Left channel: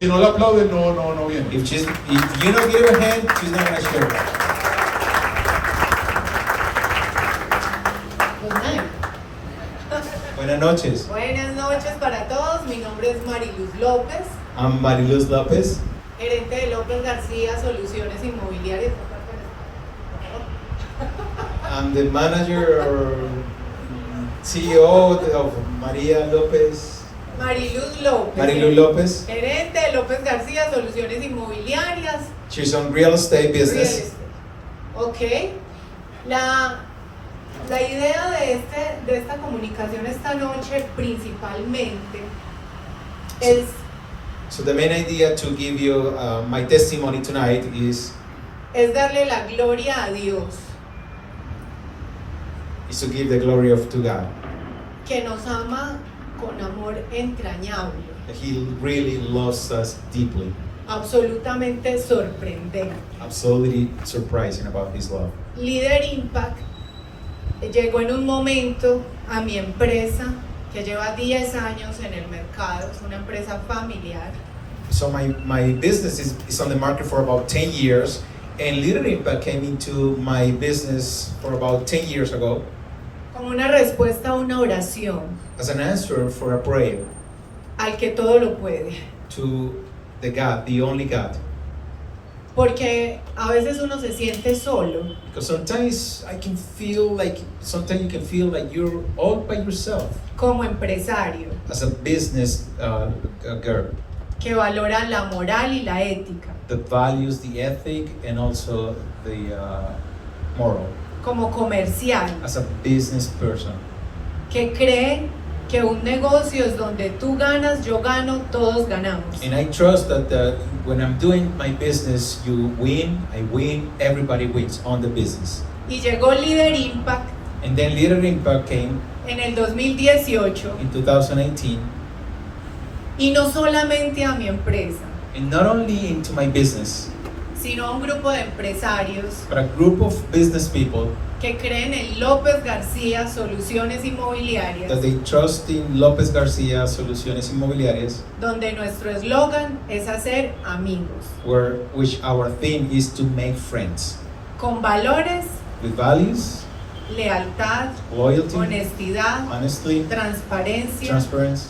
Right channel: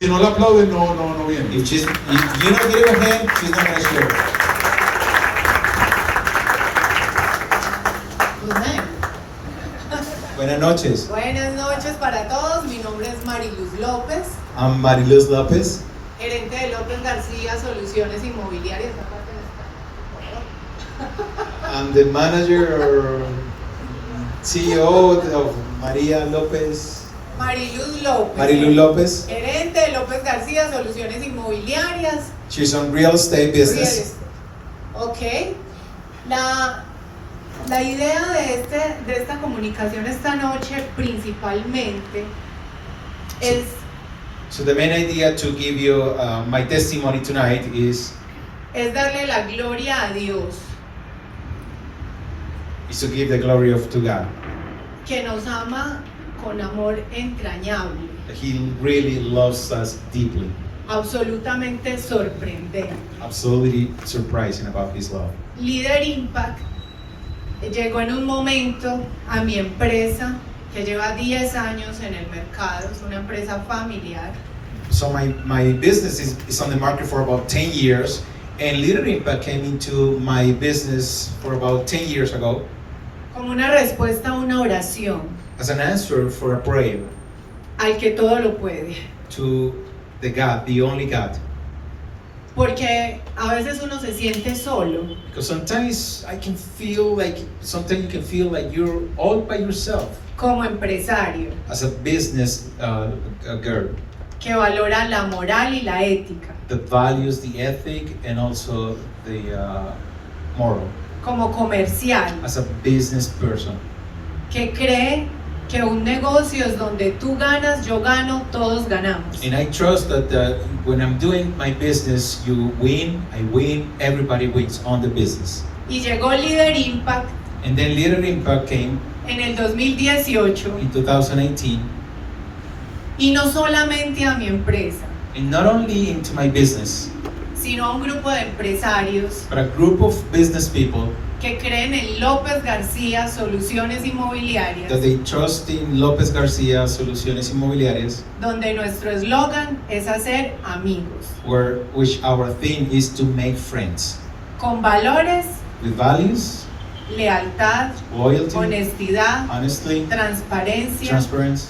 Si no la aplauden, no viene. If you don't give her a hand, she's not going to share. Good night. Buenas noches. Buenas noches para todos. Mi nombre es Mariluz López, I'm Mariluz Lopez. gerente de López García Soluciones Inmobiliarias. I'm the manager or CEO of María López. Mariluz López. Mariluz López. Gerente de López García Soluciones Inmobiliarias. She's on real estate Real business. estate. Ok. La idea de esta comunicación esta noche principalmente es So the main idea to give you my testimony tonight is darle la gloria a Dios, to give the glory to God. que nos ama con amor entrañable, He really loves us deeply. absolutamente sorprendente. Absolutely surprising about His love. Líder Impact llegó en un momento a mi empresa que lleva 10 años en el mercado, es una empresa familiar. So my business is on the market for about 10 years, and Leader Impact came into my business for about 10 years ago Como una respuesta a una oración as an answer for a prayer al que todo lo puede. to the God, the only God. Porque a veces uno se siente solo Because sometimes you can feel like you're all by yourself como empresario as a business girl. que valora la moral y la ética, The values, the ethic, and also the moral. como comercial As a business person. que cree que un negocio es donde tú ganas, yo gano, todos ganamos. And I trust that when I'm doing my business, you win, I win, everybody wins on the business. Y llegó Líder Impact And then Leader Impact came en el 2018 in 2018, y no solamente a mi empresa, and not only into my business, sino a un grupo de empresarios but a group of business people que creen en López García Soluciones Inmobiliarias, that they trust in López García Soluciones Inmobiliarias, donde nuestro eslogan es hacer amigos, which our theme is to make friends con valores, with values, lealtad, loyalty, honestidad, honesty, transparencia transparency,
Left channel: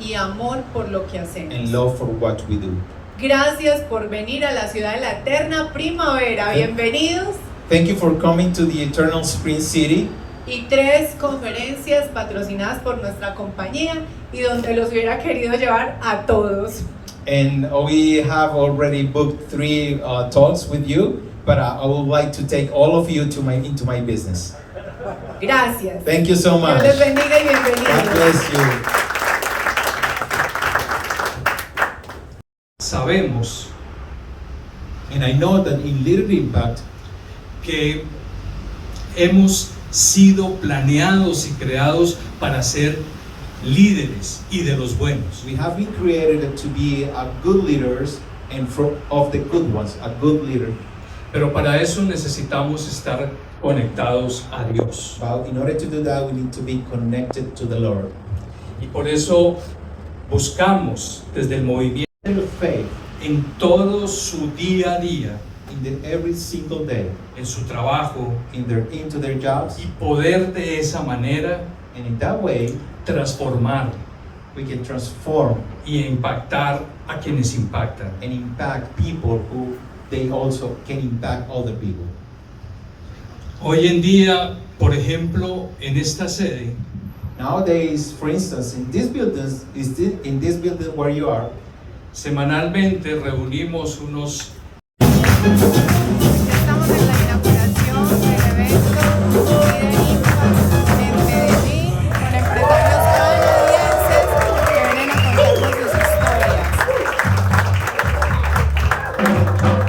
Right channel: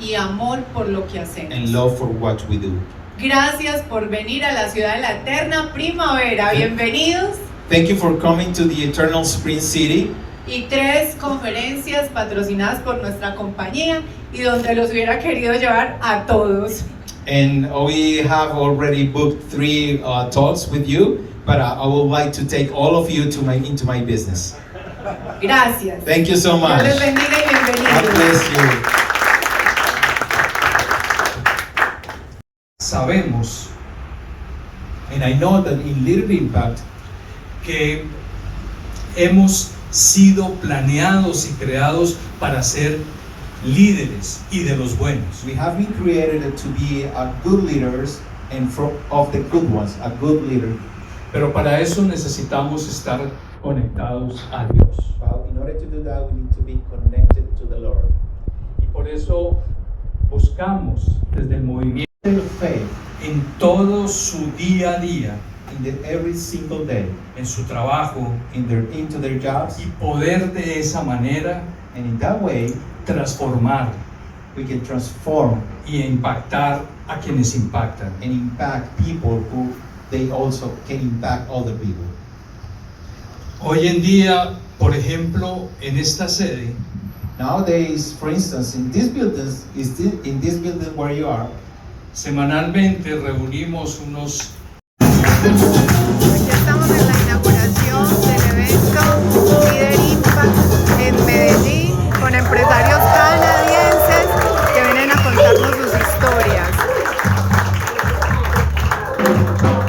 y amor por lo que hacemos. and love for what we do. Gracias por venir a la ciudad de la eterna primavera. Bienvenidos. Thank you for coming to the Eternal Spring City. Y 3 conferencias patrocinadas por nuestra compañía y donde los hubiera querido llevar a todos. And we have already booked 3 talks with you, but I would like to take all of you into my business. Gracias. Thank you so much. Dios les bendiga y God bienvenidos. bless you. Sabemos And I know that in Little Impact, que hemos sido planeados y creados para ser líderes y de los buenos. we have been created to be a good leaders and of the good ones, a good leader. Pero para eso necesitamos estar conectados a Dios. But in order to do that, we need to be connected to the Lord. Y por eso buscamos desde el movimiento Of faith en todo su día a día, every single day, en su trabajo, into their jobs, y poder de esa manera and in that way, transformar we can transform y impactar a quienes impactan. and impact people who they also can impact other people. Hoy en día, por ejemplo, en esta sede, Nowadays, for instance, in this building where you are, semanalmente reunimos unos Estamos en la inauguración del evento Líder Impact en Medellín con empresarios canadienses que vienen a contarnos sus historias.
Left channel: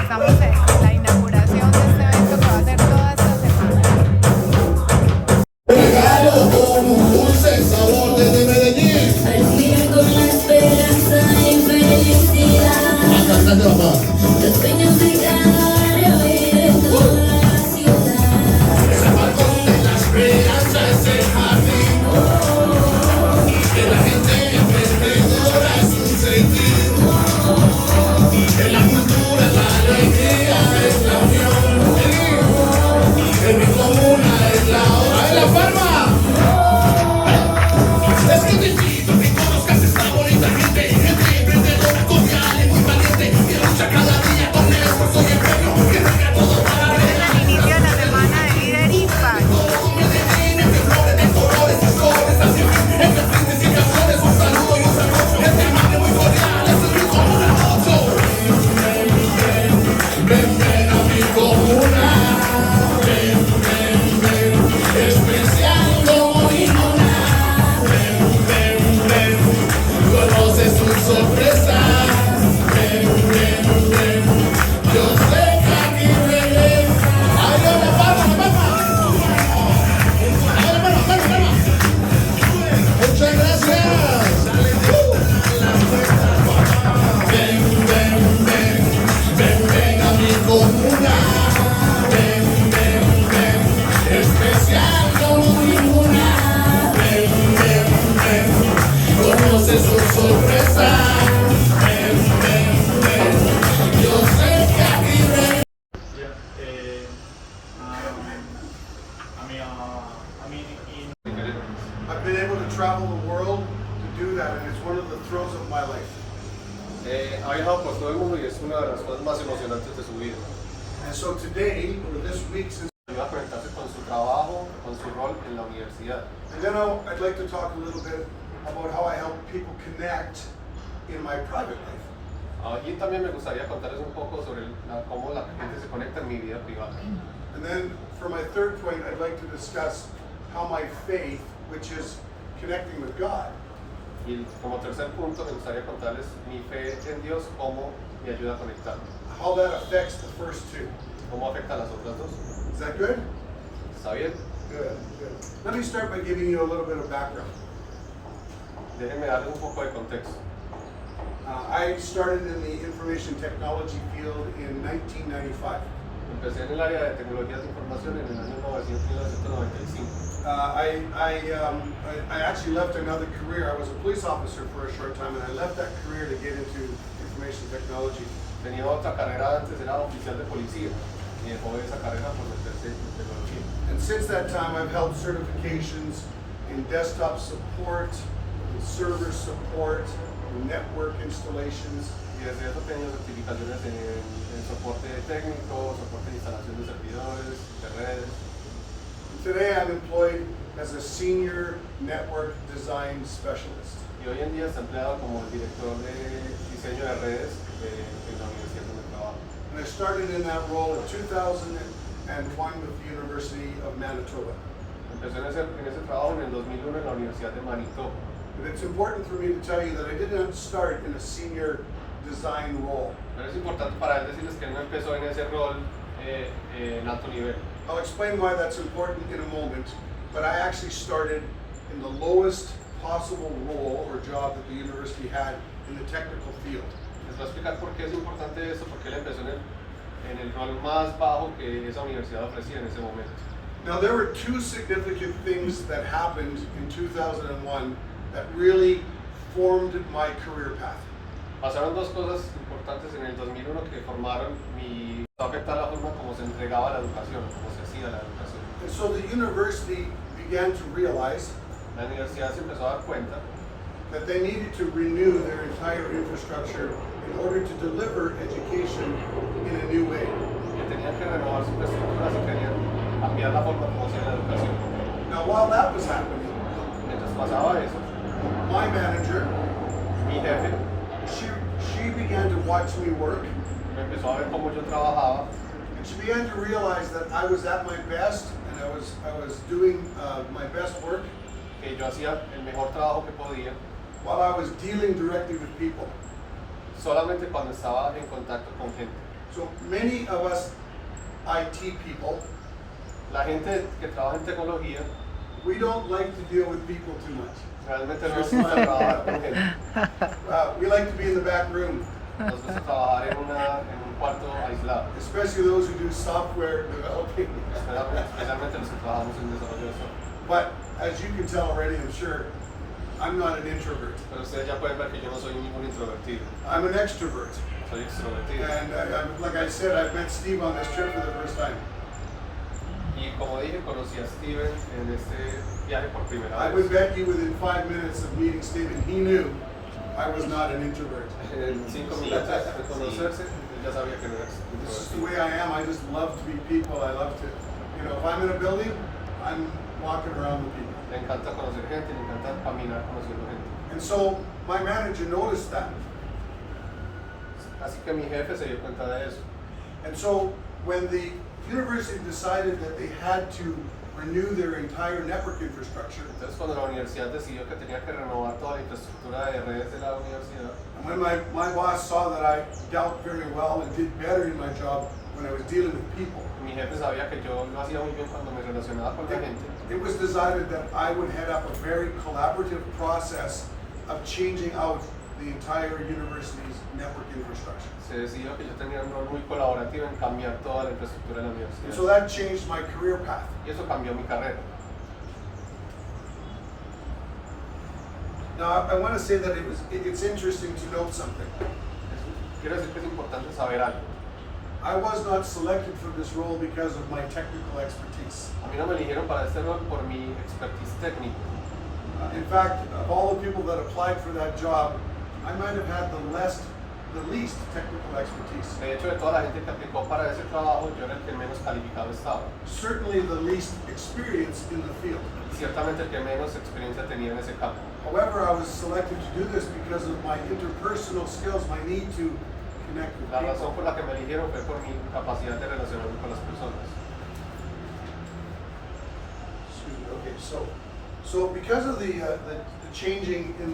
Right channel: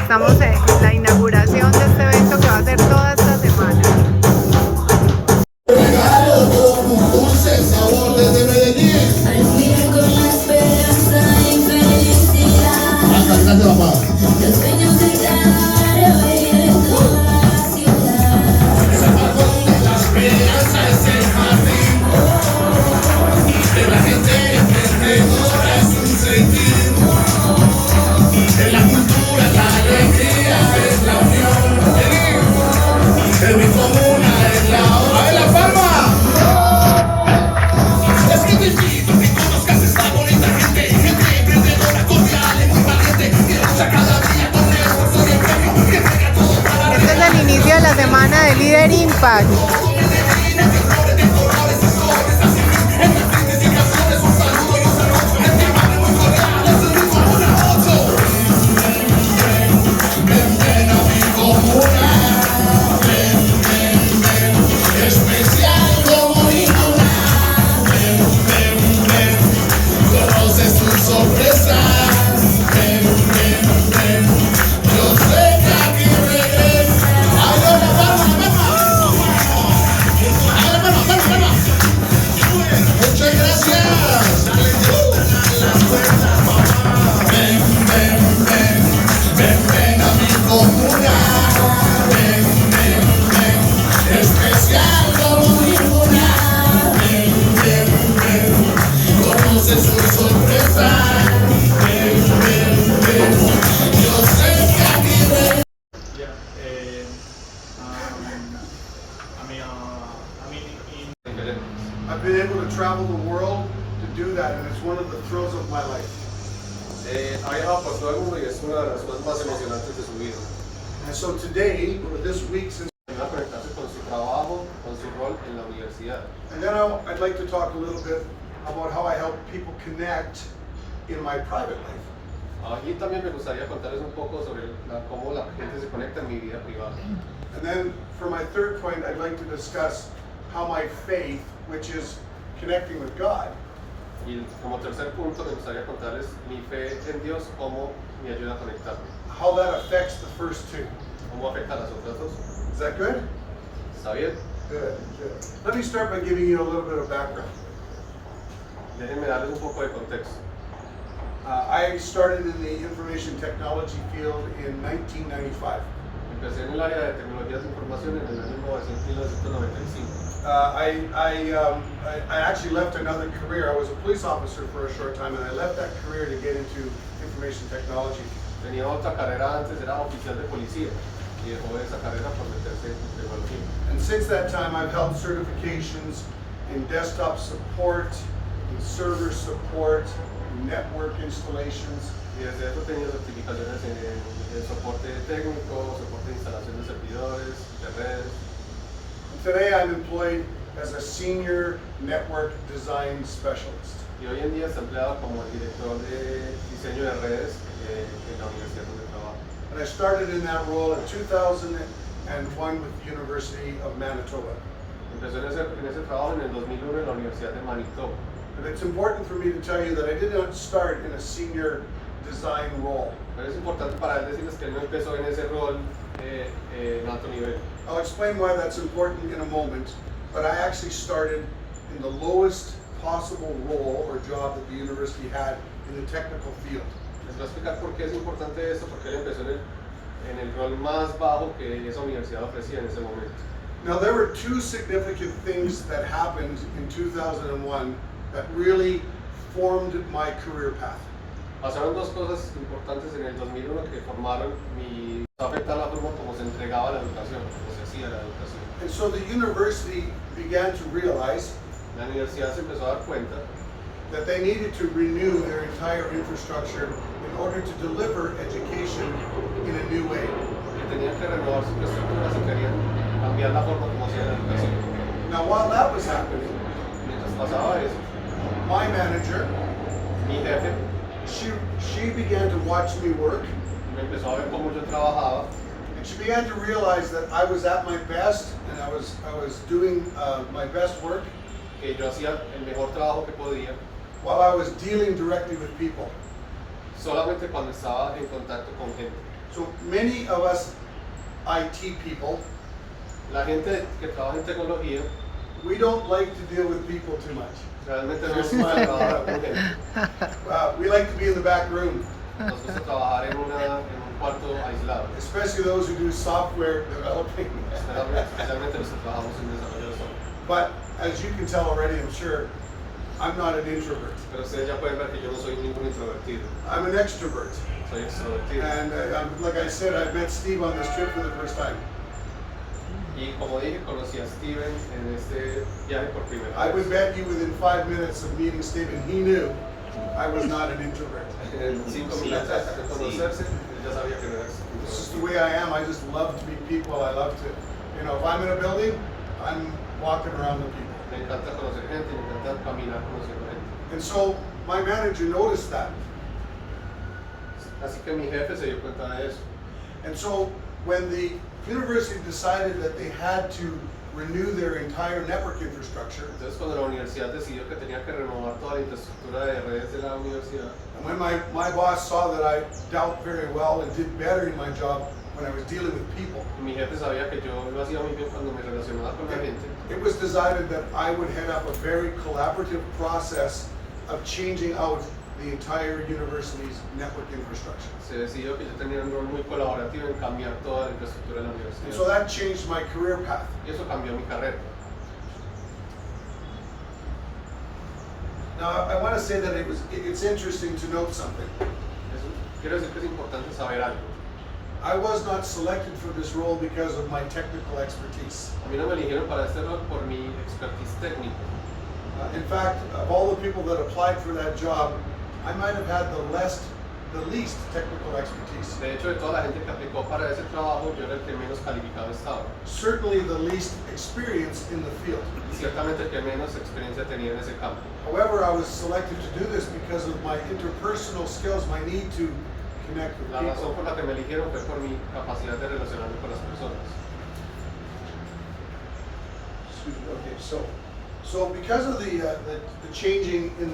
Estamos en la inauguración de este evento que va a ser toda esta semana. Al con la esperanza y felicidad. Los sueños de cada vez toda la ciudad. La esperanza es el jardín de la gente emprendedora es un sentido. Ha viajado por todo el mundo y es una de las cosas más emocionantes de su vida. And so today, or this week, since Ayuda a conectarse con su trabajo, con su rol en la universidad. and then I'd like to talk a little bit about how I help people connect in my private life. Allí también me gustaría contarles un poco sobre cómo la gente se conecta en mi vida privada. And then for my third point, I'd like to discuss how my faith, which is connecting with God, Y como tercer punto me gustaría contarles mi fe en Dios, cómo me ayuda a conectarme, how that affects the first two. cómo afecta a las otras dos. Is that good? ¿Está bien? Good, good. Let me start by giving you a little bit of background. Déjenme darles un poco de contexto. I started in the information technology field in 1995. Empecé en el área de tecnologías de información en el año 1995. I actually left another career. I was a police officer for a short time, and I left that career to get into information technology. Tenía otra carrera antes, era oficial de policía, y dejó esa carrera por meterse en tecnología. And since that time, I've held certifications in desktop support, in server support, in network installations. Y desde eso tengo certificaciones en soporte técnico, soporte de instalación de servidores, de redes. And today, I'm employed as a senior network design specialist. Y hoy en día está empleado como el director de diseño de redes en la universidad donde trabajo. And I started in that role in 2001 with the University of Manitoba. Empezó en ese trabajo en el 2001 en la Universidad de Manitoba. But it's important for me to tell you that I did not start in a senior design role. Pero es importante para él decirles que él no empezó en ese rol en alto nivel. I'll explain why that's important in a moment, but I actually started in the lowest possible role or job that the university had in the technical field. Les voy a explicar por qué es importante esto, porque él empezó en el rol más bajo que esa universidad ofrecía en ese momento. Now, there were two significant things that happened in 2001 that really formed my career path. Pasaron dos cosas importantes en el 2001 que formaron mi... afecta la forma como se entregaba la educación, como se hacía la educación. And so the university began to realize La universidad se empezó a dar cuenta that they needed to renew their entire infrastructure in order to deliver education in a new way. que tenían que renovar sus estructuras y querían cambiar la forma como hacían la educación. Now, while that was happening, Mientras pasaba eso, my manager, mi jefe she began to watch me work, me empezó a ver cómo yo trabajaba and she began to realize that I was at my best and I was doing my best work que yo hacía el mejor trabajo que podía while I was dealing directly with people. solamente cuando estaba en contacto con gente. So many of us IT people, La gente que trabaja en tecnología we don't like to deal with people too much. realmente no nos gusta trabajar con gente. We like to be in the back room, Nos gusta trabajar en un cuarto aislado, especially those who do software developing. especialmente los que trabajamos en desarrollo de software. But as you can tell already, I'm sure, I'm not an introvert. Pero ustedes ya pueden ver que yo no soy ningún introvertido, I'm an extrovert. soy extrovertido. And like I said, I've met Steve on this trip for the first time. Y como dije, conocí a Steven en este viaje por primera I would vez. bet you within 5 minutes of meeting Steven, he knew I was not an introvert. En 5 minutos de conocerse, él ya sabía que no era This is the introvertido. way I am. I just love to meet people. I love to, if I'm in a building, I'm walking around with people. Le encanta conocer gente, le encanta caminar conociendo gente. And so my manager noticed that. Así que mi jefe se dio cuenta de eso. And so when the university decided that they had to renew their entire network infrastructure, Entonces cuando la universidad decidió que tenía que renovar toda la infraestructura de redes de la universidad, and when my boss saw that I dealt very well and did better in my job when I was dealing with people, mi jefe sabía que yo lo hacía muy bien cuando me relacionaba con la gente. it was decided that I would head up a very collaborative process of changing out the entire university's network infrastructure. Se decidió que yo tenía un rol muy colaborativo en cambiar toda la infraestructura de la And so universidad. that changed my career path. Y eso cambió mi carrera. Now, I want to say that it's interesting to note something. Quiero decir que es importante saber algo. I was not selected for this role because of my technical expertise. A mí no me eligieron para este rol por mi expertise técnico. In fact, of all the people that applied for that job, I might have had the the least technical expertise. De hecho, de toda la gente que aplicó para ese trabajo, yo era el que menos calificado estaba. Certainly the least experienced in the field. Ciertamente el que menos experiencia tenía en ese campo. However, I was selected to do this because of my interpersonal skills, my need to connect with La razón people. por la que me eligieron fue por mi capacidad de relacionarme con las personas. Excuse me. Okay, so because of the changing in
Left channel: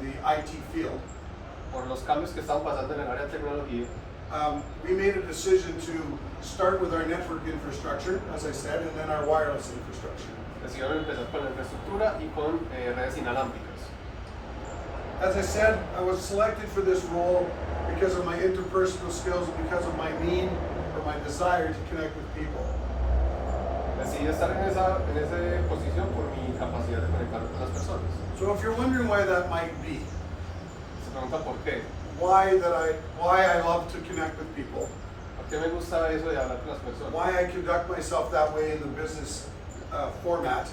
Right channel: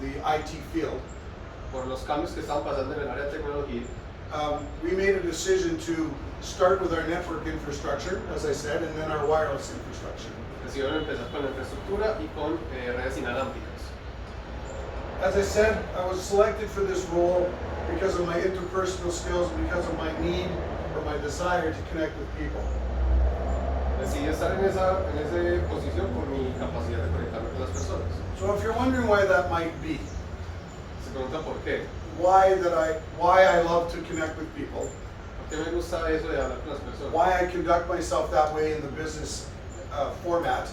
the IT field, Por los cambios que estaban pasando en el área de tecnología, we made a decision to start with our network infrastructure, as I said, and then our wireless infrastructure. decidieron empezar con la infraestructura y con redes inalámbricas. As I said, I was selected for this role because of my interpersonal skills and because of my need or my desire to connect with people. Decidí estar en esa posición por mi capacidad de conectarme con las personas. So if you're wondering why that might be, Se pregunta por qué. why I love to connect with people, ¿Por qué me gusta eso de hablar con las personas? why I conduct myself that way in the business format,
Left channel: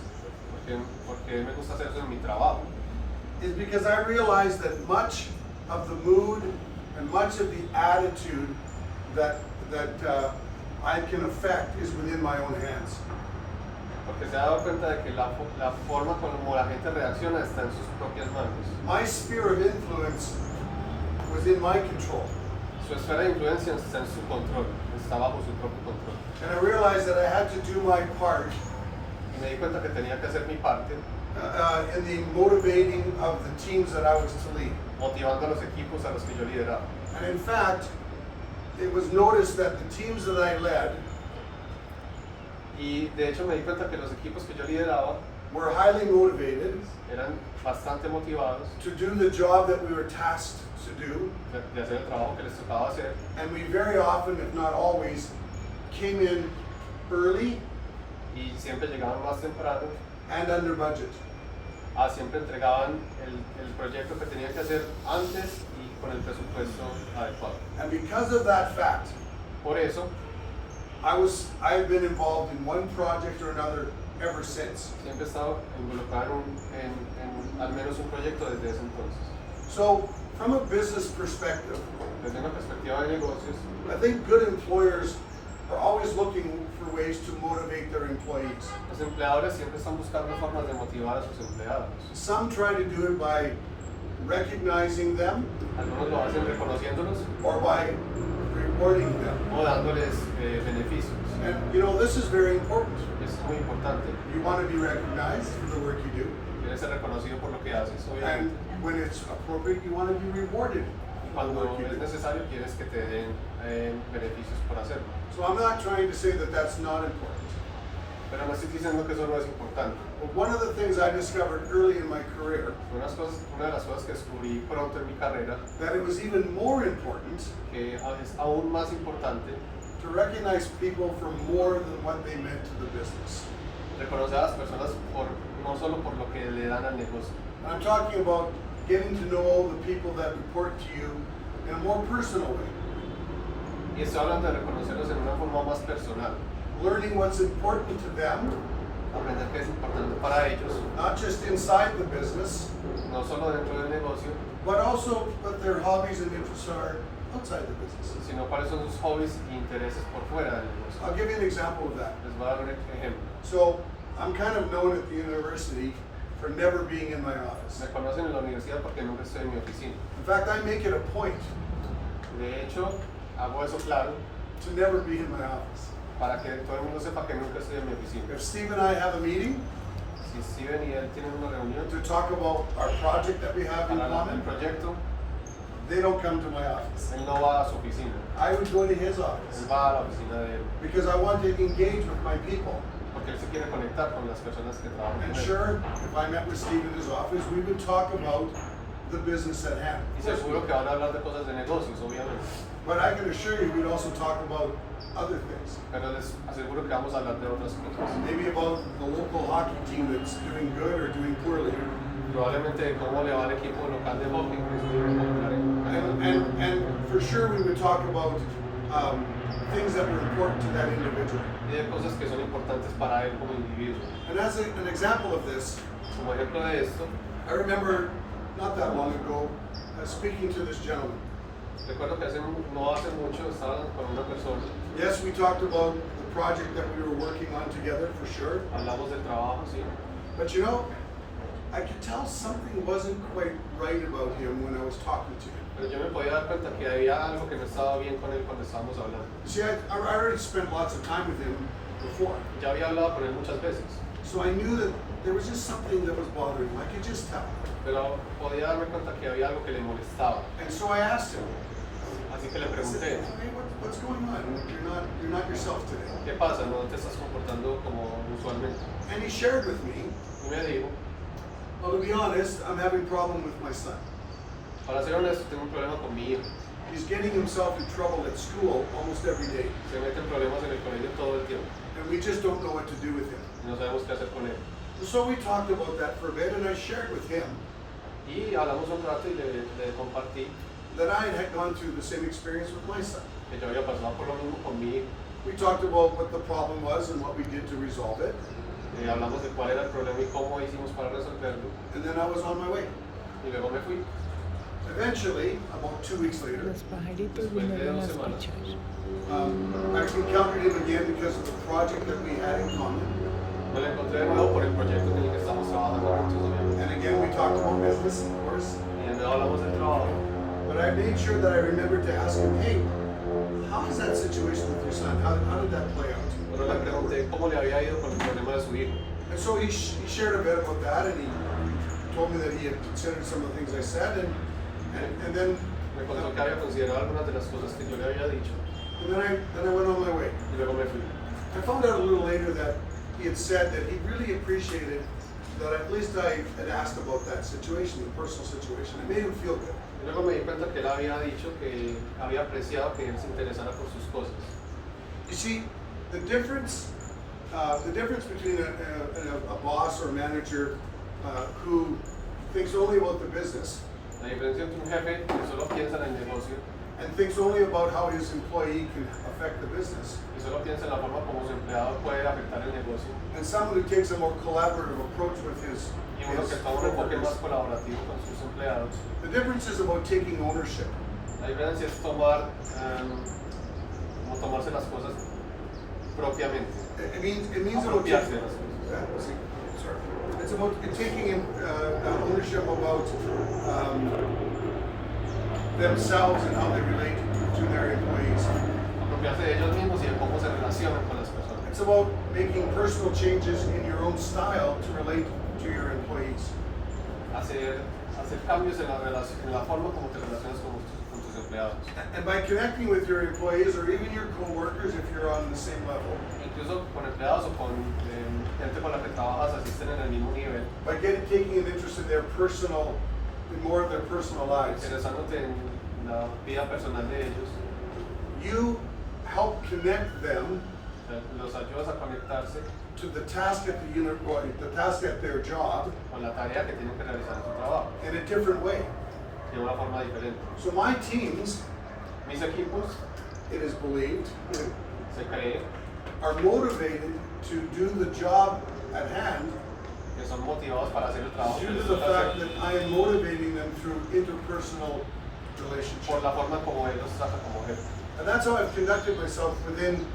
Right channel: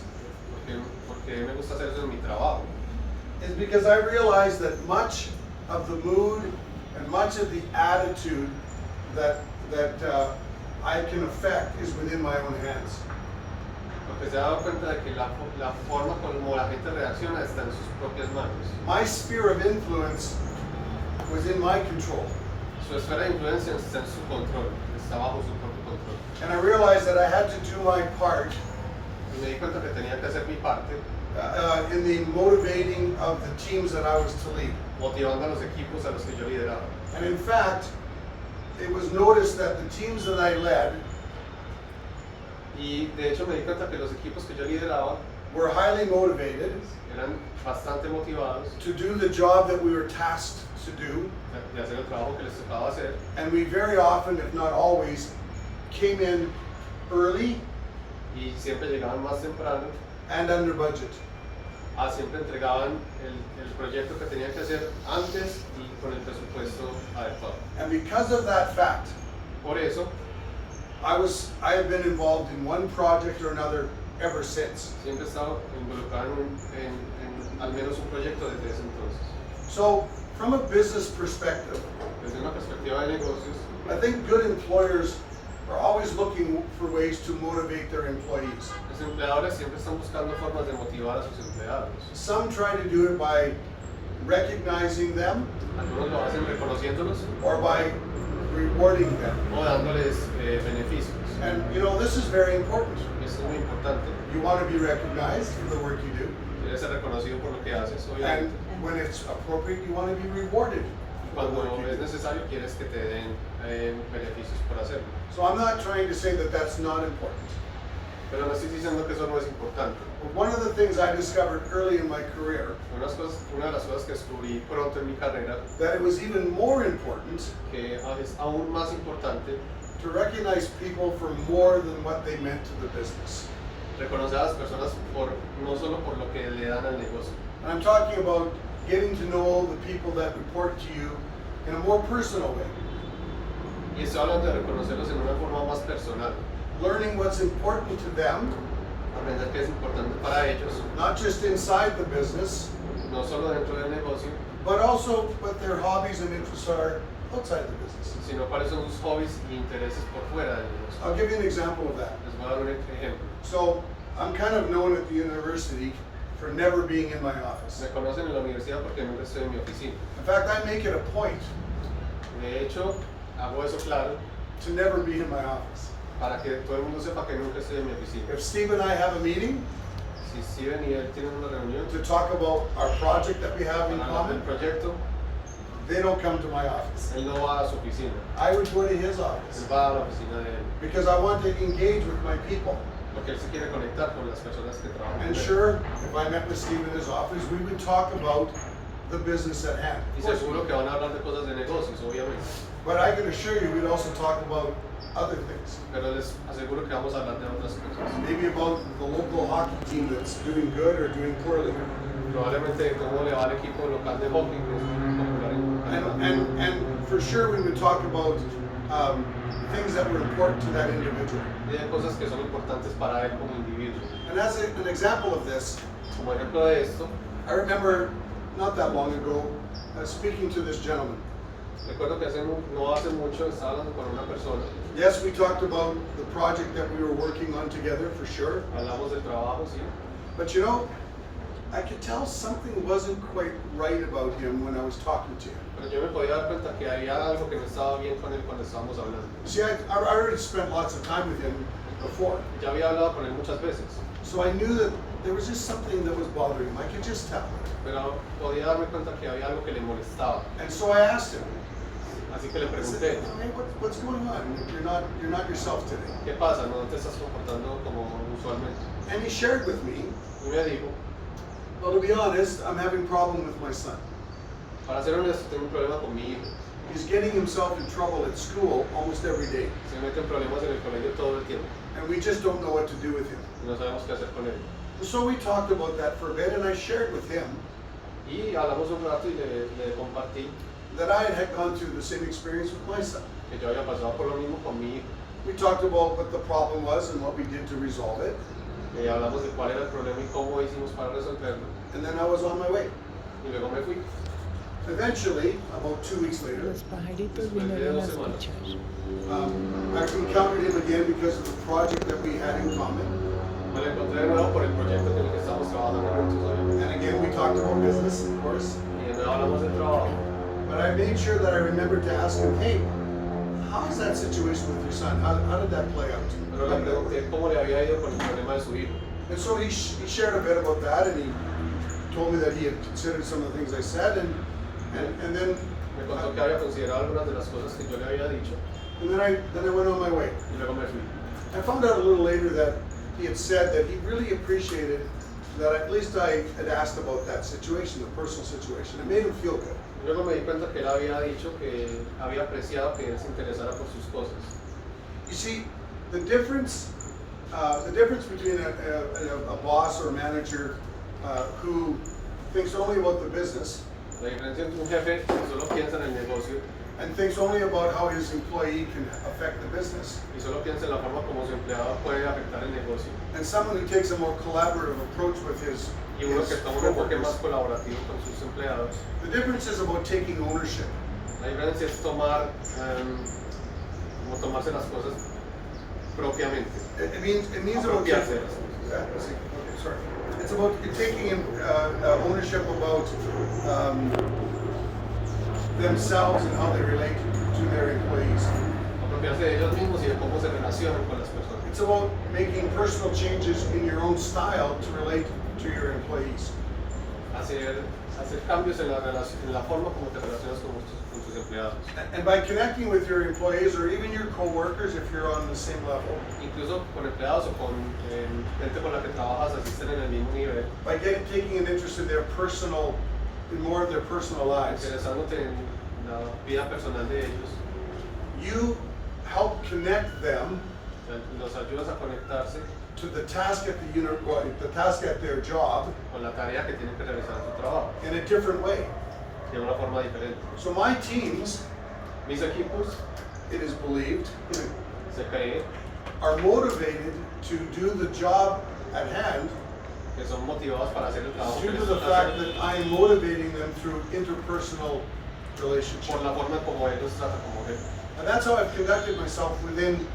Porque me gusta hacer eso en mi trabajo. is because I realize that much of the mood and much of the attitude that I can affect is within my own hands. Porque se ha dado cuenta de que la forma como la gente reacciona está en sus propias manos. My sphere of influence was in my control. Su esfera de influencia está en su control, está bajo su propio control. And I realized that I had to do my part Y me di cuenta que tenía que hacer mi parte, in the motivating of the teams that I was to lead. motivando a los equipos a los que yo lideraba. And in fact, it was noticed that the teams that I led Y de hecho me di cuenta que los equipos que yo lideraba were highly motivated eran bastante motivados to do the job that we were tasked to do. de hacer el trabajo que les tocaba hacer. And we very often, if not always, came in early Y siempre llegaban más temprano, and under budget. siempre entregaban el proyecto que tenían que hacer antes y con el presupuesto adecuado. And because of that fact, Por eso, I have been involved in one project or another ever since. siempre he estado involucrado en al menos un proyecto desde ese entonces. So, from a business perspective, Desde una perspectiva de negocios, I think good employers are always looking for ways to motivate their employees. los empleadores siempre están buscando formas de motivar a sus empleados. Some try to do it by recognizing them Algunos lo hacen reconociéndolos or by rewarding them. o dándoles beneficios. And you know, this is very important. Y eso es muy importante. You want to be recognized for the work you do, Quieres ser reconocido por lo que haces, and obviamente. when it's appropriate, you want to be rewarded for the Cuando work you es do. necesario, quieres que te den beneficios por hacerlo. So I'm not trying to say that that's not important. Pero no estoy diciendo que eso no es importante. But one of the things I discovered early in my career, Una de las cosas que descubrí pronto en mi carrera, that it was even more important que es aún más importante, to recognize people for more than what they meant to the business. reconocer a las personas no solo por lo que le dan al negocio. And I'm talking about getting to know the people that report to you in a more personal way, Y estoy hablando de reconocerlos en una forma más personal. learning what's important to them, Aprender qué es importante para ellos, not just inside the business, no solo dentro del negocio, but also what their hobbies and interests are outside the business. sino cuáles son sus hobbies y intereses por fuera del negocio. I'll give you an example of that. Les voy a dar un ejemplo. So I'm kind of known at the university for never being in my office. Me conocen en la universidad porque nunca estoy en mi oficina. In fact, I make it a point De hecho, hago eso claro to never be in my office. para que todo el mundo sepa que nunca estoy en mi oficina. If Steve and I have a meeting Si Steven y él tienen una reunión to talk about our project that we have in para hablar del common, proyecto, they don't come to my office. él no va a su oficina, I would go to his él office va a la oficina de él, because I want to engage with my people. porque él se quiere conectar con las personas que trabajan con And él. sure, if I met with Steve in his office, we would talk about the business at hand. Y seguro que van a hablar de cosas de negocios, obviamente, But I can assure you, we'd also talk about other things. pero les aseguro que vamos a hablar de otras cosas. Maybe about the local hockey team that's doing good or doing poorly. Probablemente de cómo le va al equipo local de hockey, que es muy popular And for sure, we would talk about things that were important to that individual. y de cosas que son importantes para él como individuo. And as an example of this, Como ejemplo de esto, I remember not that long ago, speaking to this gentleman. Recuerdo que no hace mucho estaba hablando con una persona, Yes, we talked about the project that we were working on together, for sure. hablamos de trabajo, sí, But you know, I could tell something wasn't quite right about him when I was talking to him. pero yo me podía dar cuenta que había algo que no estaba bien con él cuando estábamos hablando. You see, I already spent lots of time with him before. Ya había hablado con él muchas veces, So I knew that there was just something that was bothering him. I could just tell. pero podía darme cuenta que había algo que le molestaba. And so I asked him. Así que le I pregunté, said, "Hey, what's going on? You're not yourself today." ¿qué pasa? ¿No te estás comportando como usualmente? And he shared with me, Y me dijo, well, to be honest, I'm having a problem with my son. para ser honesto, tengo un problema con mi hijo. He's getting himself in trouble at school almost every day. Se mete en problemas en el colegio todo el tiempo And we just don't know what to do with him. y no sabemos qué hacer con él. So we talked about that for a bit, and I shared with him Y hablamos un rato y le compartí that I had gone through the same experience with my son. que yo había pasado por lo mismo con mi hijo. We talked about what the problem was and what we did to resolve it, Hablamos de cuál era el problema y cómo hicimos para resolverlo. and then I was on my way. Y luego me fui. Eventually, about 2 weeks later, Los pajaritos vinieron a escuchar. I encountered him again because of the project that we had in common. Me lo encontré de nuevo por el proyecto con el que estamos trabajando juntos hoy. And again, we talked about business, of course. Y de nuevo hablamos de trabajo. But I made sure that I remembered to ask him, hey, how is that situation with your son? How did that play out? Pero le pregunté cómo le había ido con el problema de su hijo. And so he shared a bit about that, and he told me that he had considered some of the things I said, and then Me contó que había considerado algunas de las cosas que yo le había dicho I went on my way. y luego me fui. I found out a little later that he had said that he really appreciated that at least I had asked about that situation, the personal situation. It made him feel good. Y luego me di cuenta que él había dicho que había apreciado que él se interesara por sus cosas. You see, the difference between a boss or manager who thinks only about the business La diferencia entre un jefe que solo piensa en el negocio and thinks only about how his employee can affect the business, y solo piensa en la forma como su empleado puede afectar el negocio, and someone who takes a more collaborative approach with his y uno que toma un enfoque más coworkers. colaborativo con sus empleados. The difference is about taking ownership. La diferencia es tomar, como tomarse las cosas propiamente, It means about apropiarse de las cosas. okay, sorry. It's about taking ownership about themselves and how they relate to their employees. Apropiarse de ellos mismos y de cómo se relacionan con las personas. It's about making personal changes in your own style to relate to your employees. Hacer cambios en la forma como te relacionas con tus empleados. And by connecting with your employees or even your coworkers if you're on the same level, Incluso con empleados o con gente con la que trabajas, así estén en el mismo nivel, by taking an interest in more of their personal lives, interesándote en la vida personal de ellos, you help connect them o sea, los ayudas a conectarse to the task at their job con la tarea que tienen que realizar en su trabajo in a different way. de una forma diferente. So my teams, Mis equipos, it is believed, se cree are motivated to do the job at hand que son motivados para hacer el trabajo que due to les the toca fact hacer that I am motivating them through interpersonal por relationships. la forma como ellos tratan como jefe. And that's how I've conducted myself within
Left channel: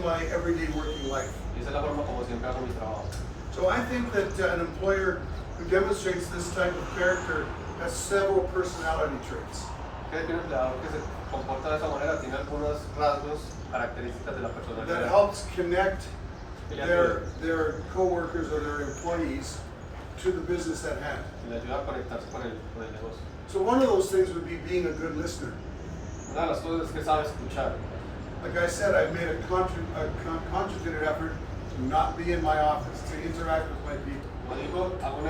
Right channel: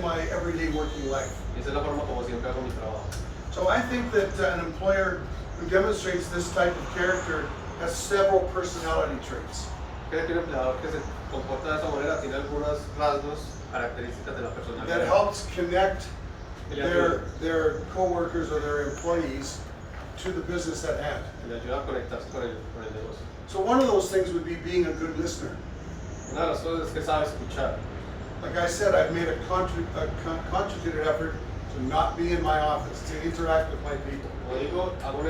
my everyday working life. Y esa es la forma como siempre hago mi trabajo. So I think that an employer who demonstrates this type of character has several personality traits. Creo que un empleador que se comporta de esa manera tiene algunos rasgos, características de la That personalidad helps connect their coworkers or their employees to the business at hand. que le ayuda a conectarse con el negocio. So one of those things would be being a good listener. Una de las cosas es que sabe escuchar. Like I said, I've made a concentrated effort to not be in my office, to interact with my people. Como digo, hago un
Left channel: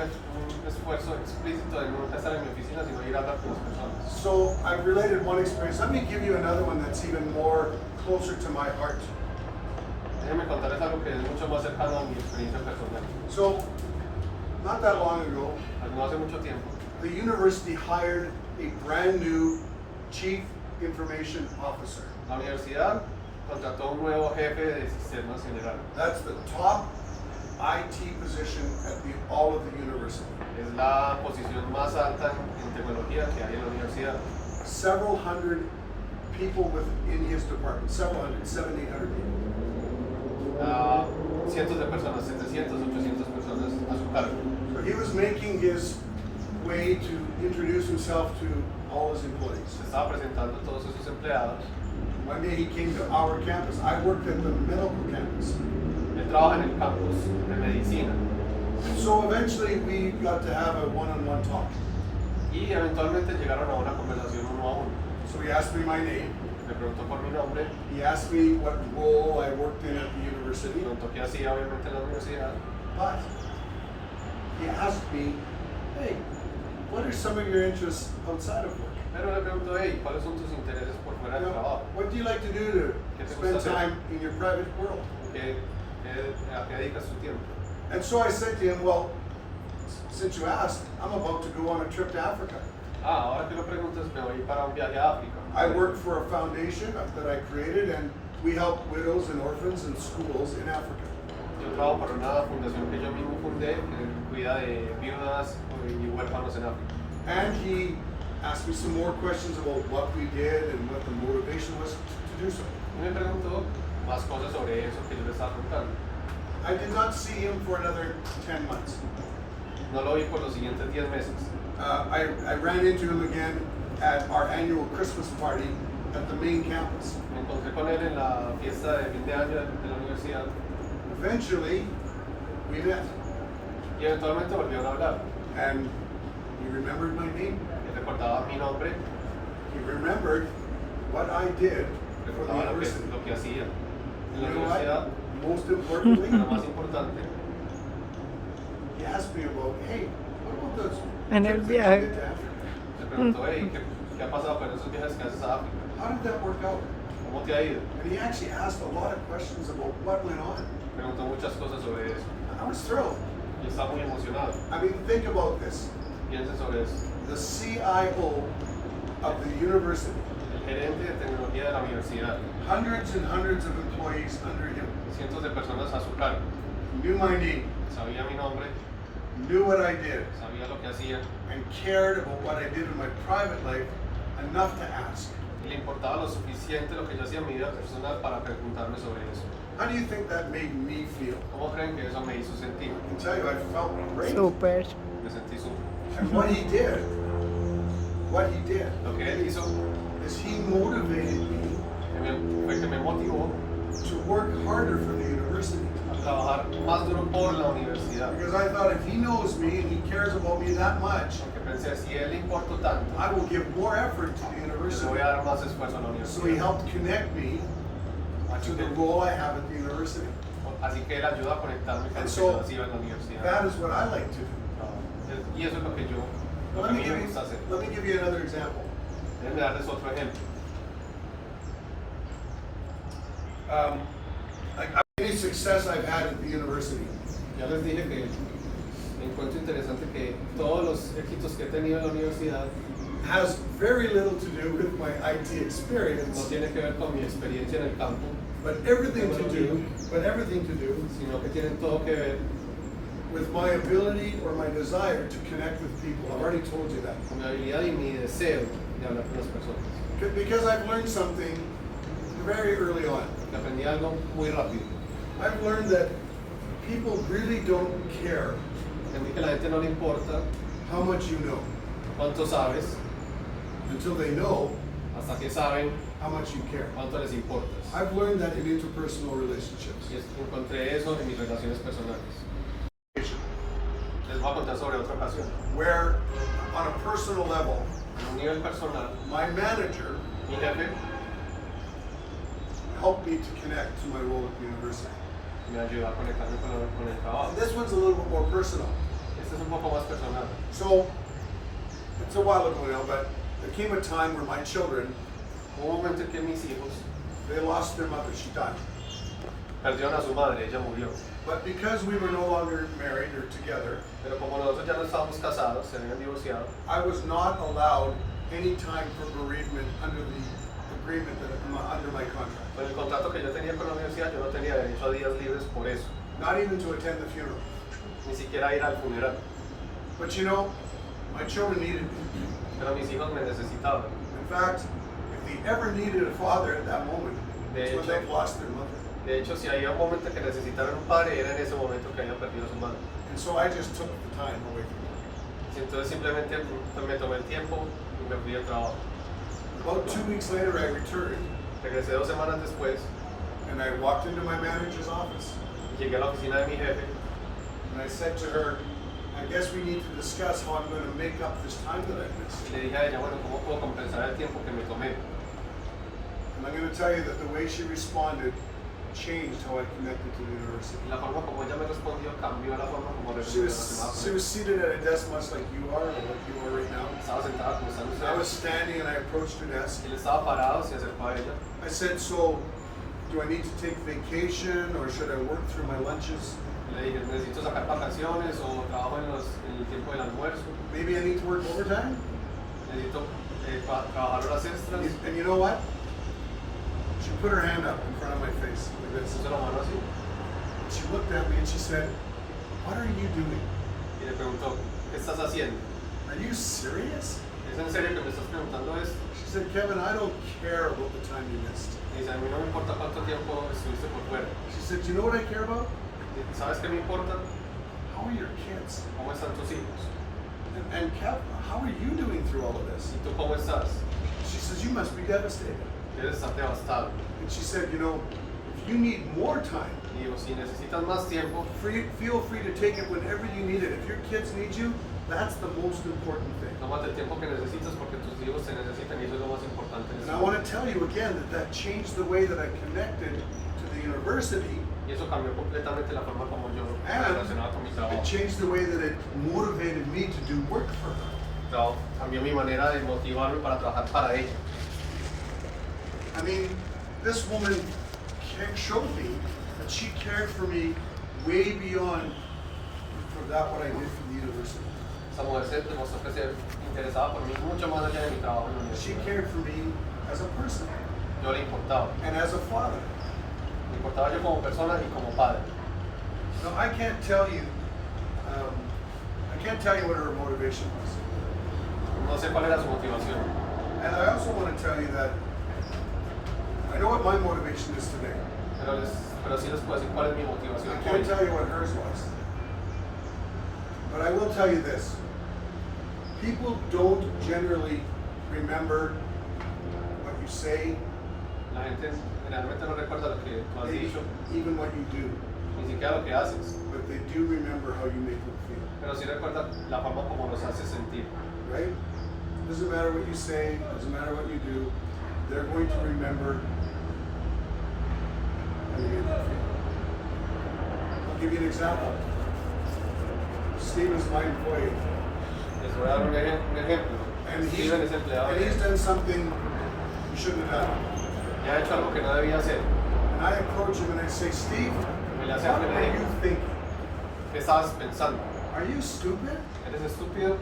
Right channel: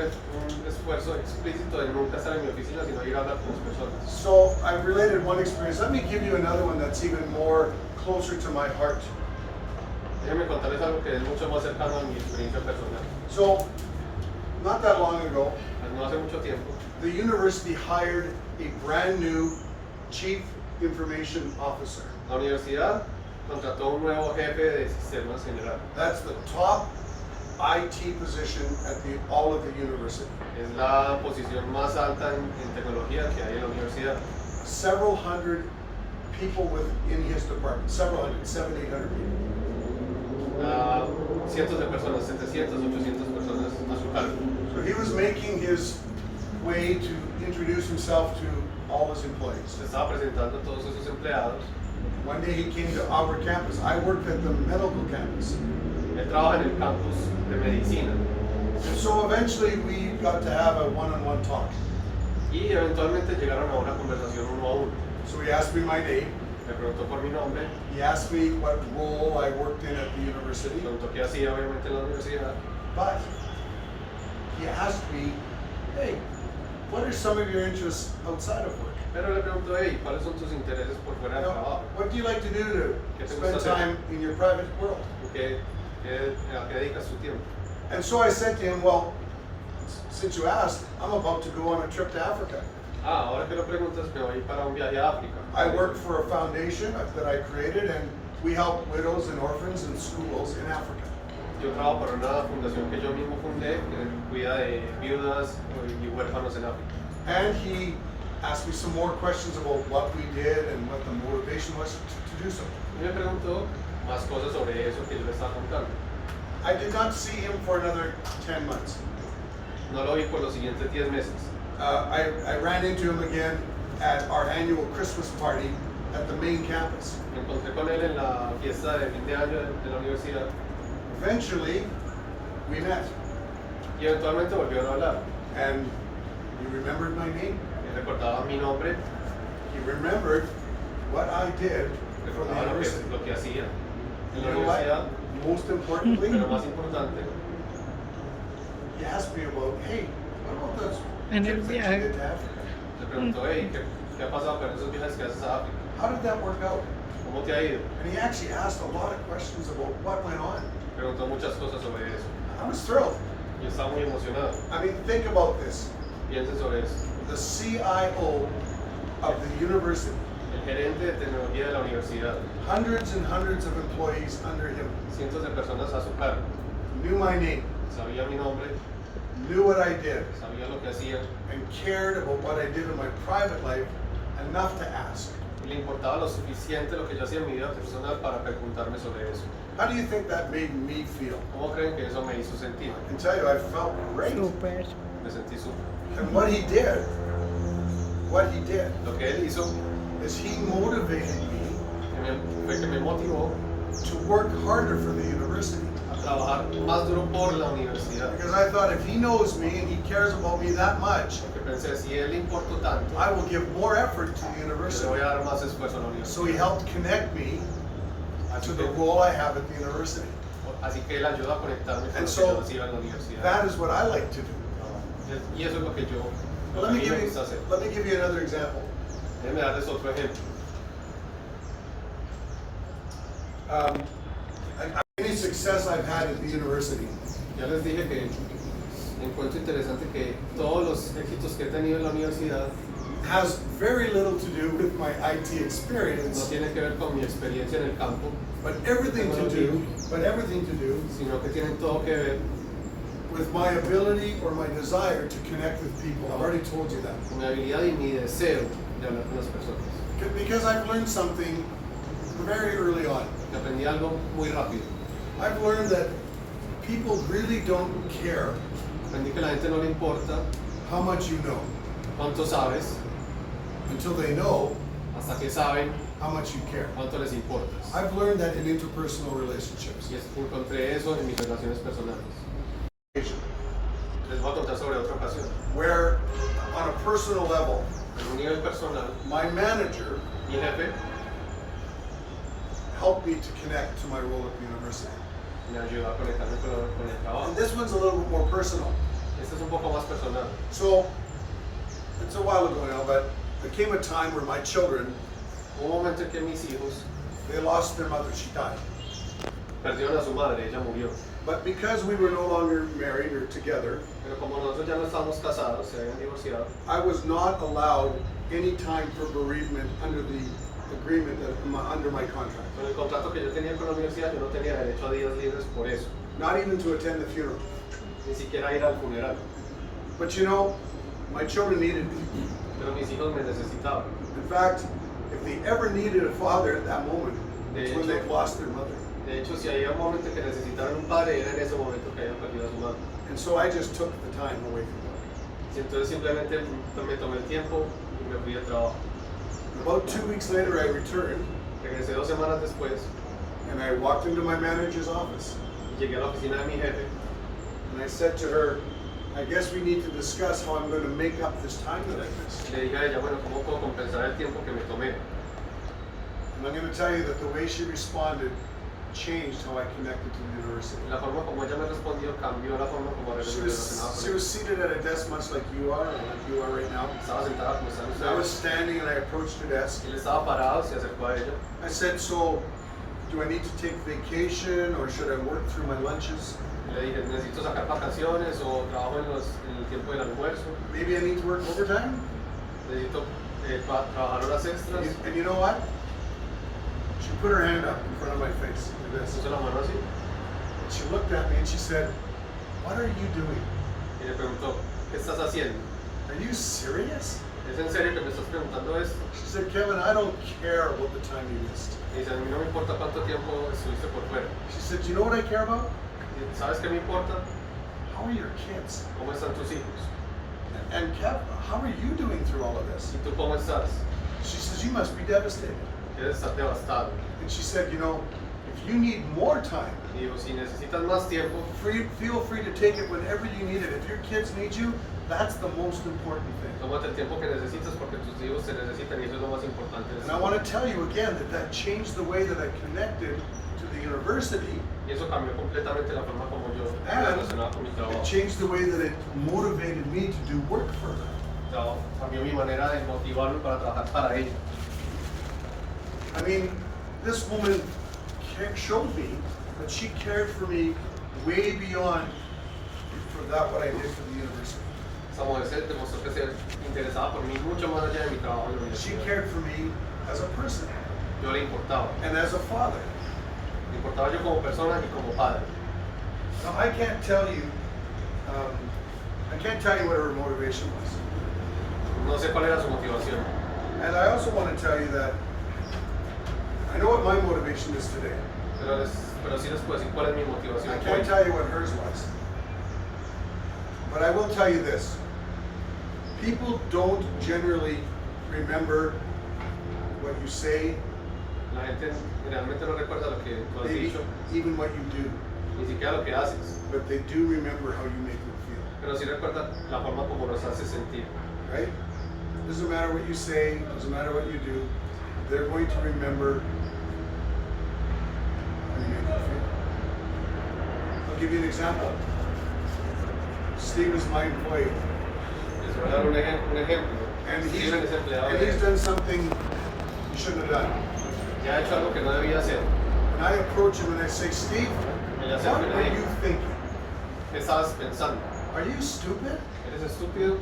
esfuerzo explícito de nunca estar en mi oficina, sino ir a hablar con las personas. So I've related one experience. Let me give you another one that's even more closer to my heart. Déjenme contarles algo que es mucho más cercano a mi experiencia personal. So, not that long ago, No hace mucho tiempo, the university hired a brand new chief information officer. la universidad contrató un nuevo jefe de sistemas general. That's the top IT position at all of the university. Es la posición más alta en tecnología que hay en la universidad. Several hundred people within his department, 700, 800 people. Cientos de personas, 700, 800 personas a su cargo. So he was making his way to introduce himself to all his employees. Se estaba presentando a todos esos empleados. One day he came to our campus. I worked at the medical campus. Él trabaja en el campus de medicina. So eventually we got to have a one-on-one talk. Y eventualmente llegaron a una conversación uno a uno. So he asked me my name. Me preguntó por mi nombre, He asked me what role I worked in at the university. preguntó qué hacía obviamente en la universidad. But he asked me, hey, what are some of your interests outside of work? Pero le preguntó, hey, ¿cuáles son tus intereses por fuera You del know, trabajo? what do you like to do to ¿Qué te spend gusta hacer? time in your private world? ¿A qué dedicas tu tiempo? And so I said to him, well, since you asked, I'm about to go on a trip to Africa. Ahora que lo preguntas, me voy para un viaje a África. I work for a foundation that I created, and we help widows and orphans in schools in Africa. Yo trabajo para una fundación que yo mismo fundé, que cuida de viudas y huérfanos en África. And he asked me some more questions about what we did and what the motivation was to do so. Y me preguntó más cosas sobre eso que yo le estaba contando. I did not see him for another 10 months. No lo vi por los siguientes 10 meses. I ran into him again at our annual Christmas party at the main campus. Me encontré con él en la fiesta de fin de año de la universidad Eventually, we met, y eventualmente volvieron a hablar. and he remembered my name. Él recordaba mi nombre, He remembered what I did for the recordaba university. lo que hacía en la You know universidad, what? Most importantly, pero más importante, he asked me about, hey, what about those En el trips that you viaje. did to Africa? se preguntó, hey, ¿qué ha pasado con esos viajes que haces a África? How did that work out? ¿Cómo te ha ido? And he actually asked a lot of questions about what went on. Preguntó muchas cosas sobre eso. I was thrilled. Yo estaba muy emocionado. I mean, think about this. Piense sobre eso. The CIO of the university, El gerente de tecnología de la universidad, hundreds and hundreds of employees under him, cientos de personas a su cargo, knew my name, sabía mi nombre, knew what I did, sabía lo que hacía, and cared about what I did in my private life enough to ask. y le importaba lo suficiente lo que yo hacía en mi vida personal para preguntarme sobre eso. How do you think that made me feel? ¿Cómo creen que eso me hizo sentir? I can tell you, I felt great. Súper. Me sentí súper. And what he did, Lo que él hizo is he motivated me fue que me motivó to work harder for the university. a trabajar más duro por la universidad. Because I thought if he knows me and he cares about me that much, Porque pensé, si él le importó tanto, I will give more effort to the le university. voy a dar más esfuerzo a la So he universidad. helped connect me to the role I have at the university. Así que él ayuda a conectarme con And lo que so, yo hacía en la universidad. That is what I like to do. Y eso es lo que yo, lo Let que a me mí give me you, gusta hacer. let me give you another example. Déjenme darles otro ejemplo. Any success I've had at the university Ya les dije que encuentro interesante que todos los éxitos que he tenido en la universidad has very little to do with my IT no experience, tienen que ver con mi experiencia en el campo, but everything to do sino que tienen todo que ver with my ability or my desire to connect with people. I've already told you that. con mi habilidad y mi deseo de hablar con las personas. Because I've learned something very early on. Que aprendí algo muy rápido. I've learned that people really don't care Aprendí que a la gente no le importa how much you know cuánto sabes, until they know hasta que saben how much you care. cuánto les importas. I've learned that in interpersonal relationships. Y encontré eso en mis relaciones personales. Les voy a contar sobre otra ocasión. Where, on a personal level, En un nivel personal, my manager mi jefe helped me to connect to my role at the university. me ayudó a conectarme con el trabajo. And this one's a little bit more personal. Este es un poco más personal. So, it's a while ago now, but there came a time where my children, Hubo un momento en que mis hijos they lost their mother, she died. perdieron a su madre, ella murió. But because we were no longer married or together, Pero como nosotros ya no estábamos casados, se habían divorciado, I was not allowed any time for bereavement under the agreement under my contract. con el contrato que yo tenía con la universidad, yo no tenía derecho a días libres por eso. not even to attend the funeral. ni siquiera ir al funeral. But you know, my children needed me. Pero mis hijos me necesitaban. In fact, if they ever needed a father at that moment, it's when they've lost their mother. De hecho, si había un momento que necesitaran un padre, era en ese momento que habían perdido a su madre. And so I just took the time away from work. Y entonces simplemente me tomé el tiempo y me fui al trabajo. About 2 weeks later, I returned Regresé 2 semanas después and I walked into my manager's office y llegué a la oficina de mi jefe and I said to her, I guess we need to discuss how I'm going to make up this time that I missed. y le dije a ella, bueno, ¿cómo puedo compensar el tiempo que me tomé? And I'm going to tell you that the way she responded changed how I connected to the university. Y la forma como ella me respondió cambió la forma como She relacionaba con was ella. seated at a desk much like you are, or like you are right now. Estaba sentada como están And I was ustedes. standing and I approached her desk. Él estaba parado, se acercó a ella. I said, so do I need to take vacation or should I work through my lunches? Y le dije, necesito sacar vacaciones o trabajo en el tiempo del almuerzo. Maybe I need to work overtime? Necesito trabajar horas extras. And you know what? She put her hand up in front of my face like this. Puso la mano así And she looked at me and she said, what are you doing? y le preguntó, ¿qué estás haciendo? Are you serious? ¿Es en serio que me estás preguntando esto? She said, Kevin, I don't care about the time you missed. Y dice, a mí no me importa cuánto tiempo estuviste por fuera. She said, you know what I care about? Y, ¿sabes qué me importa? How are your kids? ¿Cómo están tus hijos? And Kev, how are you doing through all of this? ¿Y tú cómo estás? She says, you must be devastated. Quieres estar devastado. And she said, you know, if you need more time, Y digo, si necesitas más tiempo, feel free to take it whenever you need it. If your kids need you, that's the most important thing. tómate el tiempo que necesitas porque tus hijos te necesitan y eso es lo más importante. And I want to tell you again that changed the way that I connected to the university. Y eso cambió completamente la forma como yo me And relacionaba con mi it trabajo. changed the way that it motivated me to do work for her. Cambió mi manera de motivarme para trabajar para ella. I mean, this woman showed me that she cared for me way beyond for that what I did for the university. Esa mujer se demostró que se interesaba por mí mucho más allá de mi trabajo en la She universidad. cared for me as a person Yo le importaba. and as a father. Me importaba yo como persona y como padre. Now I can't tell you what her motivation was. No sé cuál era su motivación. And I also want to tell you that I know what my motivation is today. Pero sí les puedo decir cuál es mi motivación. I can't tell you what hers was. But I will tell you this. People don't generally remember what you say, La gente generalmente no recuerda lo que tú has maybe dicho, even what you do, ni siquiera lo que haces, but they do remember how you make them feel, pero sí recuerda la forma como los haces sentir. right? Doesn't matter what you say, doesn't matter what you do, they're going to remember how you make them feel. I'll give you an example. Steve is my employee, Les voy a dar un ejemplo. and Steven es empleado and he's done something he shouldn't have done. y ha hecho algo que no debía hacer. And I approach him and I say, Steve, Me le what acerco y le are you digo, thinking? ¿qué estabas pensando? Are you stupid? ¿Eres estúpido?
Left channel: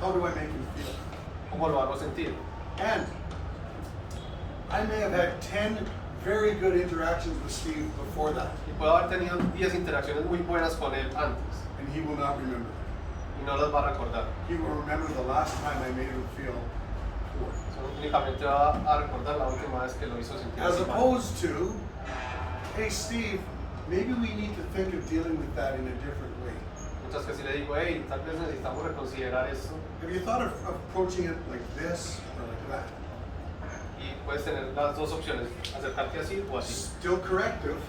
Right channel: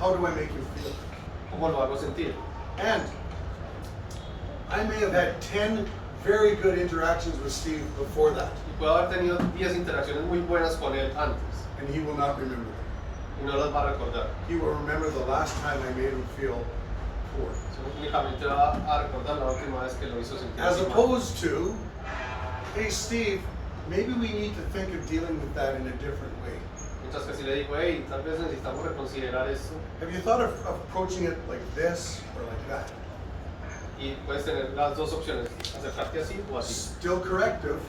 How do I make him feel? ¿Cómo lo hago sentir? And I may have had 10 very good interactions with Steve before that, Y puedo haber tenido 10 interacciones muy buenas con él antes and he will not remember them. y no las va a recordar. He will remember the last time I made him feel poor. Solo únicamente va a recordar la última vez que lo hizo sentir As así mal. opposed to, hey Steve, maybe we need to think of dealing with that in a different way. Mientras que si le digo, hey, tal vez necesitamos reconsiderar esto, Have you thought of approaching it like this or like that? y puedes tener las dos opciones, acercarte así o así. Still corrective,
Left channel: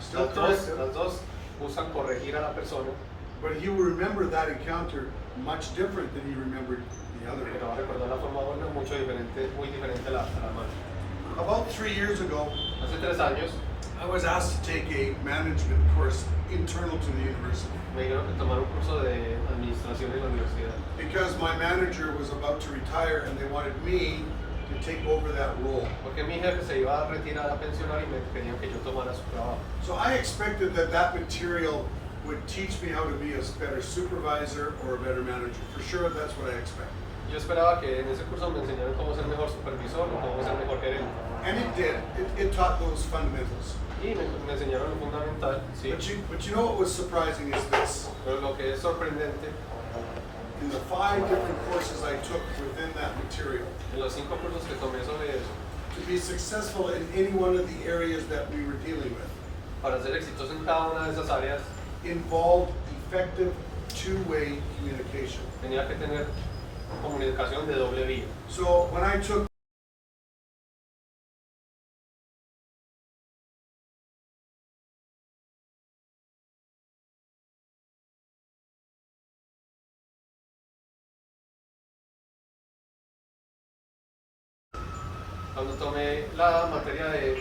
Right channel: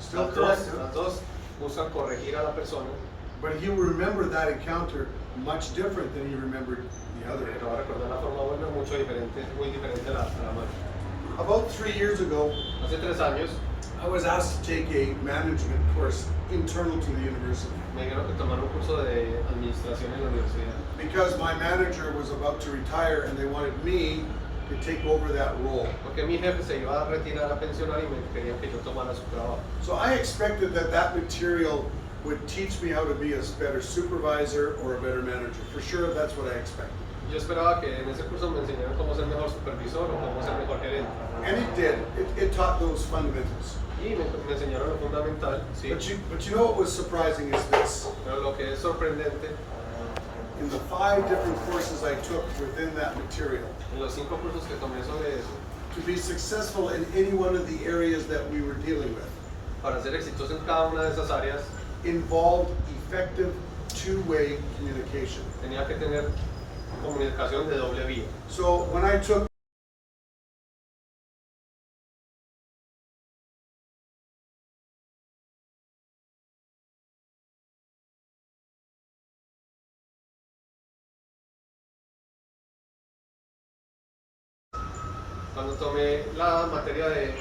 still corrective, Las dos buscan corregir a la persona, but he will remember that encounter much different than he remembered the other. pero va a recordar la forma buena mucho diferente, muy diferente a la mala. About 3 years ago, Hace 3 años I was asked to take a management course internal to the university me dijeron que tomar un curso de administración en la universidad, because my manager was about to retire and they wanted me to take over that role. porque mi jefe se iba a retirar a pensionar y me querían que yo tomara su trabajo. So I expected that material would teach me how to be a better supervisor or a better manager. For sure, that's what I expected. Yo esperaba que en ese curso me enseñaran cómo ser mejor supervisor o cómo ser mejor gerente. And it did. It taught those fundamentals. Y me enseñaron lo fundamental, sí. But you know what was surprising is this. Pero lo que es sorprendente, In the 5 different courses I took within that material, en los 5 cursos que tomé sobre eso, to be successful in any one of the areas that we were dealing with, para ser exitoso en cada una de esas áreas, involved effective two-way communication. tenía que tener comunicación de doble vía. So when I took Cuando tomé la materia de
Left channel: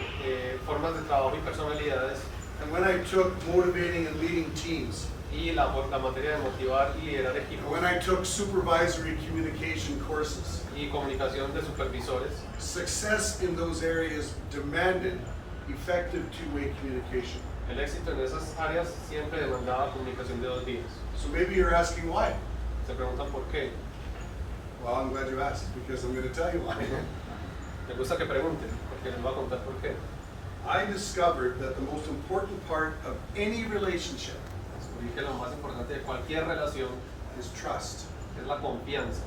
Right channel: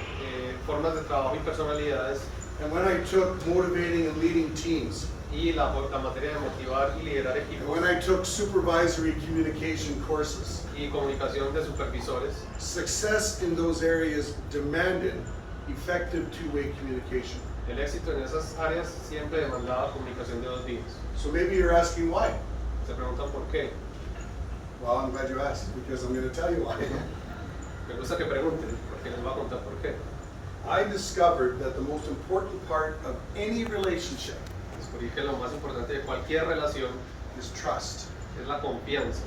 formas de trabajo y personalidades and when I took motivating and leading teams, y la materia de motivar y liderar and equipos when I took supervisory communication courses, y comunicación de supervisores, success in those areas demanded effective two-way communication. el éxito en esas áreas siempre demandaba comunicación de dos vías. So maybe you're asking why. Se preguntan por qué. Well, I'm glad you asked because I'm going to tell you why. Me gusta que pregunten, porque les voy a contar por qué. I discovered that the most important part of any relationship Descubrí que lo más importante de cualquier relación is trust. es la confianza.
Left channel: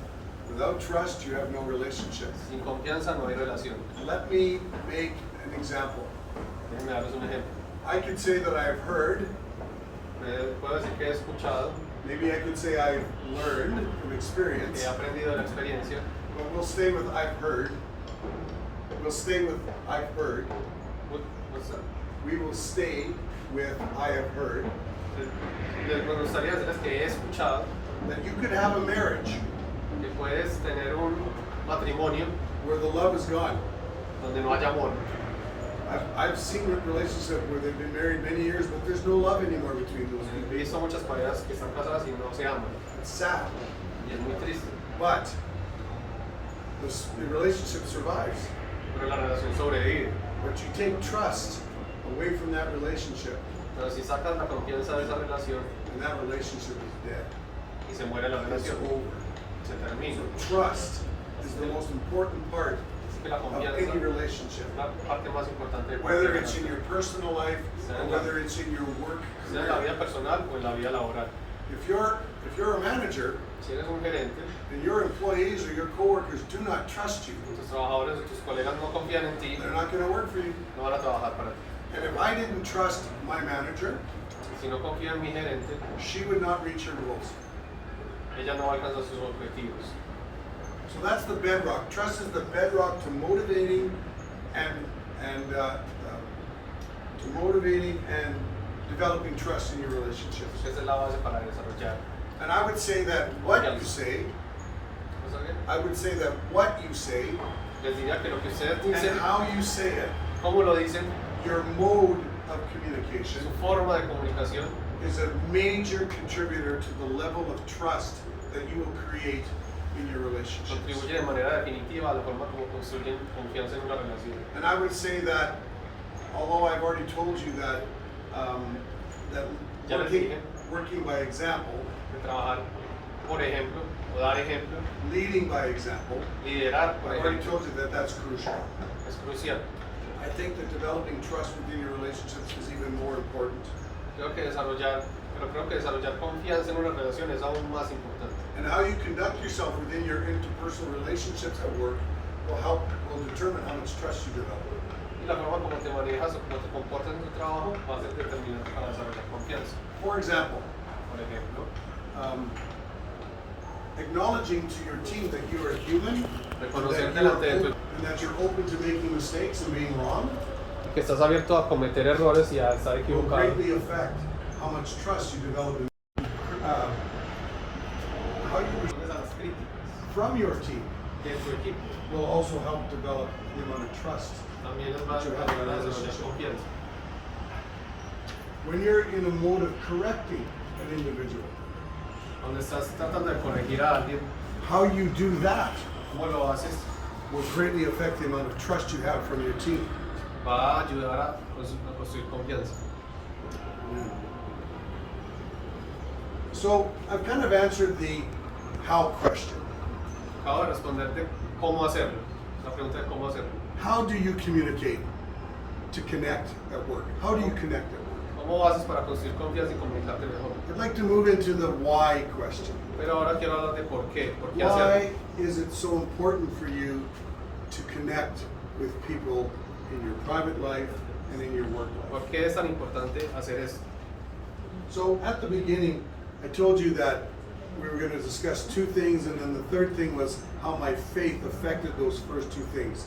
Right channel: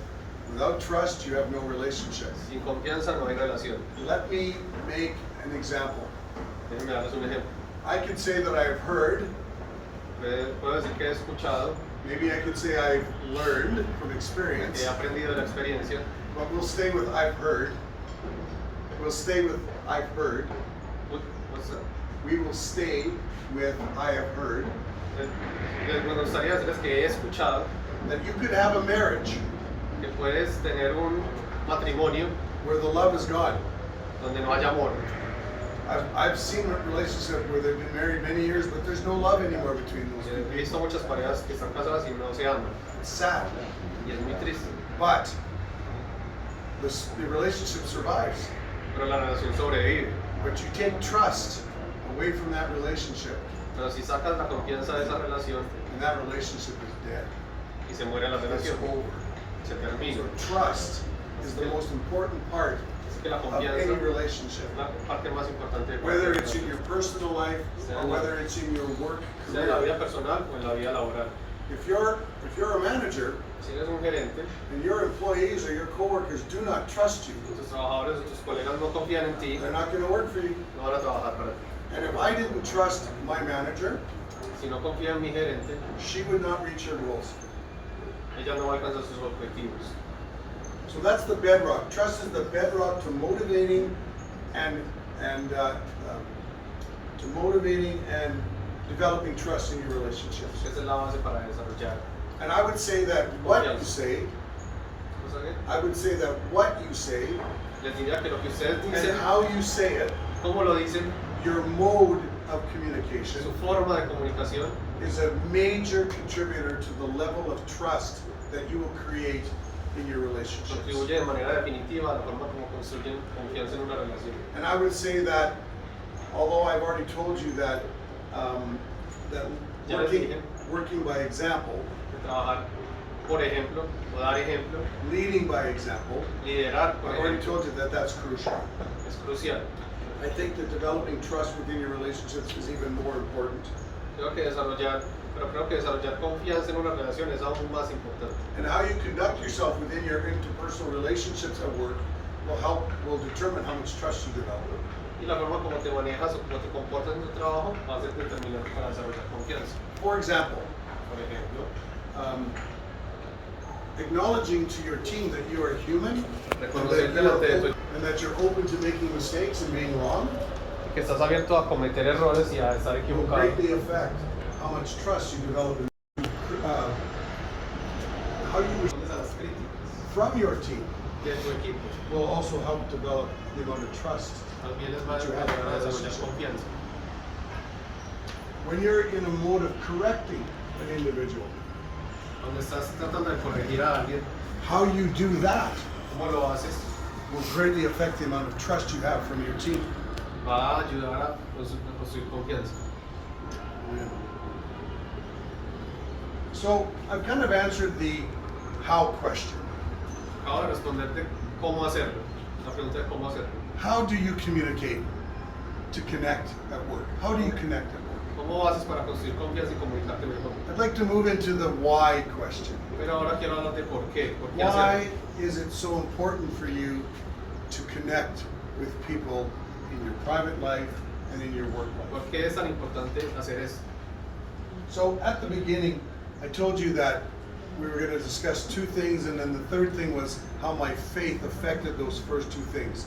Without trust, you have no relationship. Sin confianza no hay relación. Let me make an example. Déjenme darles un ejemplo. I could say that I've heard, Puedo decir que he escuchado, maybe I could say I've learned from que experience, he aprendido de la experiencia, but we'll stay with I've heard. We'll stay with I've heard. What's that? We will stay with I have heard Me gustaría decirles que he escuchado that you could have a marriage que puedes tener un matrimonio where the love is gone. donde no haya amor. I've seen relationships where they've been married many years, but there's no love anymore between those two He people. visto muchas parejas que están casadas y no se aman. It's sad, Y es muy triste. but the relationship survives. Pero la relación sobrevive. But you take trust away from that relationship, Pero si sacas la confianza de esa relación and that relationship is dead. y se muere la It's relación, over. se termina. So trust is the most important part Así que la of confianza any es relationship. la parte más importante de Whether cualquier it's in relación. your personal life or whether it's in your work Sea en la vida career. personal o en la vida laboral. If you're a manager Si eres un gerente, and your employees or your coworkers do not trust you, tus trabajadores o tus colegas no confían en ti, they're not going to work for you. no van a trabajar para ti. And if I didn't trust my manager, Si no confía en mi gerente, she would not reach her goals. ella no va a alcanzar sus objetivos. So that's the bedrock. Trust is the bedrock to motivating and developing trust in your relationships. Esa es la base para desarrollar. And I would say that what you say, ¿No sabían? I would say that what you say Les diría que lo que ustedes and dicen, how you say it, cómo lo dicen, your mode of communication, su forma de comunicación, is a major contributor to the level of trust that you will create in your relationships. contribuye de manera definitiva a la forma como construyen confianza en una relación. And I would say that, although I've already told you that that Ya les working, dije. working by example, De trabajar, por ejemplo, o dar ejemplo, leading by example, liderar, por I've already ejemplo, told you that that's crucial. es crucial. I think that developing trust within your relationships is even more important. Creo que desarrollar confianza en una relación es aún más importante. And how you conduct yourself within your interpersonal relationships at work will determine how much trust you develop. Y la forma como te manejas o como te comportas en tu trabajo va a ser determinante para desarrollar confianza. For example, Por ejemplo, acknowledging to your team that you are a human reconocer delante de tu and that you're open to making mistakes and being wrong que estás abierto a cometer errores y a estar will equivocado. greatly affect how much trust you develop in how you Respondes a las críticas from your team de tu equipo. will also help develop the amount of trust. También les va a that you have in ayudar a a desarrollar relationship. confianza. When you're in a mode of correcting an individual, Cuando estás tratando de corregir a alguien, how you do that ¿cómo lo haces? will greatly affect the amount of trust you have from your team. Va a ayudar a construir confianza. So I've kind of answered the how question. Acabo de responderte cómo hacerlo. La pregunta es cómo hacerlo. How do you communicate to connect at work? How do you connect at work? ¿Cómo haces para construir confianza y comunicarte mejor? I'd like to move into the why question. Pero ahora quiero hablar de por qué. ¿Por qué Why hacerlo? is it so important for you to connect with people in your private life and in your work ¿Por life? qué es tan importante hacer esto? So at the beginning, I told you that we were going to discuss two things, and then the third thing was how my faith affected those first two things.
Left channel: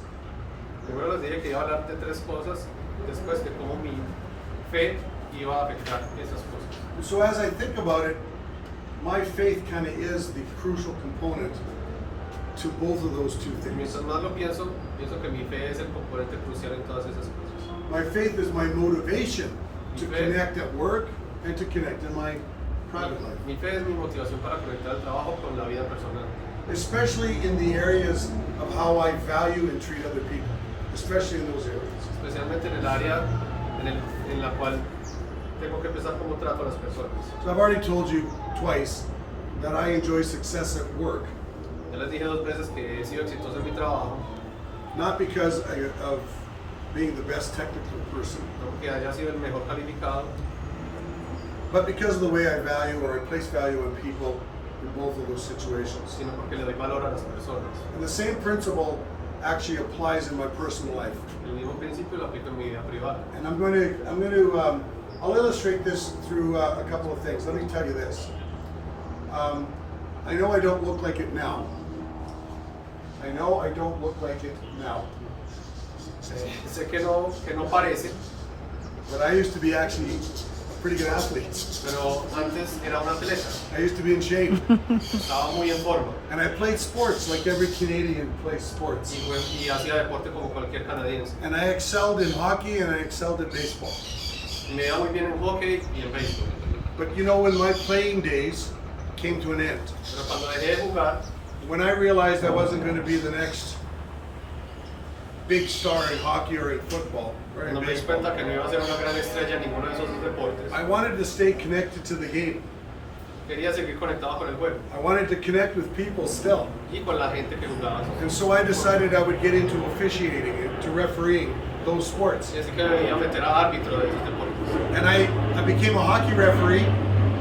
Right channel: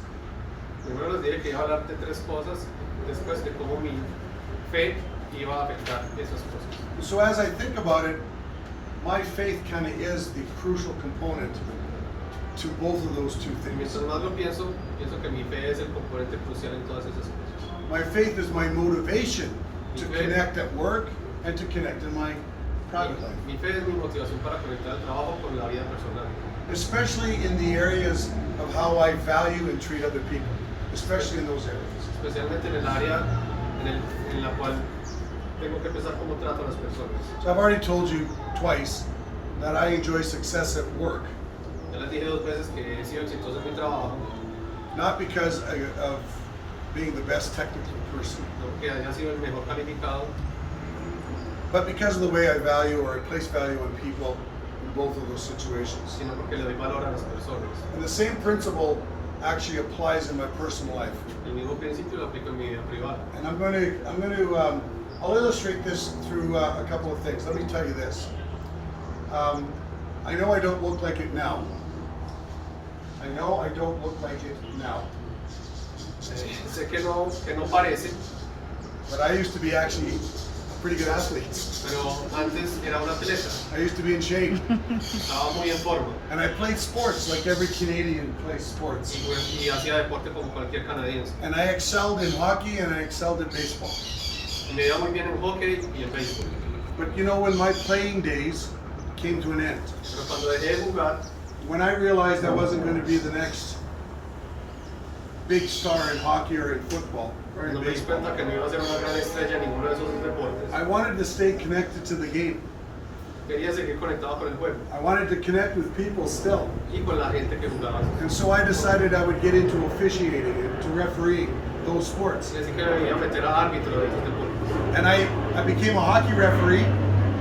Primero les dije que iba a hablar de tres cosas, después de cómo mi fe iba a afectar esas cosas. So as I think about it, my faith kind of is the crucial component to both of those two Y things. mientras más lo pienso, pienso que mi fe es el componente crucial en todas esas cosas. My faith is my motivation to Okay. connect at work and to connect in my private life, Mi fe es mi motivación para conectar el trabajo con la vida personal, especially in the areas of how I value and treat other people, especially in those areas. especialmente en el área en la cual tengo que pensar cómo trato a las personas. So I've already told you twice that I enjoy success at work, Ya les dije dos veces que he sido exitoso en mi trabajo, not because of being the best technical person, no porque haya sido el mejor calificado, but because of the way I value or I place value on people in both of those situations. sino porque le doy valor a las personas. And the same principle actually applies in my personal life. El mismo principio lo aplico en mi vida privada. And I'll illustrate this through a couple of things. Let me tell you this. I know I don't look like it now. I know I don't look like it now. Sé que no parece, But I used to be actually a pretty good athlete. pero antes era un atleta, I used to be in shape. estaba muy en forma And I played sports like every Canadian plays sports. y hacía deporte como cualquier canadiense. And I excelled in hockey and I excelled in baseball. Y me iba muy bien en hockey y en béisbol. But you know, when my playing days came to an end, Pero cuando dejé de jugar, when I realized I wasn't going to be the next big star in hockey or in football or in cuando me di baseball, cuenta que no iba a ser una gran estrella en ninguno de esos dos deportes, I wanted to stay connected to the game. quería seguir conectado con el juego I wanted to connect with people still. y con la gente que jugaba. And so I decided I would get into officiating and to refereeing those sports. Y así que me iba a meter a árbitro de esos deportes. And I became a hockey referee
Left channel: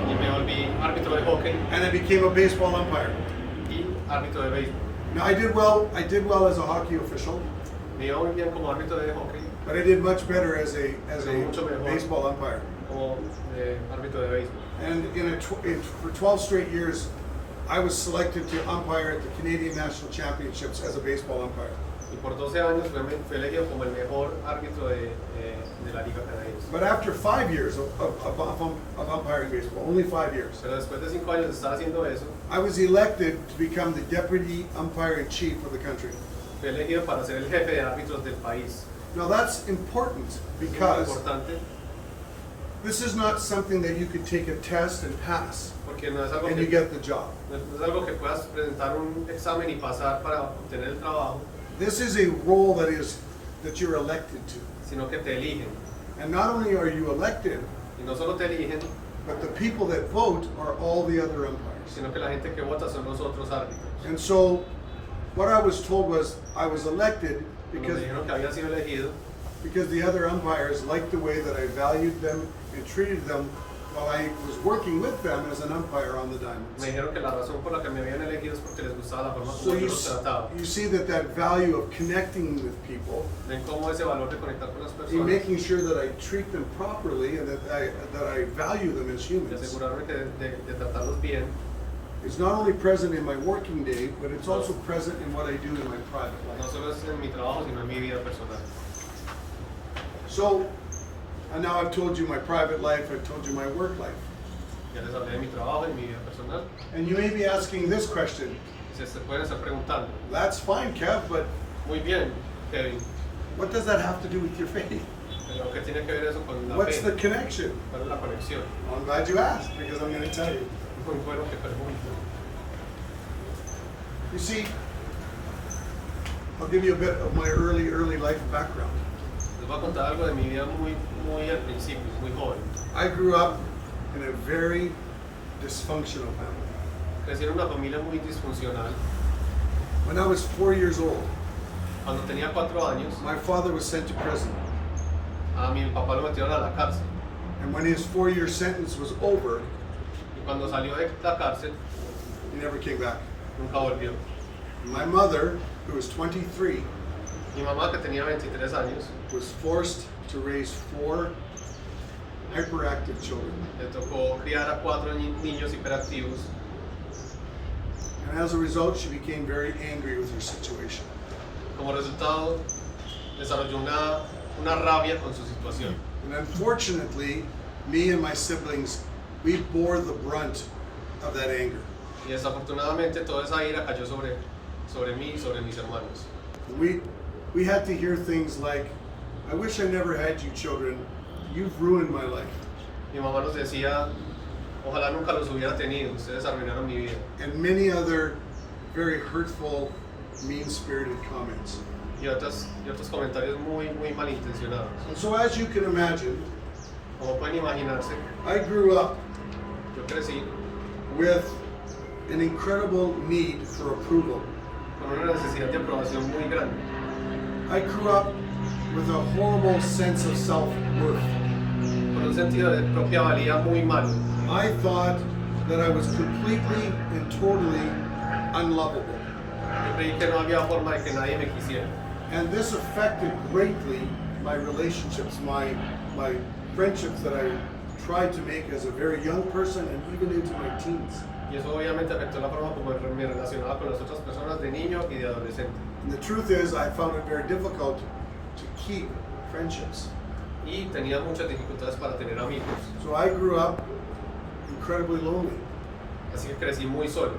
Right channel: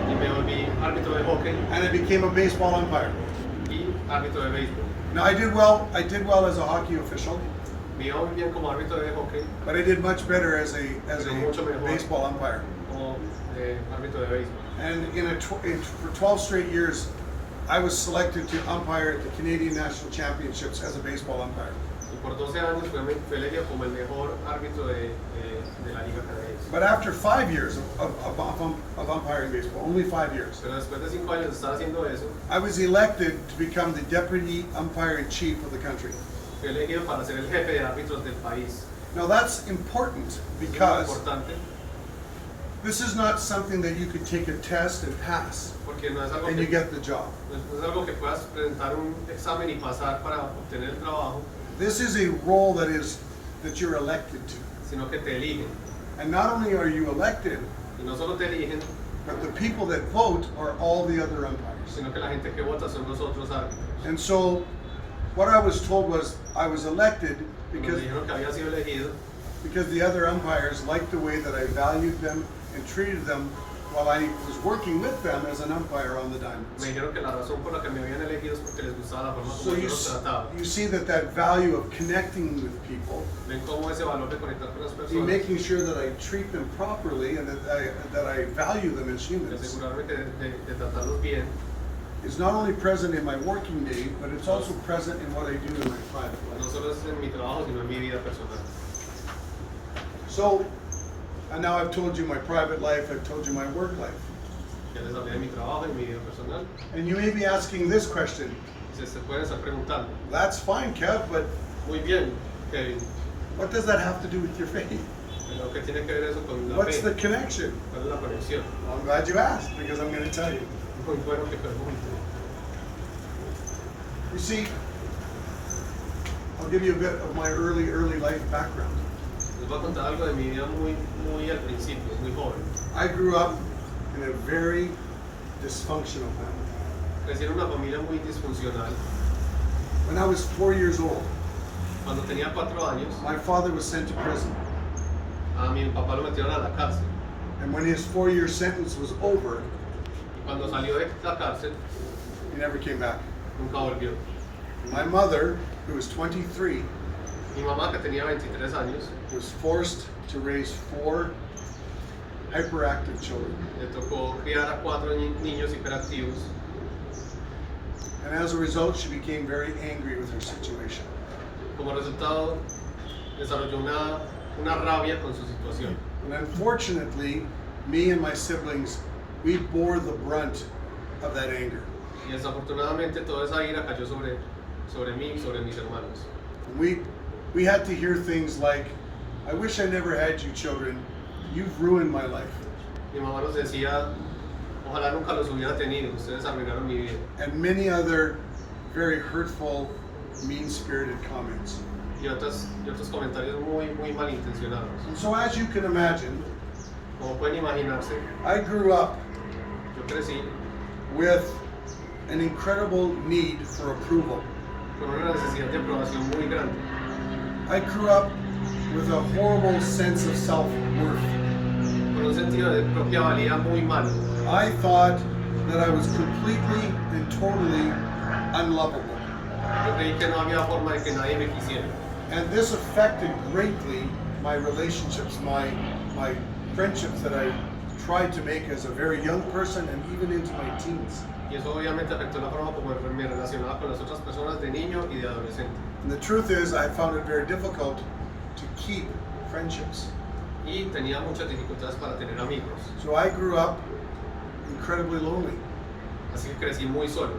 Y me volví árbitro de hockey and I became a baseball umpire. y árbitro de béisbol. Now I did well as a hockey official, Me iba muy bien como árbitro de hockey, but I did much better as a Mucho mejor. baseball umpire. como árbitro de béisbol. And for 12 straight years, I was selected to umpire at the Canadian National Championships as a baseball umpire. Y por 12 años fue elegido como el mejor árbitro de la liga canadiense. But after 5 years of umpiring baseball, only 5 years, Pero después de 5 años de estar haciendo eso, I was elected to become the deputy umpire in chief of the country. fue elegido para ser el jefe de árbitros del país. Now that's important Es muy because importante this is not something that you could take a test and pass porque no es algo and you que, get the job. no es algo que puedas presentar un examen y pasar para obtener el trabajo, This is a role that you're elected to. sino que te eligen. And not only are you elected, Y no solo te eligen, but the people that vote are all the other umpires. sino que la gente que vota son los otros árbitros. And so what I was told was I was elected Me because dijeron que había sido elegido the other umpires liked the way that I valued them and treated them while I was working with them as an umpire on the Me diamonds. dijeron que la razón por la que me habían elegido es porque les gustaba la forma So como yo you, los trataba. you see that value of connecting with people Ven cómo ese valor de conectar con las and personas, making sure that I treat them properly and that I value them as de humans asegurarme que de tratarlos bien, is not only present in my working day, but it's also present in what I do in my private no life. solo es en mi trabajo, sino en mi vida personal. So, and now I've told you my private life, I've told you my work life. Ya les hablé de mi trabajo y mi vida personal. And you may be asking this question, Y se pueden estar preguntando, that's fine, Kev, but muy bien, Kevin, what does that have to do with your faith? pero ¿qué tiene que ver eso con la What's fe? the connection? ¿Cuál es la conexión? Well, I'm glad you asked, because I'm going to tell you. Muy bueno que pregunte. You see, I'll give you a bit of my early life background. Les voy a contar algo de mi vida muy al principio, muy joven. I grew up in a very dysfunctional family. Crecí en una familia muy disfuncional. When I was 4 years old, Cuando tenía 4 años, my father was sent to prison. a mi papá lo metieron a la cárcel. And when his 4-year sentence was over, Y cuando salió de la cárcel, he never came back. nunca volvió. My mother, who was 23, Mi mamá, que tenía 23 años, was forced to raise 4 hyperactive children. le tocó criar a 4 niños hiperactivos. And as a result, she became very angry with her situation. Como resultado, desarrolló una rabia con su situación. And unfortunately, me and my siblings, we bore the brunt of that anger. Y desafortunadamente toda esa ira cayó sobre mí y sobre mis hermanos. And we had to hear things like, I wish I never had you children, you've ruined my life. Mi mamá nos decía, ojalá nunca los hubiera tenido, ustedes arruinaron mi vida. And many other very hurtful, mean-spirited comments. Y otros comentarios muy malintencionados. And so as you can imagine, Como pueden imaginarse, I grew up yo crecí with an incredible need for approval. con una necesidad de aprobación muy grande. I grew up with a horrible sense of self-worth. Con un sentido de propia valía muy malo. I thought that I was completely and totally unlovable. Yo creí que no había forma de que nadie me quisiera. And this affected greatly my relationships, my friendships that I tried to make as a very young person and even into my teens. Y eso obviamente afectó la forma como me relacionaba con las otras personas de niño y de adolescente. And the truth is, I found it very difficult to keep friendships. Y tenía muchas dificultades para tener amigos. So I grew up incredibly lonely. Así que crecí muy solo.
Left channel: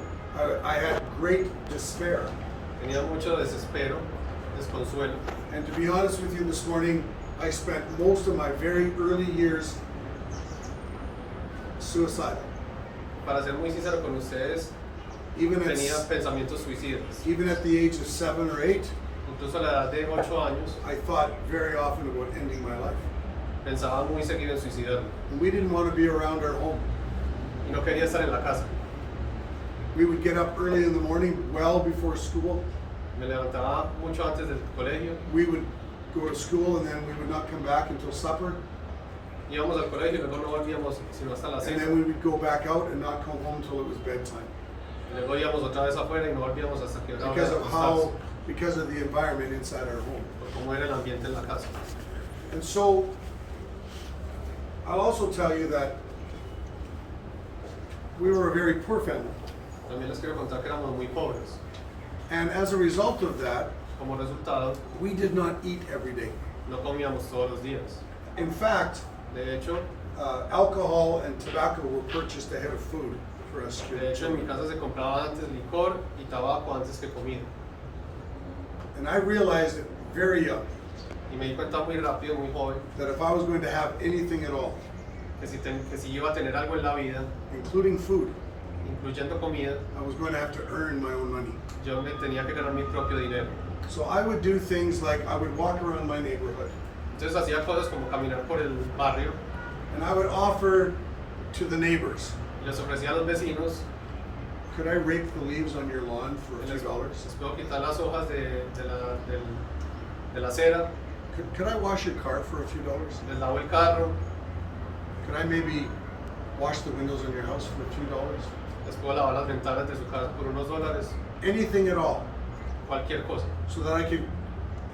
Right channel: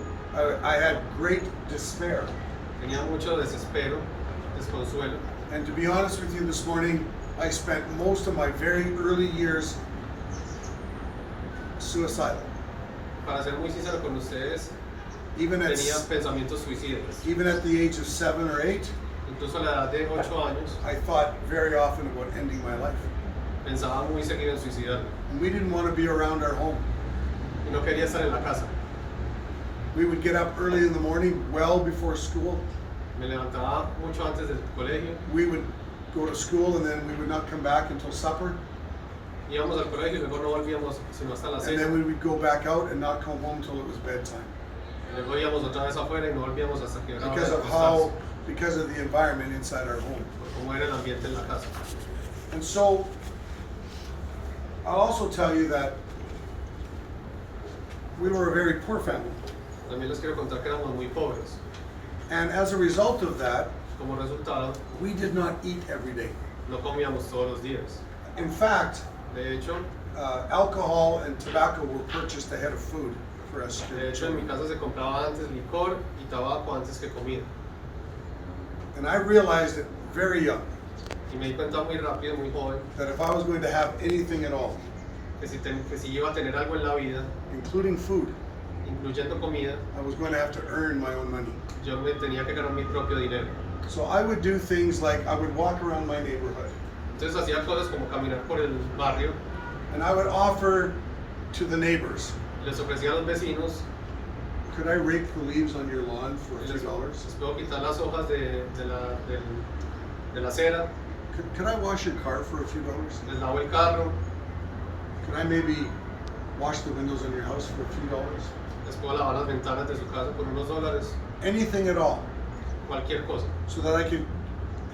I had great despair. Tenía mucho desespero, desconsuelo. And to be honest with you this morning, I spent most of my very early years suicidal. Para ser muy sincero con ustedes, Even tenía at, pensamientos suicidas. even at the age of 7 or 8, Incluso a la edad de 8 años, I thought very often about ending my life. pensaba muy seguido en suicidarme. And we didn't want to be around our home. Y no quería estar en la casa. We would get up early in the morning, well before school. Me levantaba mucho antes del colegio. We would go to school and then we would not come back until supper. Íbamos al colegio y luego no volvíamos sino hasta la And cena. then we would go back out and not come home until it was bedtime. Y luego íbamos otra vez afuera y no volvíamos hasta que era hora Because de of acostarse, because of the environment inside our home. por cómo era el ambiente en la casa. And so, I'll also tell you that we were a very poor family. También les quiero contar que éramos muy pobres. And as a result of that, Como resultado, we did not eat every day. no comíamos todos los días. In fact, De hecho, alcohol and tobacco were purchased ahead of food for us en mi children. casa se compraba antes licor y tabaco antes que comida. And I realized it very young Y me di cuenta muy rápido, muy joven, that if I was going to have anything at all, que si iba a tener algo en la vida, including food, incluyendo comida, I was going to have to earn my own money. yo me tenía que ganar mi propio dinero. So I would do things like I would walk around my neighborhood Entonces hacía cosas como caminar por el barrio and I would offer to the neighbors, y les ofrecía a los vecinos, could I rake the leaves on your lawn for a y few les dollars? puedo quitar las hojas de la acera, Could I wash your car for a few dollars? les lavo el carro, Could I maybe wash the windows on your house for a few dollars? les puedo lavar las ventanas de su casa por unos dólares, Anything at all, cualquier cosa, so that I could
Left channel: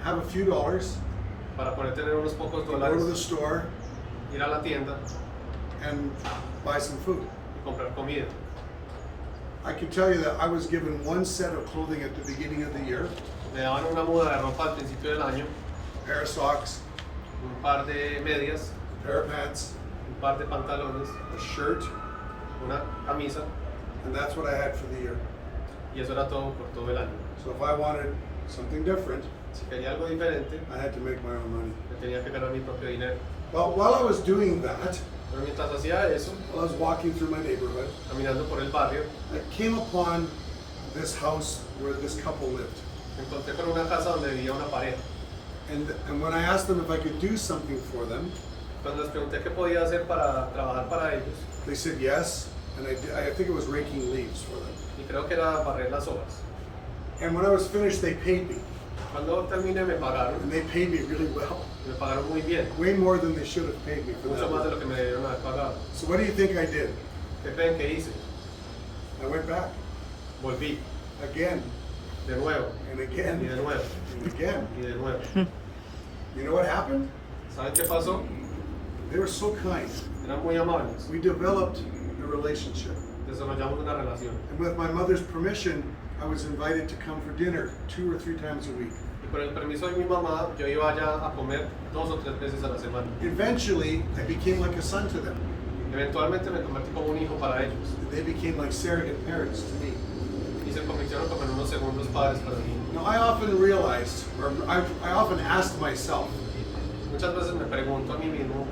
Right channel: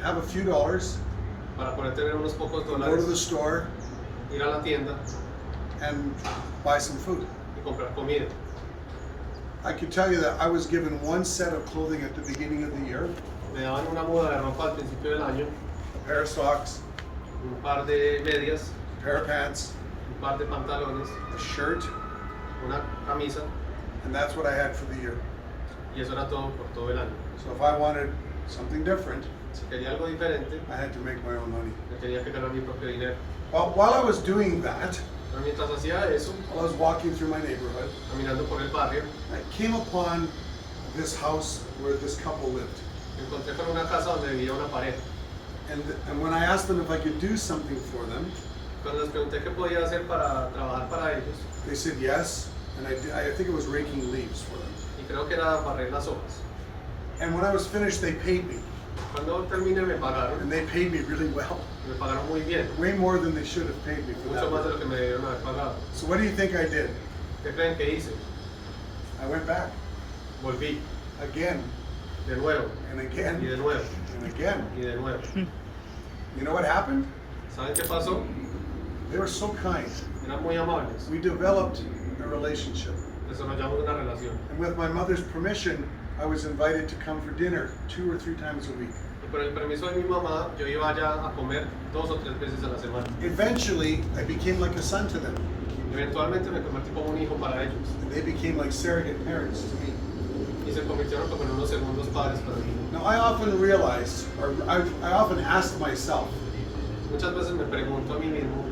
have a few dollars, para poder tener unos pocos go to the dólares, store ir a la tienda and buy some food. y comprar comida. I can tell you that I was given one set of clothing at the beginning of the year, Me daban una muda de ropa al principio del año, a pair of socks, un par de medias, a pair of pants, un par de pantalones, a shirt, una camisa, and that's what I had for the year. y eso era todo por todo el año. So if I wanted something different, Si quería algo diferente, I had to make my own money. yo tenía que ganar mi propio dinero. Well, while I was doing that, Pero mientras hacía eso, while I was walking through my neighborhood, caminando por el barrio, I came upon this house where this couple lived. me encontré con una casa donde vivía una pareja. And when I asked them if I could do something for them, Cuando les pregunté qué podía hacer para trabajar para ellos, they said yes, and I think it was raking leaves for them. y creo que era barrer las hojas. And when I was finished, they paid me. Cuando terminé me pagaron, And they paid me really well. me pagaron muy bien, Way more than they should have paid me for mucho that más de work. lo que me debieron haber pagado. So what do you think I did? ¿Qué creen que hice? I went back Volví, again de nuevo, and y again de nuevo, and again. y de nuevo. You know what happened? ¿Saben qué pasó? They were so kind. Eran muy amables. We developed a relationship. Desarrollamos una relación. And with my mother's permission, I was invited to come for dinner 2 or 3 times a week. Y por el permiso de mi mamá, yo iba allá a comer 2 o 3 veces a la semana. Eventually, I became like a son to them. Eventualmente me convertí como un hijo para ellos. And they became like surrogate parents to me. Y se convirtieron como en unos segundos padres para mí. Now, I often realized, or I often asked myself, Muchas veces me pregunto a mí mismo,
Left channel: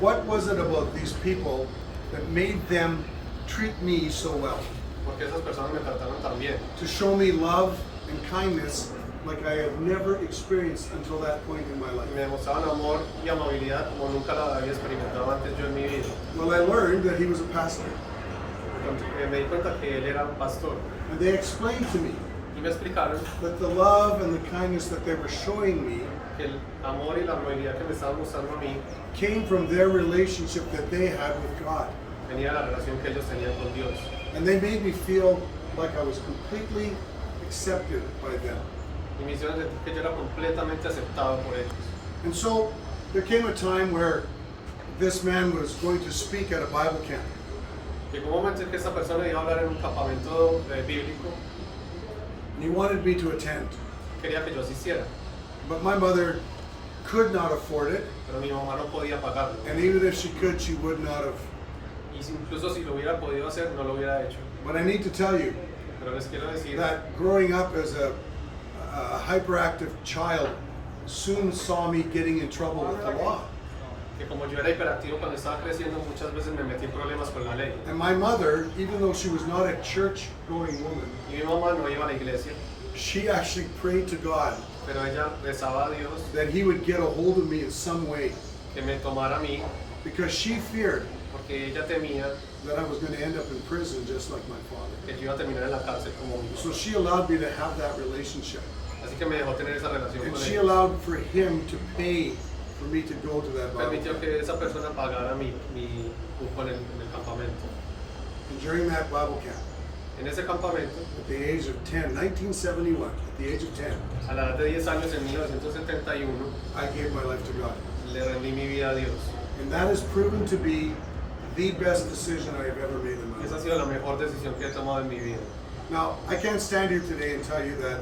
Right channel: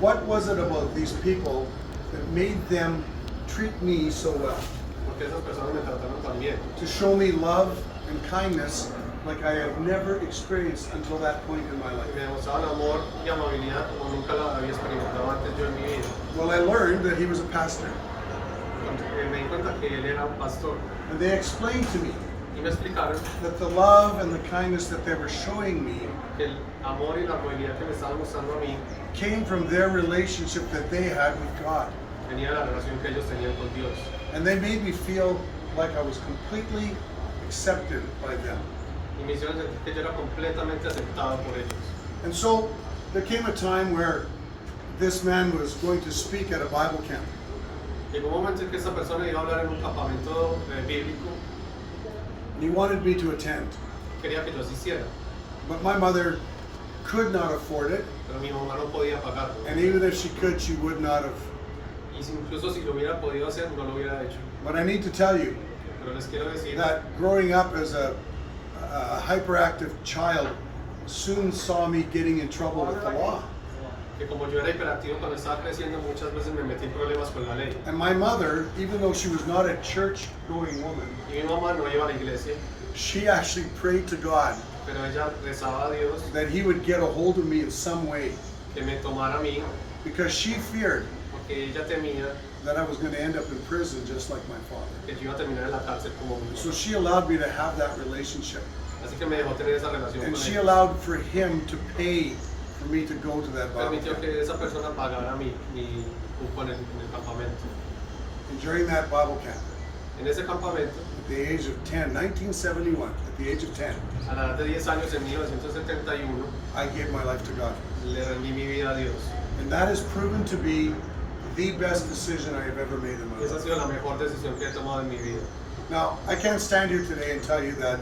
what was it about these people that made them treat me so well? ¿por qué esas personas me trataron tan bien? To show me love and kindness like I had never experienced until that point in my Y life. me demostraban amor y amabilidad como nunca la había experimentado antes yo en mi vida. Well, I learned that he was a pastor. Me di cuenta que él era un pastor. And they explained to me Y me explicaron that the love and the kindness that they were showing me que el amor y la amabilidad que me estaban mostrando a mí came from their relationship that they had with God. venía de la relación que ellos tenían con Dios. And they made me feel like I was completely accepted by them. Y me hicieron sentir que yo era completamente aceptado por ellos. And so there came a time where this man was going to speak at a Bible camp. Llegó un momento en que esta persona iba a hablar en un campamento bíblico. And he wanted me to attend. Quería que yo asistiera, But my mother could not afford it. pero mi mamá no podía pagarlo. And even if she could, she would not have. Y incluso si lo hubiera podido hacer, no lo hubiera hecho. But I need to tell you Pero les quiero decir that growing up as a hyperactive child soon saw me getting in trouble with the law. que como yo era hiperactivo cuando estaba creciendo, muchas veces me metí en problemas con la ley. And my mother, even though she was not a church-going woman, Y mi mamá no iba a la iglesia, she actually prayed to God pero ella rezaba a Dios that he would get a hold of me in some way que me tomara a mí, because she feared porque ella temía that I was going to end up in prison just like my father. que yo iba a terminar en la cárcel como mi So papá. she allowed me to have that relationship. Así que me dejó tener esa relación And con she ella. allowed for him to pay for me to go to that Bible Permitió camp. que esa persona pagara mi cupo en el campamento. And during that Bible camp, En ese campamento, at the age of 10, 1971, at the age of 10, a la edad de 10 años, en 1971, I gave my life to God. le rendí mi vida a Dios. And that has proven to be the best decision I have ever made in my Y esa ha life. sido la mejor decisión que he tomado en mi vida. Now, I can't stand here today and tell you that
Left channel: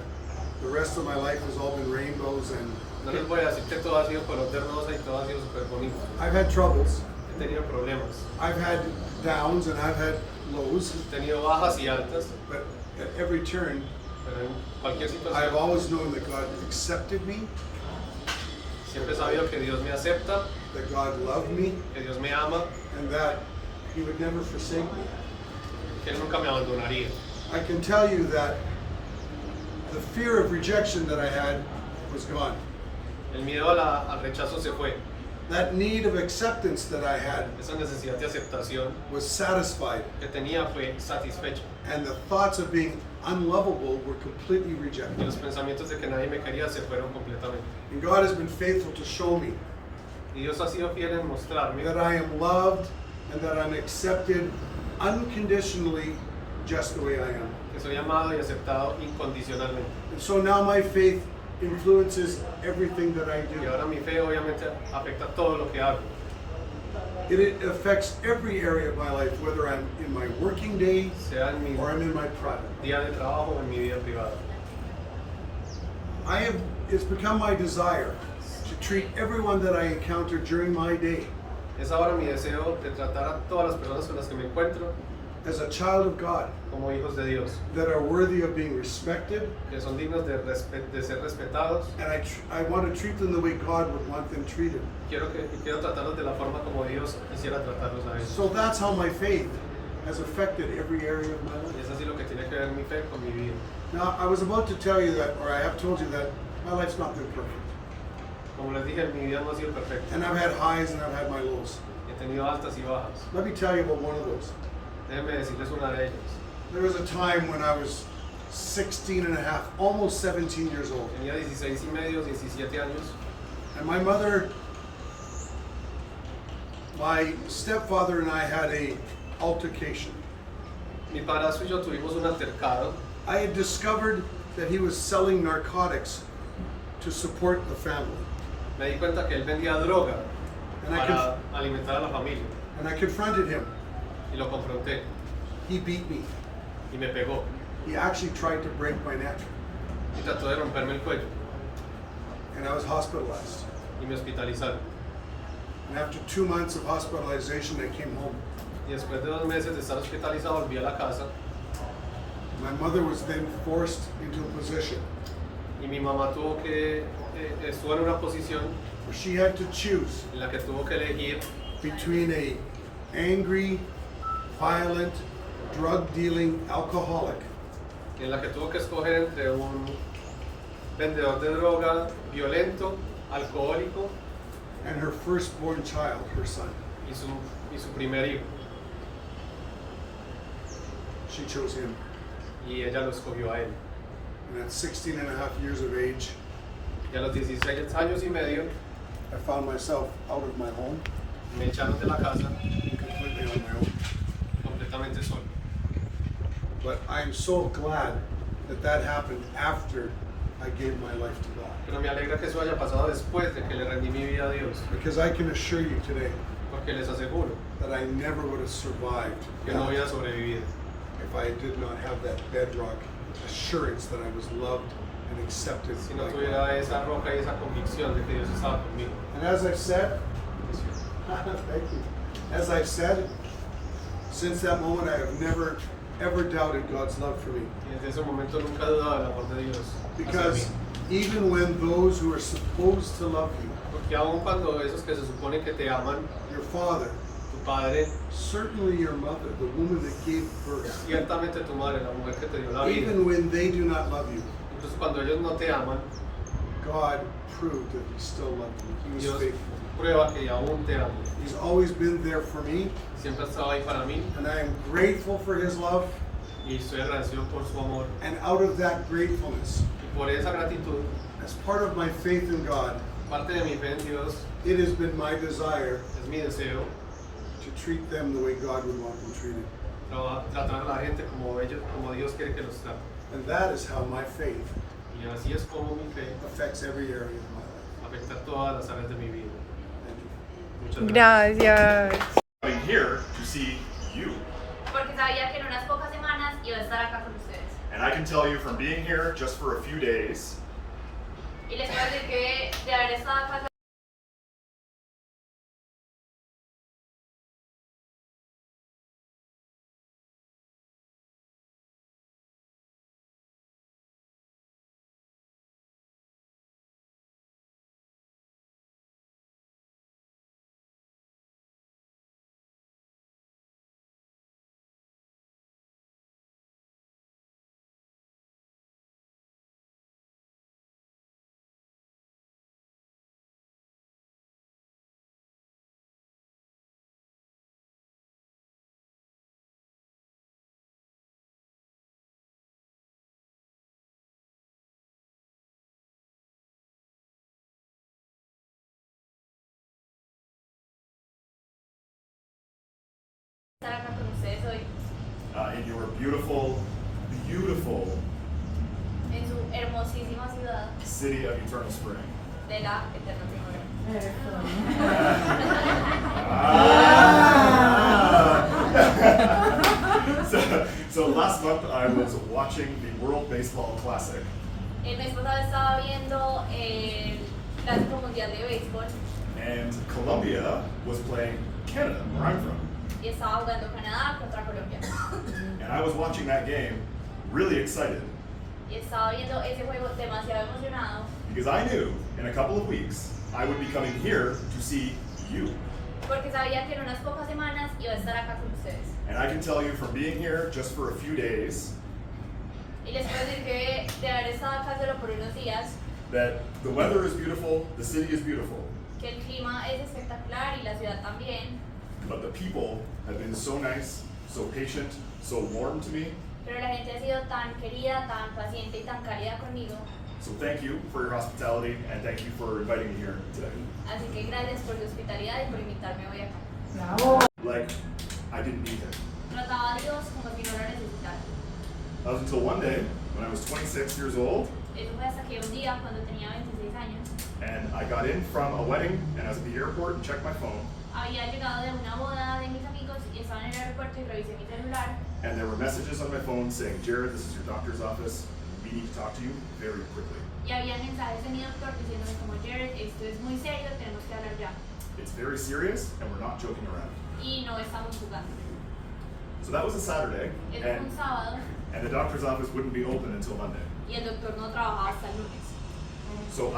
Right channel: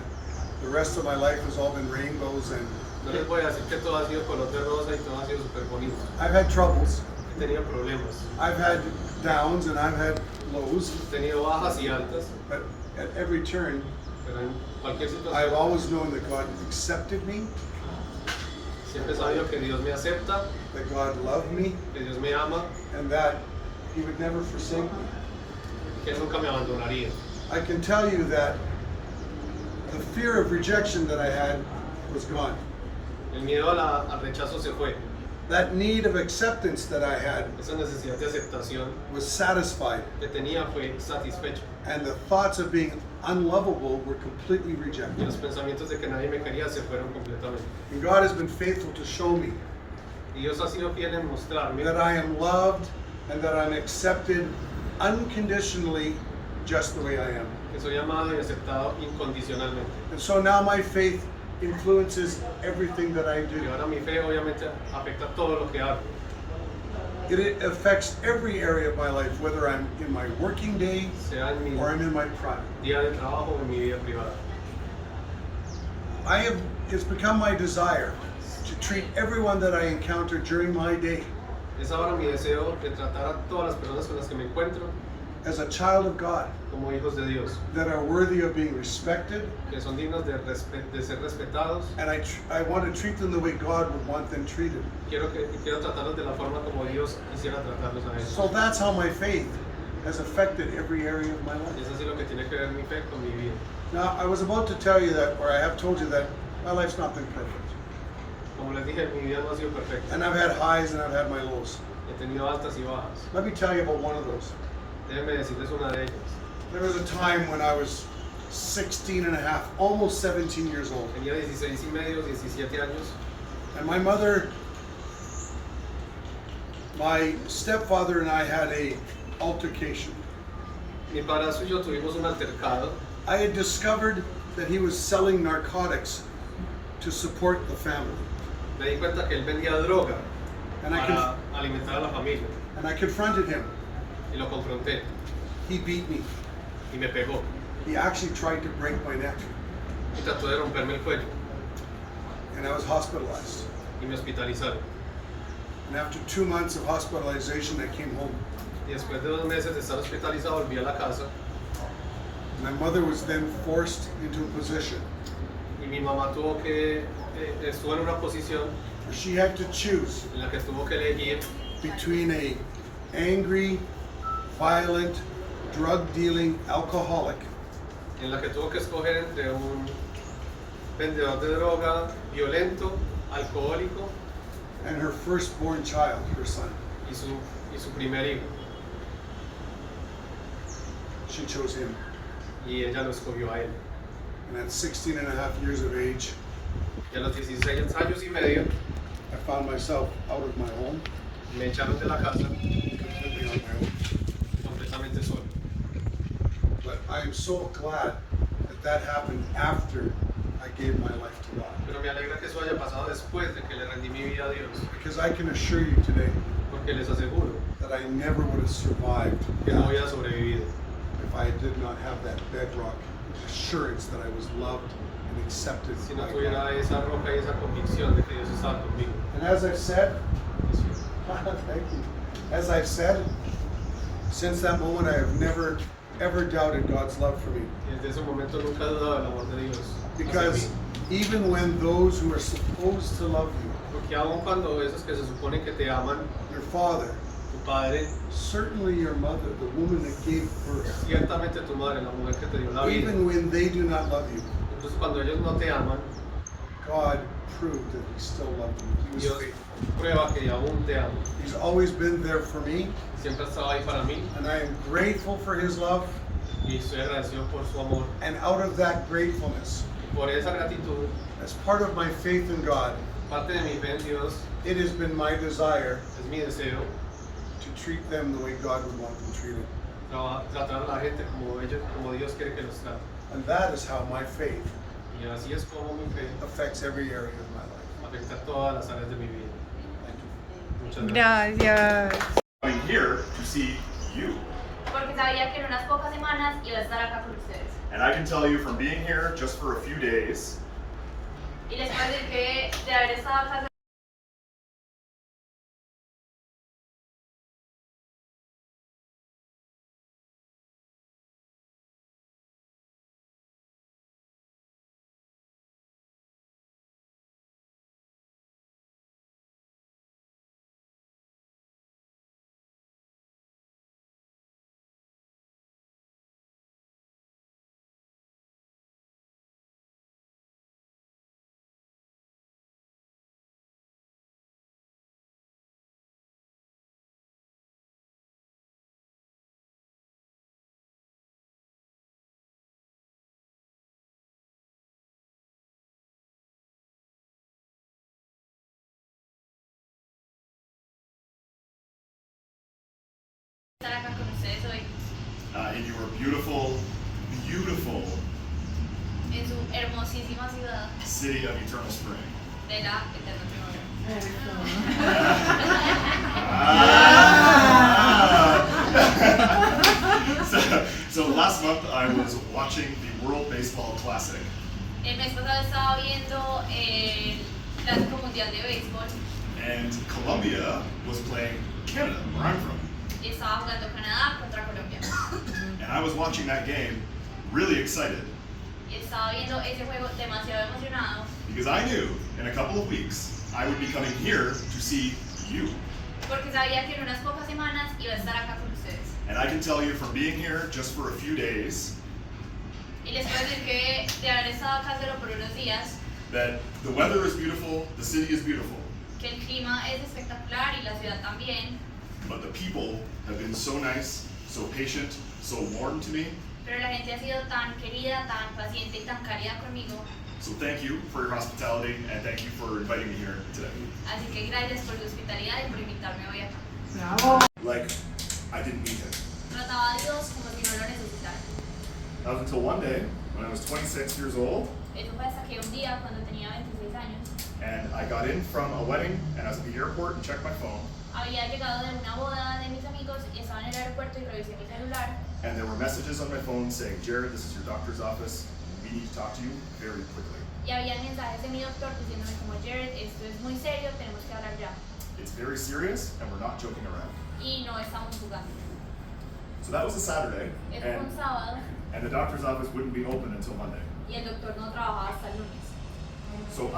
the rest of my life has all been rainbows and No les voy a decir que todo ha sido color de rosa y todo ha sido súper bonito. I've had troubles. He tenido problemas, I've had downs and I've had lows, he tenido bajas y altas, but at every turn, pero en cualquier I've situación always known that God accepted me, siempre he sabido que Dios me acepta, that God loved me, que Dios me ama, and that He would never forsake me. que Él nunca me abandonaría. I can tell you that the fear of rejection that I had was gone. El miedo al rechazo se fue. That need of acceptance that I had Esa necesidad de aceptación was satisfied, que tenía fue satisfecha. and the thoughts of being unlovable were completely Y rejected. los pensamientos de que nadie me quería se fueron completamente. And God has been faithful to show me Y Dios ha sido fiel en mostrarme that I am loved and that I'm accepted unconditionally just the way I am. que soy amado y aceptado incondicionalmente. And so now my faith influences everything that I Y do. ahora mi fe obviamente afecta todo lo que hago. It affects every area of my life, whether I'm in my working day Sea en mi or I'm in my private. día de trabajo o en mi vida privada. It's become my desire to treat everyone that I encounter during my day Es ahora mi deseo de tratar a todas las personas con las que me encuentro as a child of God, como hijos de Dios, that are worthy of being respected, que son dignos de ser respetados. and I want to treat them the way God would want them treated. Quiero tratarlos de la forma como Dios quisiera tratarlos a ellos. So that's how my faith has affected every area of my Y life. es así lo que tiene que ver mi fe con mi vida. Now, I was about to tell you that, or I have told you that my life's not been perfect. Como les dije, mi vida no ha sido perfecta. And I've had highs and I've had my lows. He tenido altas y bajas. Let me tell you about one of those. Déjenme decirles una de ellas. There was a time when I was 16 and a half, almost 17 years old. Tenía 16 y medio, 17 años. And my mother, my stepfather and I had a altercation. Mi padrastro y yo tuvimos un altercado. I had discovered that he was selling narcotics to support the family. Me di cuenta que él vendía droga And I, para alimentar a la familia. and I confronted him. Y lo confronté He beat me. y me pegó. He actually tried to break my neck, Y trató de romperme el cuello and I was hospitalized. y me hospitalizaron. And after 2 months of hospitalization, I came home. Y después de 2 meses de estar hospitalizado volví a la casa. My mother was then forced into a position Y mi mamá estuvo en una posición where she had to choose en la que tuvo que elegir between a angry, violent, drug-dealing alcoholic en la que tuvo que escoger entre un vendedor de droga violento, alcohólico and her firstborn child, her son. y su primer hijo. She chose him. Y ella lo escogió a él. And at 16 and a half years of age, Y a los 16 años y medio I found myself out of my home, me echaron de la casa completely on my own. completamente solo. But I am so glad that that happened after I gave my life to God. Pero me alegra que eso haya pasado después de que le rendí mi vida a Dios. Because I can assure you today Porque les aseguro that I never would have survived que no that había sobrevivido if I did not have that bedrock assurance that I was loved and accepted si no by tuviera God. esa roca y esa convicción de que Dios estaba conmigo. And as I've said, thank you. As I've said, since that moment I have never ever doubted God's love for me. Y desde ese momento nunca he dudado del amor de Dios. hacia Because mí. even when those who are supposed to love you, Porque aun cuando esos que se supone que te aman, your father, tu padre, certainly your mother, the woman that gave birth, ciertamente tu madre, la mujer que te dio la vida, even when they do not love you, incluso cuando ellos no te aman, God proved that He still loved you. He was Dios faithful. prueba que aún te amo. He's always been there for me, Siempre ha estado ahí para mí and I am grateful for His love. y estoy agradecido por su amor. And out of that gratefulness, Y por esa gratitud, as part of my faith in God, parte de mi fe en Dios it has been my desire es mi deseo to treat them the way God would want them treated. tratar a la gente como Dios quiere que los trate. And that is how my faith Y así es como mi fe affects every area of my life. afecta todas las áreas de mi vida. Thank you. Muchas gracias. Gracias. Coming here to see you. Porque sabía que en unas pocas semanas iba a estar acá con ustedes. And I can tell you from being here just for a few days, Y les puedo decir que de haber estado acá estar acá con ustedes hoy in your beautiful, beautiful en su hermosísima ciudad city of Eternal Spring. de la eterna primavera. So last month I was watching the World Baseball Classic, El mes pasado estaba viendo el Clásico Mundial de Béisbol and Colombia was playing Canada, where I'm from. y estaba jugando Canadá contra Colombia. And I was watching that game really excited Y estaba viendo ese juego demasiado emocionado because I knew in a couple of weeks I would be coming here to see you. porque sabía que en unas pocas semanas iba a estar acá con ustedes. And I can tell you from being here just for a few days Y les puedo decir que de haber estado acá solo por unos días, that the weather is beautiful, the city is beautiful, que el clima es espectacular y la ciudad también, but the people have been so nice, so patient, so warm to me, Pero la gente ha sido tan querida, tan paciente y tan cálida conmigo. So thank you for your hospitality and thank you for inviting me here today. Así que gracias por su hospitalidad y por invitarme hoy acá. Like, I didn't need him. Trataba a Dios como si no lo necesitara. That was until one day when I was 26 years old Eso fue hasta que un día, cuando tenía 26 años, and I got in from a wedding and I was at the airport and checked my phone había llegado de una boda de mis amigos y estaba en el aeropuerto y revisé mi celular. and there were messages on my phone saying, Jared, this is your doctor's office. We need to talk to you very quickly. Y había mensajes de mi doctor diciéndome como, Jared, esto es muy serio, tenemos que hablar ya. It's very serious and we're not joking around. Y no estamos jugando. So that was a Saturday Eso fue un sábado and the doctor's office wouldn't be open until Monday. y el doctor no trabajaba hasta el lunes. So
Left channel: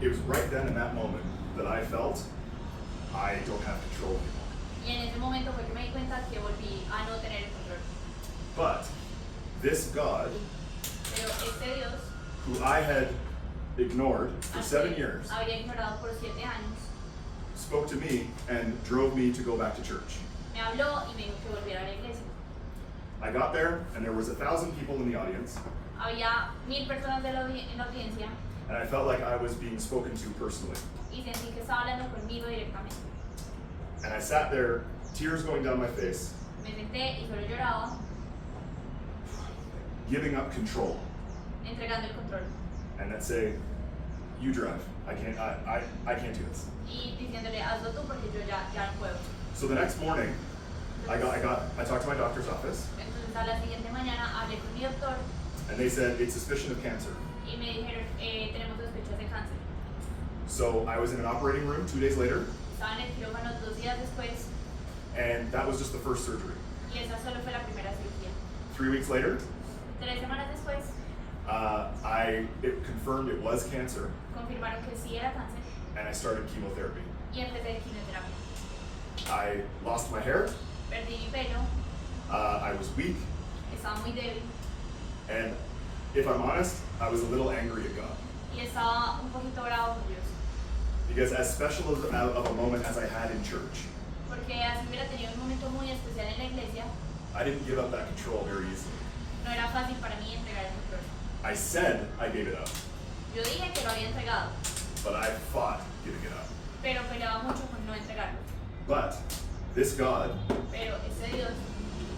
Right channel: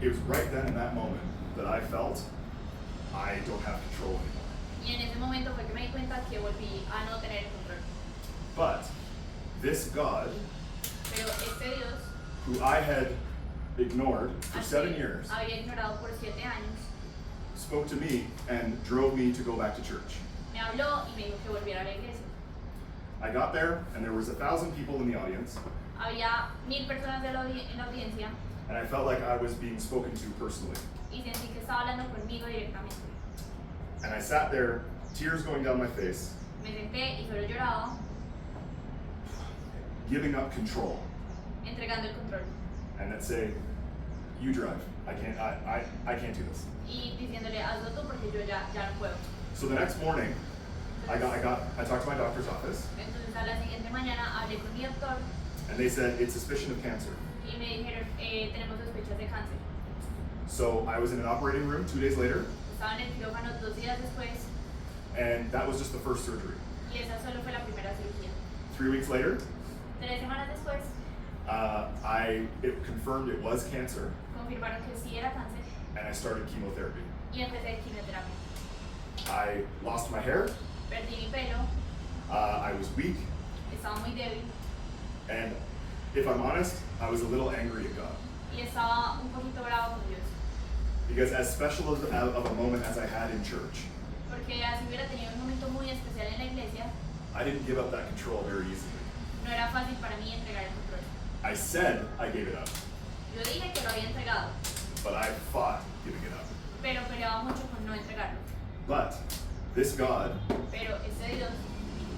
it was right then in that moment that I felt I don't have control anymore. Y en ese momento fue que me di cuenta que volví a no tener el control. But this God, Pero este Dios, who I had ignored for al 7 que years, había ignorado por 7 años, spoke to me and drove me to go back to church. me habló y me dijo que volviera a la iglesia. I got there and there was 1,000 people in the audience Había 1000 personas en la audiencia and I felt like I was being spoken to personally. y sentí que estaba hablando conmigo directamente. And I sat there, tears going down my face, Me senté y solo lloraba, giving up control entregando el control and then say, you drive. I can't do this. y diciéndole, hazlo tú porque yo ya no puedo. So the next morning, I talked to my doctor's office Entonces a la siguiente mañana hablé con mi doctor and they said it's suspicion of cancer. y me dijeron, tenemos sospechas de cáncer. So I was in an operating room 2 days later Estaba en el quirófano 2 días después and that was just the first surgery. y esa solo fue la primera cirugía. 3 weeks later, 3 semanas después it confirmed it was cancer confirmaron que sí era cáncer and I started chemotherapy. y empecé quimioterapia. I lost my hair, Perdí mi pelo, I was weak, estaba muy débil and if I'm honest, I was a little angry at God. y estaba un poquito bravo con Dios. Because as special of a moment as I had in church, Porque así hubiera tenido un momento muy especial en la iglesia, I didn't give up that control very easily. no era fácil para mí entregar el control. I said I gave it up, Yo dije que lo había entregado, but I fought giving it up. pero peleaba mucho con no entregarlo. But this God Pero ese Dios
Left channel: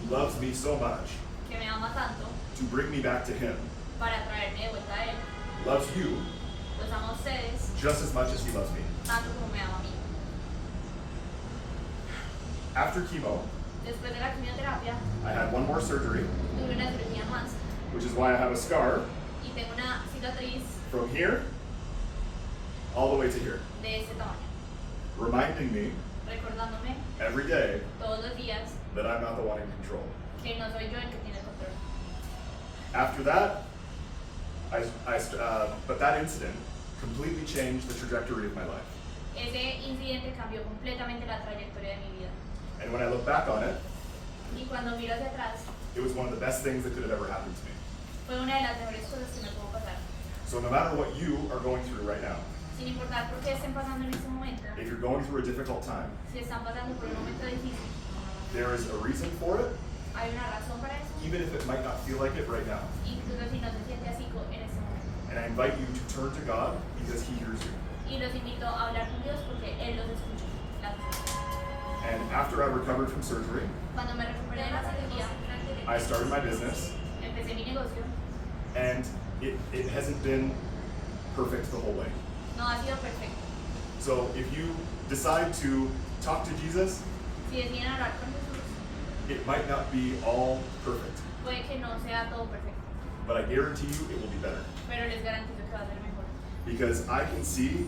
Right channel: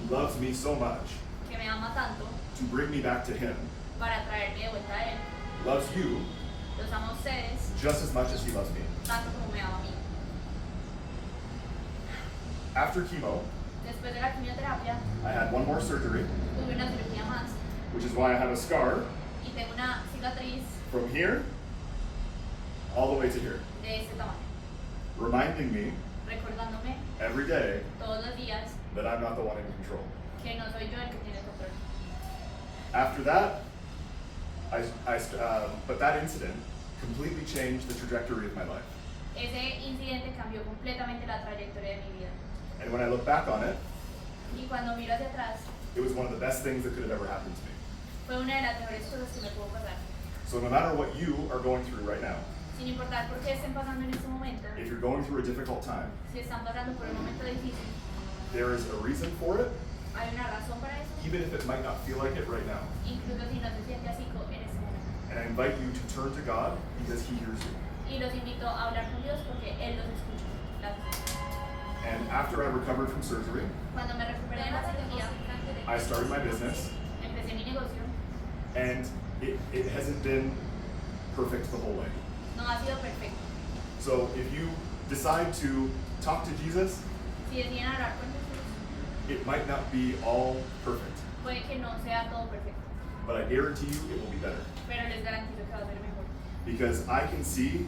loves me so much que me ama tanto to bring me back to Him, para traerme de vuelta a Él, loves you los ama a ustedes just as much as He loves me. tanto como me ama a mí. After chemo, Después de la quimioterapia, I had one more surgery, tuve una cirugía más which is why I have a scar y tengo una cicatriz from here all the way to here, de este tamaño, reminding me recordándome every day todos los días that I'm not the one in control. que no soy yo el que tiene el control. After that, but that incident completely changed the trajectory of my life. Ese incidente cambió completamente la trayectoria de mi vida. And when I look back on it, Y cuando miro hacia atrás, it was one of the best things that could have ever happened to me. fue una de las mejores cosas que me pudo pasar. So no matter what you are going through right now, Sin importar por qué estén pasando en este momento, if you're going through a difficult time, si están pasando por un momento difícil, there is a reason for it, hay una razón para eso, even if it might not feel like it right now. incluso si no se siente así en este momento. And I invite you to turn to God because He hears you. Y los invito a hablar con Dios porque Él los escucha. Gracias. And after I recovered from surgery, Cuando me recuperé de la cirugía, I started my business, empecé mi negocio. and it hasn't been perfect the whole way. No ha sido perfecto. So if you decide to talk to Jesus, Si deciden hablar con Jesús, it might not be all perfect, puede que no sea todo perfecto, but I guarantee you it will be better. pero les garantizo que va a ser mejor. Because I can see,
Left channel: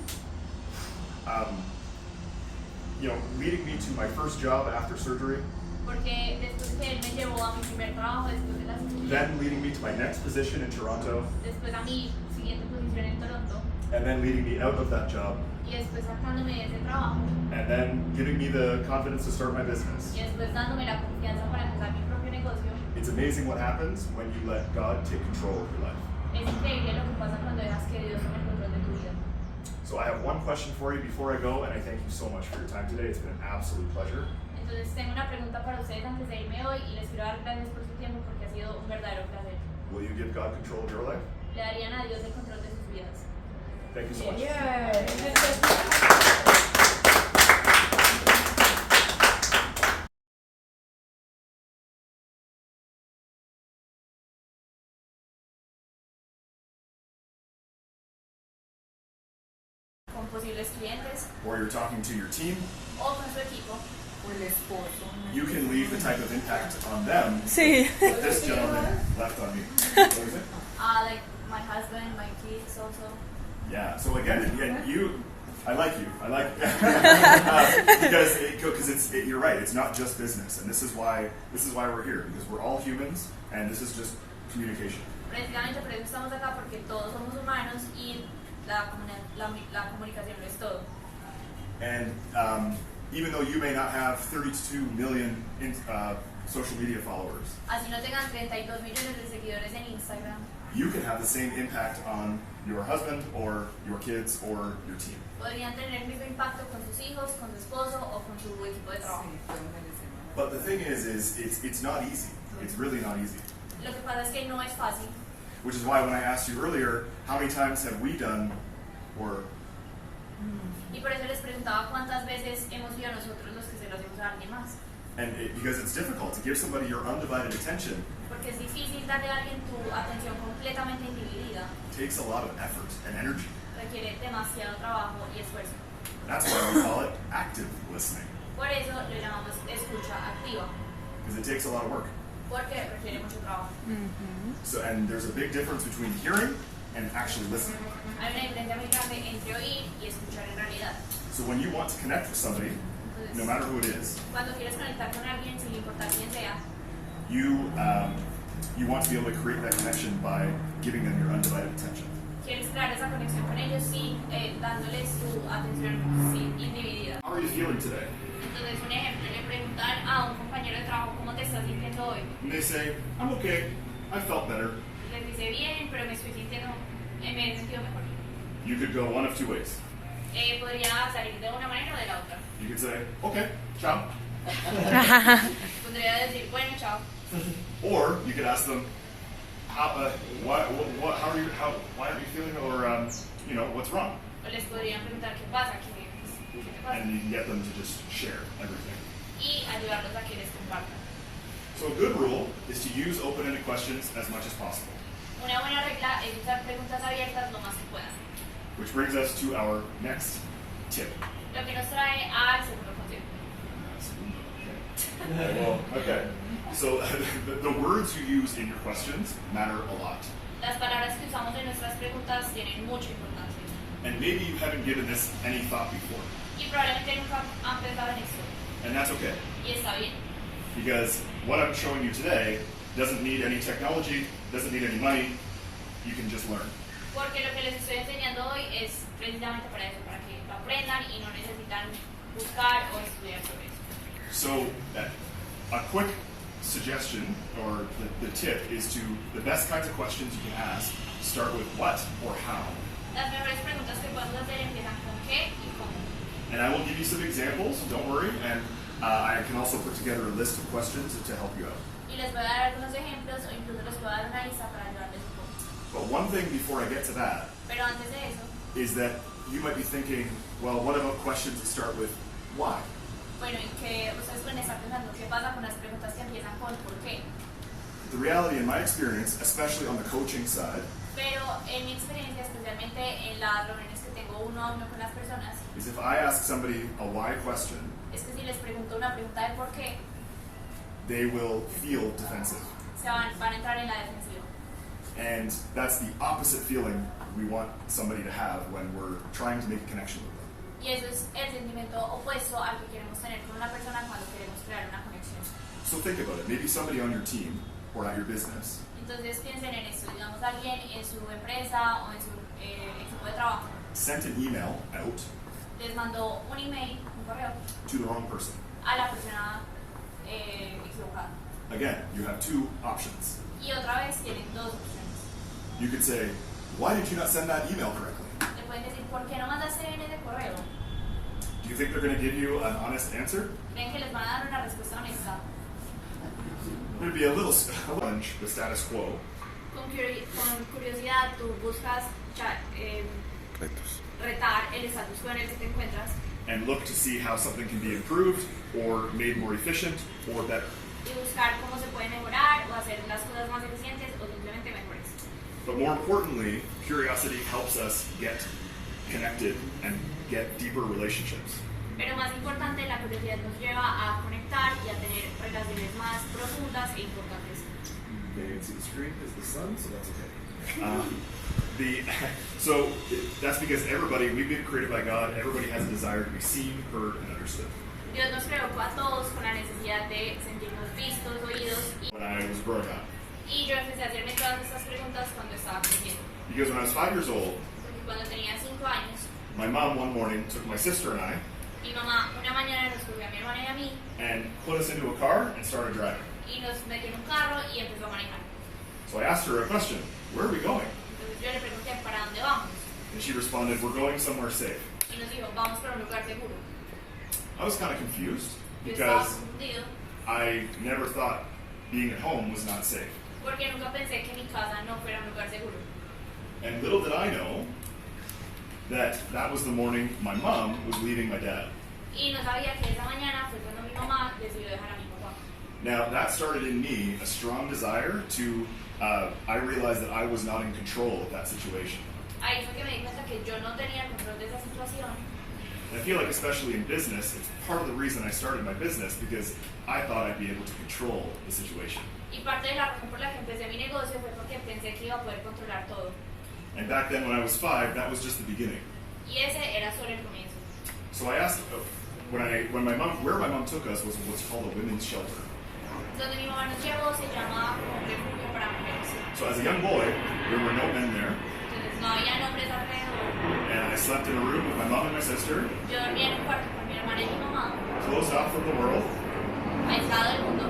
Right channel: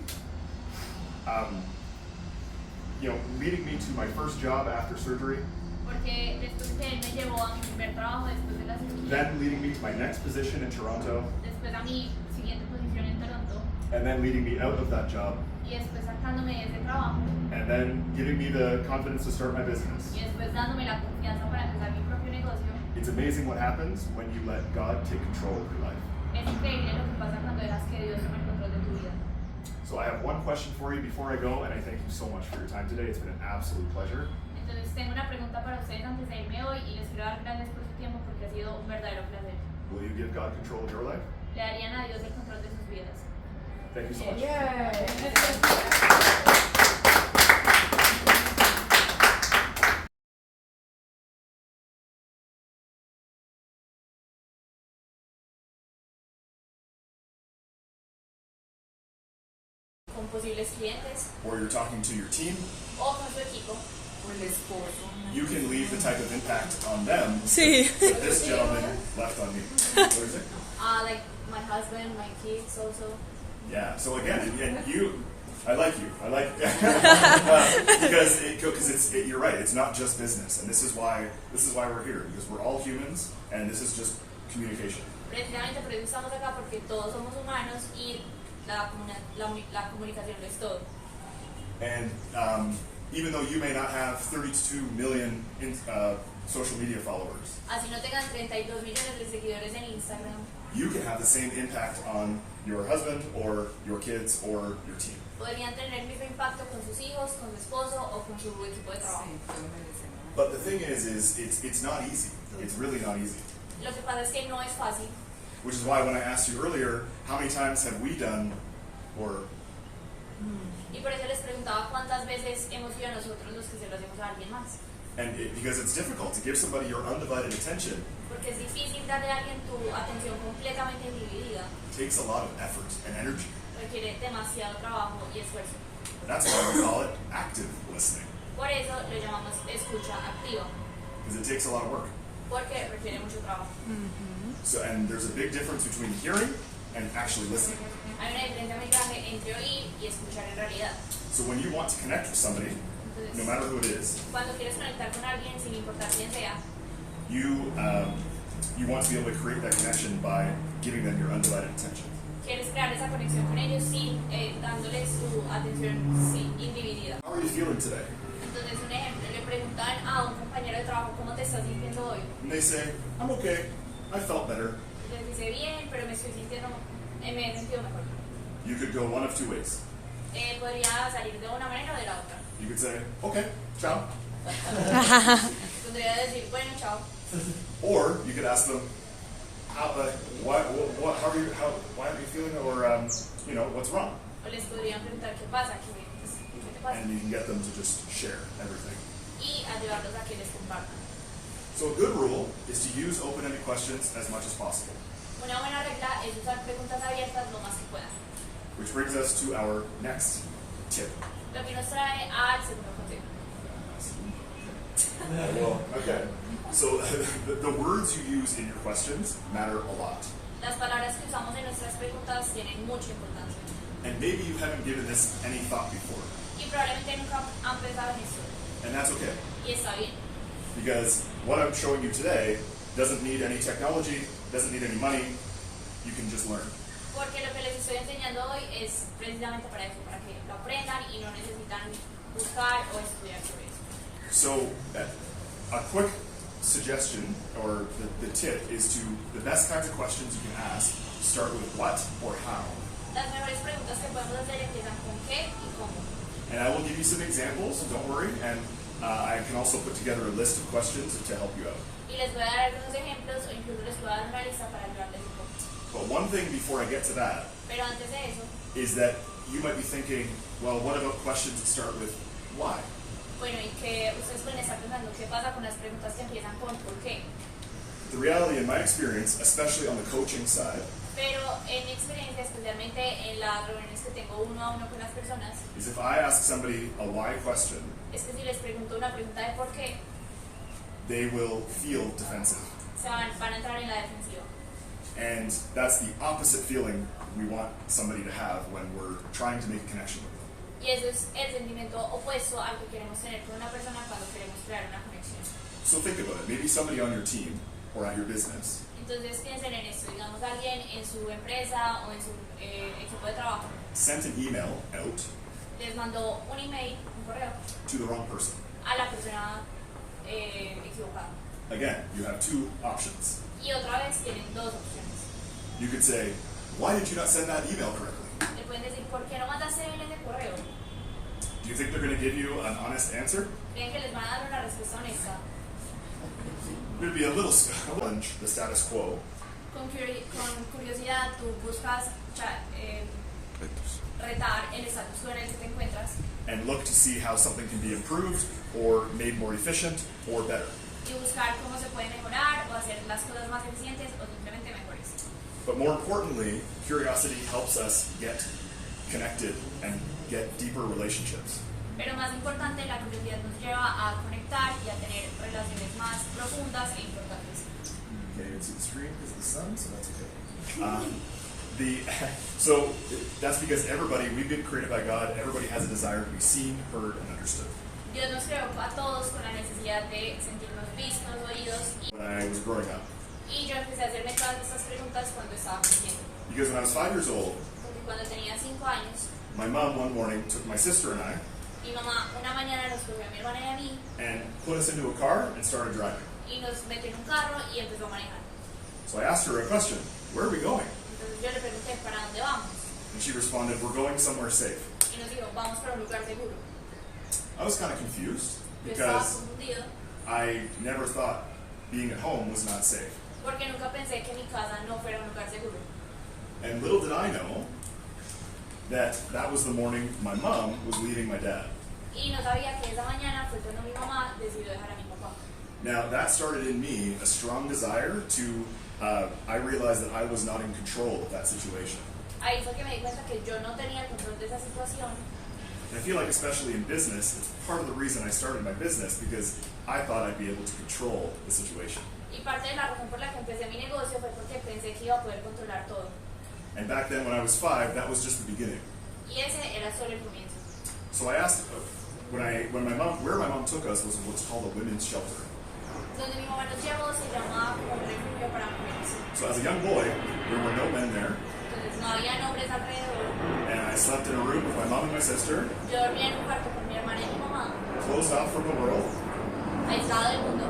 leading me to my first job after surgery, Porque después que Él me llevó a mi primer trabajo, después de la cirugía, then leading me to my next position in Toronto, después a mi siguiente posición en Toronto, and then leading me out of that job, y después sacándome de ese trabajo, and then giving me the confidence to start my business. y después dándome la confianza para empezar mi propio negocio. It's amazing what happens when you let God take control of your life. Es increíble lo que pasa cuando dejas que Dios tome el control de tu vida. So I have one question for you before I go, and I thank you so much for your time today. It's been an absolute pleasure. Entonces tengo una pregunta para ustedes antes de irme hoy y les quiero dar gracias por su tiempo porque ha sido un verdadero placer. Will you give God control of your life? Le darían a Dios el control de sus vidas. Thank you so much. Con posibles clientes Or you're talking to your team, o con su equipo. you can leave the type of impact on them Sí. that this gentleman left on you. What is it? Like my husband, my kids also. Yeah. So again, I like you. I like because you're right. It's not just business, and this is why we're here, because we're all humans, and this is just communication. Precisamente por eso estamos acá, porque todos somos humanos y la comunicación lo es todo. And even though you may not have 32 million social media followers, Así no tengan 32 millones de seguidores en Instagram, you can have the same impact on your husband or your kids or your team. podrían tener el mismo impacto con sus hijos, con su esposo o con su equipo de trabajo. But the thing is it's not easy. It's really not easy. Lo que pasa es que no es fácil, Which is why when I asked you earlier, how many times have we done, or y por eso les preguntaba cuántas veces hemos sido nosotros los que se lo hacemos a alguien más. because it's difficult to give somebody your undivided attention. Porque es difícil darle a alguien tu atención completamente individida, It takes a lot of effort and energy. requiere demasiado trabajo y esfuerzo. And that's why we call it active listening, Por eso lo llamamos escucha activa, because it takes a lot of work. porque requiere mucho trabajo. So, and there's a big difference between hearing and actually listening. Hay una diferencia muy grande entre oír y escuchar en realidad. So when you want to connect with somebody, no matter who it is, Cuando quieres conectar con alguien, sin importar quién sea, you want to be able to create that connection by giving them your undivided attention. quieres crear esa conexión con ellos sin dándoles tu atención individida. How are you feeling today? Entonces, un ejemplo, le preguntan a un compañero de trabajo cómo te estás sintiendo hoy. And they say, I'm okay, I felt better. Y les dice, bien, pero me estoy sintiendo, me he sentido mejor. You could go one of two ways. Podría salir de una manera o de la otra. You could say, okay, ciao. Podría decir, bueno, chao. Or you could ask them, how are you, why aren't you feeling, or what's wrong? O les podrían preguntar qué pasa, qué te pasa. And you can get them to just share everything. Y ayudarlos a que les compartan. So a good rule is to use open-ended questions as much as possible. Una buena regla es usar preguntas abiertas lo más que puedan. Which brings us to our next tip. Lo que nos trae al segundo consejo. Well, okay. So the words you use in your questions matter a lot. Las palabras que usamos en nuestras preguntas tienen mucha importancia. And maybe you haven't given this any thought before. Y probablemente nunca han pensado en eso. And that's okay. Y está bien. Because what I'm showing you today doesn't need any technology, doesn't need any money. You can just learn. Porque lo que les estoy enseñando hoy es precisamente para eso, para que lo aprendan y no necesitan buscar o estudiar sobre eso. So a quick suggestion or the tip is to the best kinds of questions you can ask start with what or how. Las mejores preguntas que podemos hacer empiezan con qué y cómo. And I will give you some examples, don't worry, and I can also put together a list of questions to help you out. Y les voy a dar algunos ejemplos o incluso les voy a dar una lista para ayudarles un poco. But one thing before I get to that Pero antes de eso, is that you might be thinking, well, what about questions that start with why? bueno, y que ustedes pueden estar pensando qué pasa con las preguntas que empiezan con por qué. The reality in my experience, especially on the coaching side, Pero en mi experiencia, especialmente en las reuniones que tengo uno a uno con las personas, is if I ask somebody a why question, es que si les pregunto una pregunta de por qué, they will feel defensive. van a entrar en la defensiva. And that's the opposite feeling we want somebody to have when we're trying to make a connection with them. Y eso es el sentimiento opuesto al que queremos tener con una persona cuando queremos crear una conexión. So think about it. Maybe somebody on your team or at your business Entonces piensen en esto, digamos alguien en su empresa o en su equipo de trabajo sent an email out les mandó un email, un correo, to the wrong person. a la persona equivocada. Again, you have two options. Y otra vez tienen dos opciones. You could say, why did you not send that email correctly? Le pueden decir, ¿por qué no mandaste bien ese correo? Do Do you think they're going to give you an honest answer? ¿Creen que les van a dar una respuesta honesta? It would be a little challenge the status quo. Con curiosidad, tú buscas retar el status quo en el que te encuentras And look to see how something can be improved or made more efficient or better. y buscar cómo se puede mejorar o hacer las cosas más eficientes o simplemente mejores. But more importantly, curiosity helps us get connected and get deeper relationships. Pero más importante, la curiosidad nos lleva a conectar y a tener relaciones más profundas e importantes. Okay, you can see the screen is the sun, so that's okay. So that's because we've been created by God. Everybody has a desire to be seen, heard, and understood. Dios nos creó a todos con la necesidad de sentirnos vistos, oídos When I was growing up, y yo empecé a hacerme todas estas preguntas cuando estaba creciendo. because when I was 5 years old, Porque cuando tenía 5 años, my mom one morning took my sister and I mi mamá una mañana nos cogió a mi hermana y a mí and put us into a car and started driving. y nos metió en un carro y empezó a manejar. So I asked her a question: "Where are we going?" Entonces yo le pregunté, ¿para dónde vamos? And she responded, "We're going somewhere safe." Y nos dijo, vamos para un lugar seguro. I was kind of confused Yo estaba because confundido I never thought being at home was not safe. porque nunca pensé que mi casa no fuera un lugar seguro. And little did I know that was the morning my mom was leaving my dad. Y no sabía que esa mañana fue cuando mi mamá decidió dejar a mi papá. Now that started in me a strong desire to, I realized that I was not in control of that situation. Ahí fue que me di cuenta que yo no tenía el control de esa situación. And I feel like especially in business, it's part of the reason I started my business because I thought I'd be able to control the situation. Y parte de la razón por la que empecé mi negocio fue porque pensé que iba a poder controlar todo. And back then when I was 5, that was just the beginning. Y ese era solo el comienzo. So I asked, where my mom took us was what's called a women's shelter. Donde mi mamá nos llevó se llama un refugio para mujeres. So as a young boy, there were no men there, Entonces no había hombres alrededor. and I slept in a room with my mom and my sister, Yo dormía en un cuarto con mi hermana y mi mamá, closed off from the world, aislado del mundo,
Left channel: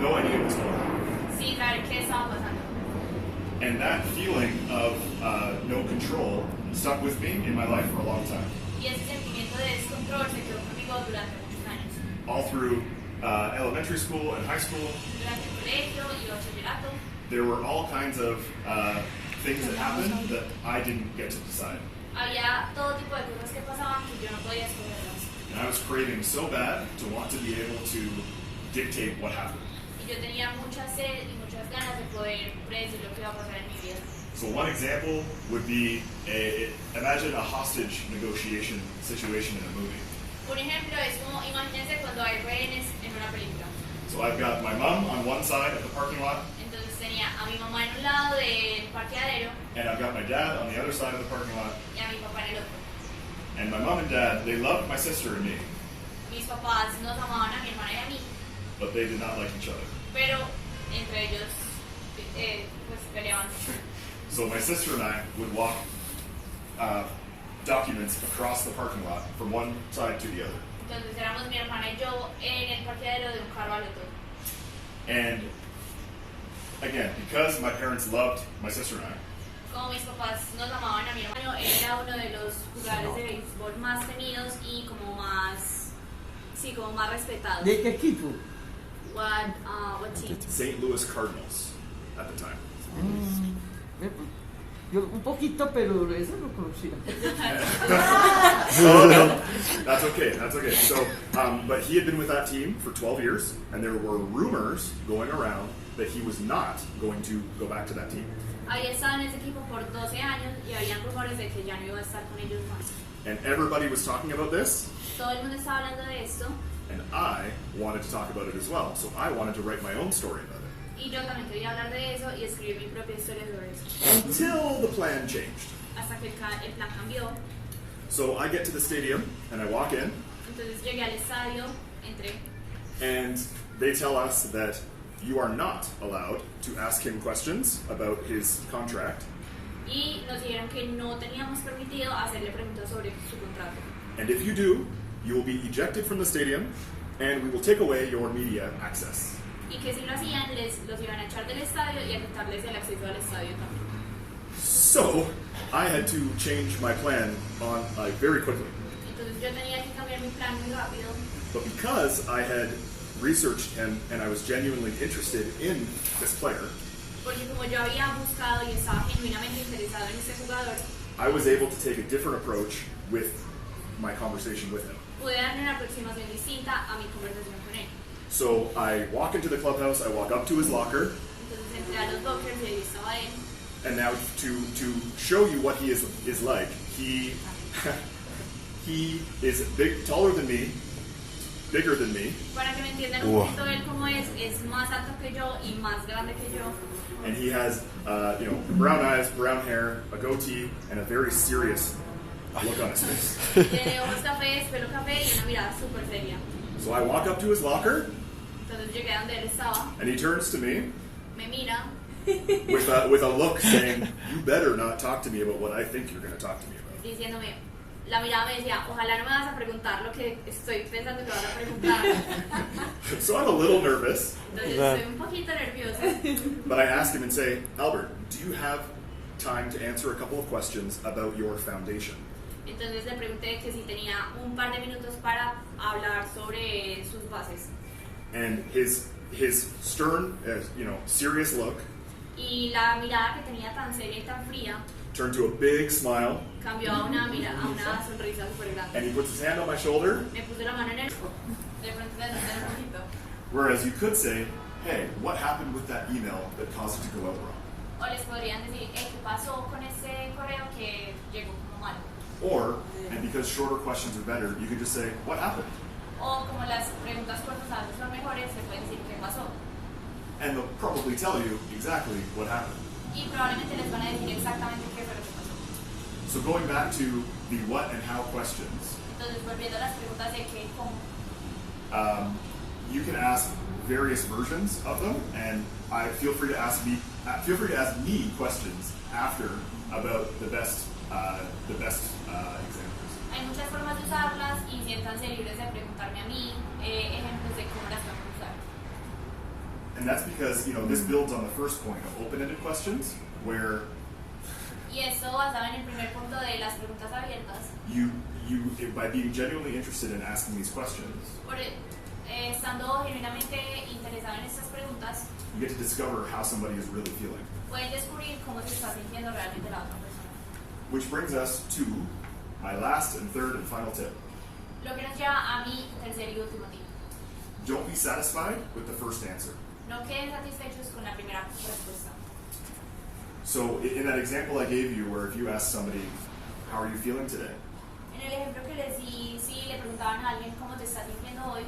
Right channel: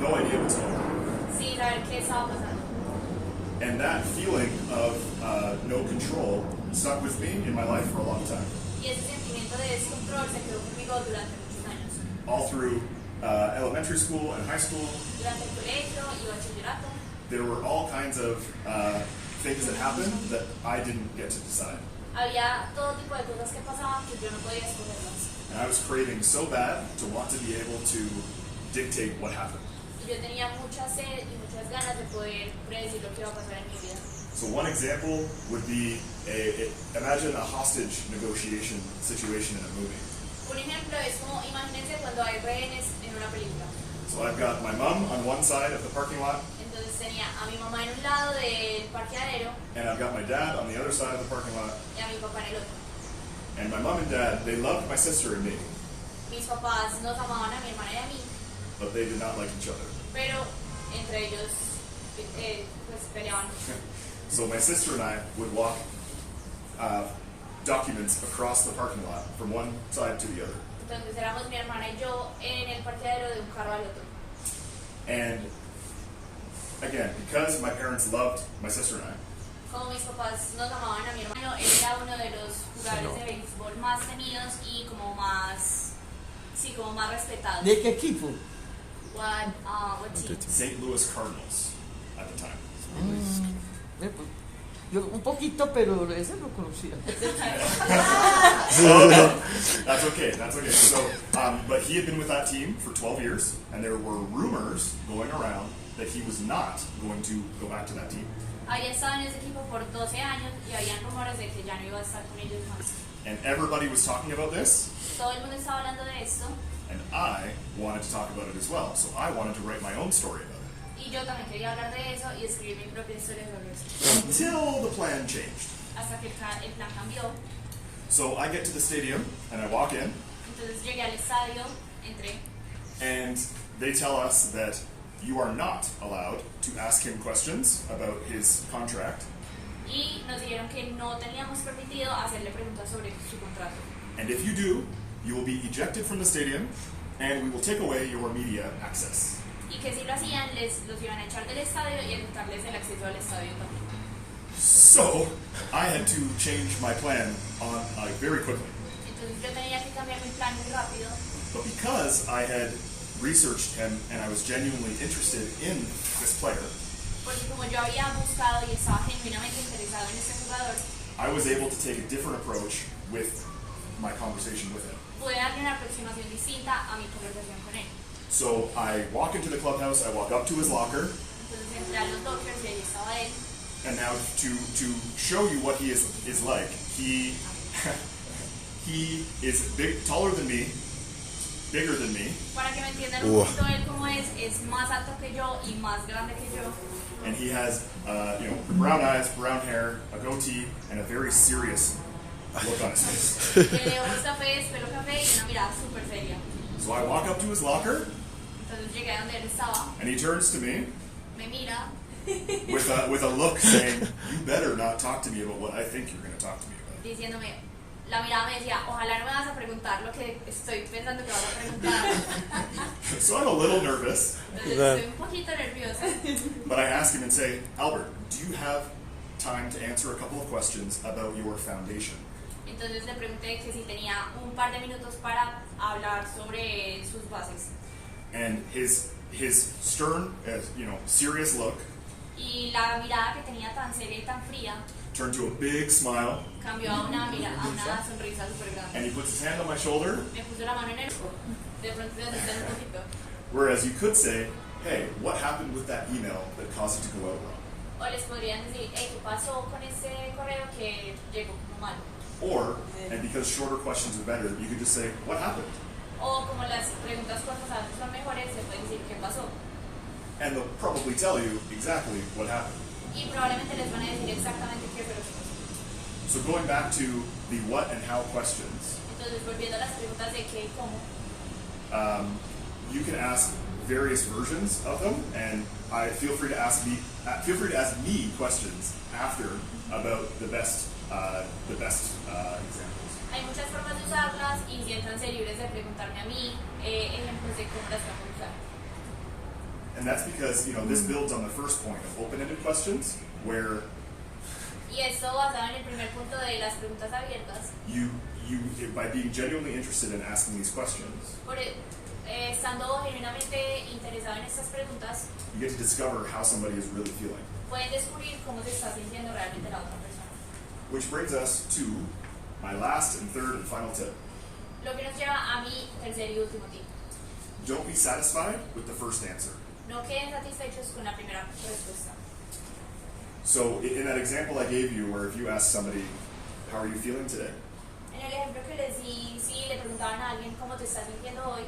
no idea what's going on. sin saber qué estaba pasando. And that feeling of no control stuck with me in my life for a long time. Y ese sentimiento de descontrol se quedó conmigo durante muchos años. All through elementary school and high school, Durante el colegio y bachillerato, there were all kinds of things that happened that I didn't get to decide. había todo tipo de cosas que pasaban que yo no podía escogerlas. And I was craving so bad to want to be able to dictate what happened. Y yo tenía mucha sed y muchas ganas de poder predecir lo que iba a pasar en mi vida. So one example would be, imagine a hostage negotiation situation in a movie. Un ejemplo es como, imagínense cuando hay rehenes en una película. So I've got my mom on one side of the parking lot, Entonces tenía a mi mamá en un lado del parqueadero and I've got my dad on the other side of the parking lot. y a mi papá en el otro. And my mom and dad, they loved my sister and me, Mis papás nos amaban a mi hermana y a mí, but they did not like each other. pero entre ellos pues peleaban. So my sister and I would walk documents across the parking lot from one side to the other. Entonces éramos mi hermana y yo en el parqueadero de un carro al otro. And again, because my parents loved my sister and I, Como mis papás nos amaban a mi hermano, él era uno de los jugadores de béisbol más temidos y como más, sí, como más respetados. ¿De qué equipo? What team? St. Louis Cardinals at the time. Yo un poquito, pero ese lo conocía. That's okay. So, but he had been with that team for 12 years, and there were rumors going around that he was not going to go back to that team. Había estado en ese equipo por 12 años y habían rumores de que ya no iba a estar con ellos más. And everybody was talking about this, Todo el mundo estaba hablando de esto and I wanted to talk about it as well. So I wanted to write my own story about it. y yo también quería hablar de eso y escribir mi propia historia sobre eso. Until the plan changed. Hasta que el plan cambió. So I get to the stadium, and I walk in, Entonces llegué al estadio, entré and they tell us that you are not allowed to ask him questions about his contract, y nos dijeron que no teníamos permitido hacerle preguntas sobre su contrato. and if you do, you will be ejected from the stadium, and we will take away your media access. Y que si lo hacían, los iban a echar del estadio y a quitarles el acceso al estadio también. So I had to change my plan very quickly. Entonces yo tenía que cambiar mi plan muy rápido. But because I had researched him and I was genuinely interested in this player, Porque como yo había buscado y estaba genuinamente interesado en este jugador, I was able to take a different approach with my conversation with him. pude darle una aproximación distinta a mi conversación con él. So I walk into the clubhouse, I walk up to his locker, Entonces entré a los lockers y ahí estaba él. and now to show you what he is like, he he is taller than me, bigger than me, Para que me entiendan un poquito él cómo es más alto que yo y más grande que yo. and he has brown eyes, brown hair, a goatee, and a very serious look on his face. Tiene ojos cafés, pelo café y una mirada súper seria. So I walk up to his locker, Entonces llegué a donde él estaba, and he turns to me me mira with a look saying, "You better not talk to me about what I think you're going to talk to me about." diciéndome, la mirada me decía, ojalá no me vas a preguntar lo que estoy pensando que vas a preguntar. So I'm a little nervous, Entonces estoy un poquito nerviosa. but I ask him and say, "Albert, do you have time to answer a couple of questions about your foundation?" Entonces le pregunté que si tenía un par de minutos para hablar sobre sus bases. And his stern, serious look Y la mirada que tenía tan seria y tan fría turned to a big smile, cambió a una sonrisa súper grande. and he puts his hand on my shoulder, Me puse la mano en el... De pronto se asusté un poquito. whereas you could say, "Hey, what happened with that email that caused it to go out wrong?" O les podrían decir, ¿qué pasó con ese correo que llegó como mal? Or, and because shorter questions are better, you could just say, "What happened?" O como las preguntas cortas a veces son mejores, se pueden decir, ¿qué pasó? And they'll probably tell you exactly what happened. Y probablemente les van a decir exactamente qué fue lo que pasó. So going back to the what and how questions, Entonces, volviendo a las preguntas de qué y cómo, you can ask various versions of them, and feel free to ask me questions after about the best examples. hay muchas formas de usarlas y siéntanse libres de preguntarme a mí ejemplos de cómo las vamos a usar. And that's because this builds on the first point of open-ended questions, where Y esto basado en el primer punto de las preguntas abiertas, you by being genuinely interested in asking these questions, estando genuinamente interesado en estas preguntas, you get to discover how somebody is really feeling. pueden descubrir cómo se está sintiendo realmente la otra persona. Which brings us to my last and third and final tip. Lo que nos lleva a mi tercer y último tip. Don't be satisfied with the first answer. No queden satisfechos con la primera respuesta. So in that example I gave you, where if you ask somebody, "How are you feeling today?" En el ejemplo que les di, si le preguntaban a alguien cómo te estás sintiendo hoy,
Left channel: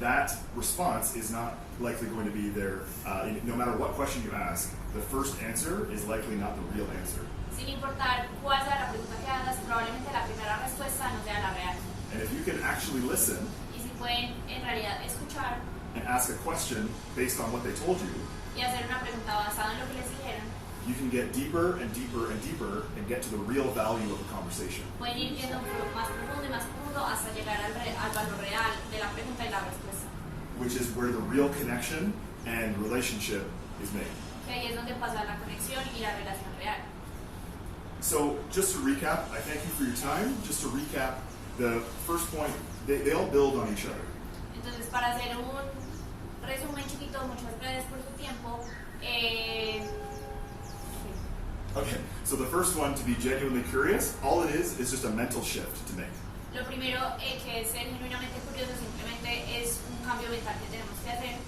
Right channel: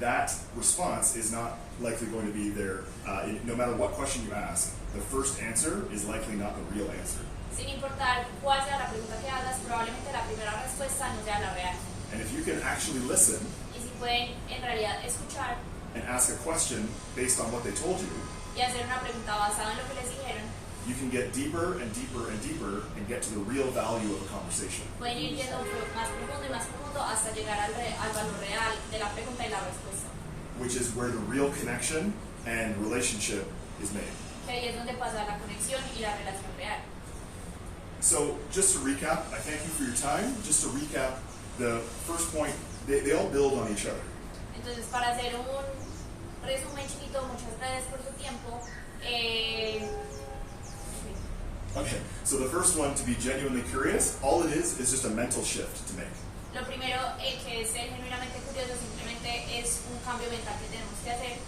that response is not likely going to be there. No matter what question you ask, the first answer is likely not the real answer. sin importar cuál sea la pregunta que hagas, probablemente la primera respuesta no sea la real. And if you can actually listen Y si pueden en realidad escuchar and ask a question based on what they told you, y hacer una pregunta basada en lo que les dijeron, you can get deeper and deeper and deeper and get to the real value of a conversation. pueden ir yendo más profundo y más profundo hasta llegar al valor real de la pregunta y la respuesta. Which is where the real connection and relationship is made. Que ahí es donde pasa la conexión y la relación real. So just to recap, I thank you for your time. Just to recap, the first point, they all build on each other. Entonces, para hacer un resumen chiquito, muchas gracias por su tiempo. Okay, so the first one, to be genuinely curious, all it is just a mental shift to make. Lo primero que es ser genuinamente curioso simplemente es un cambio mental que tenemos que hacer.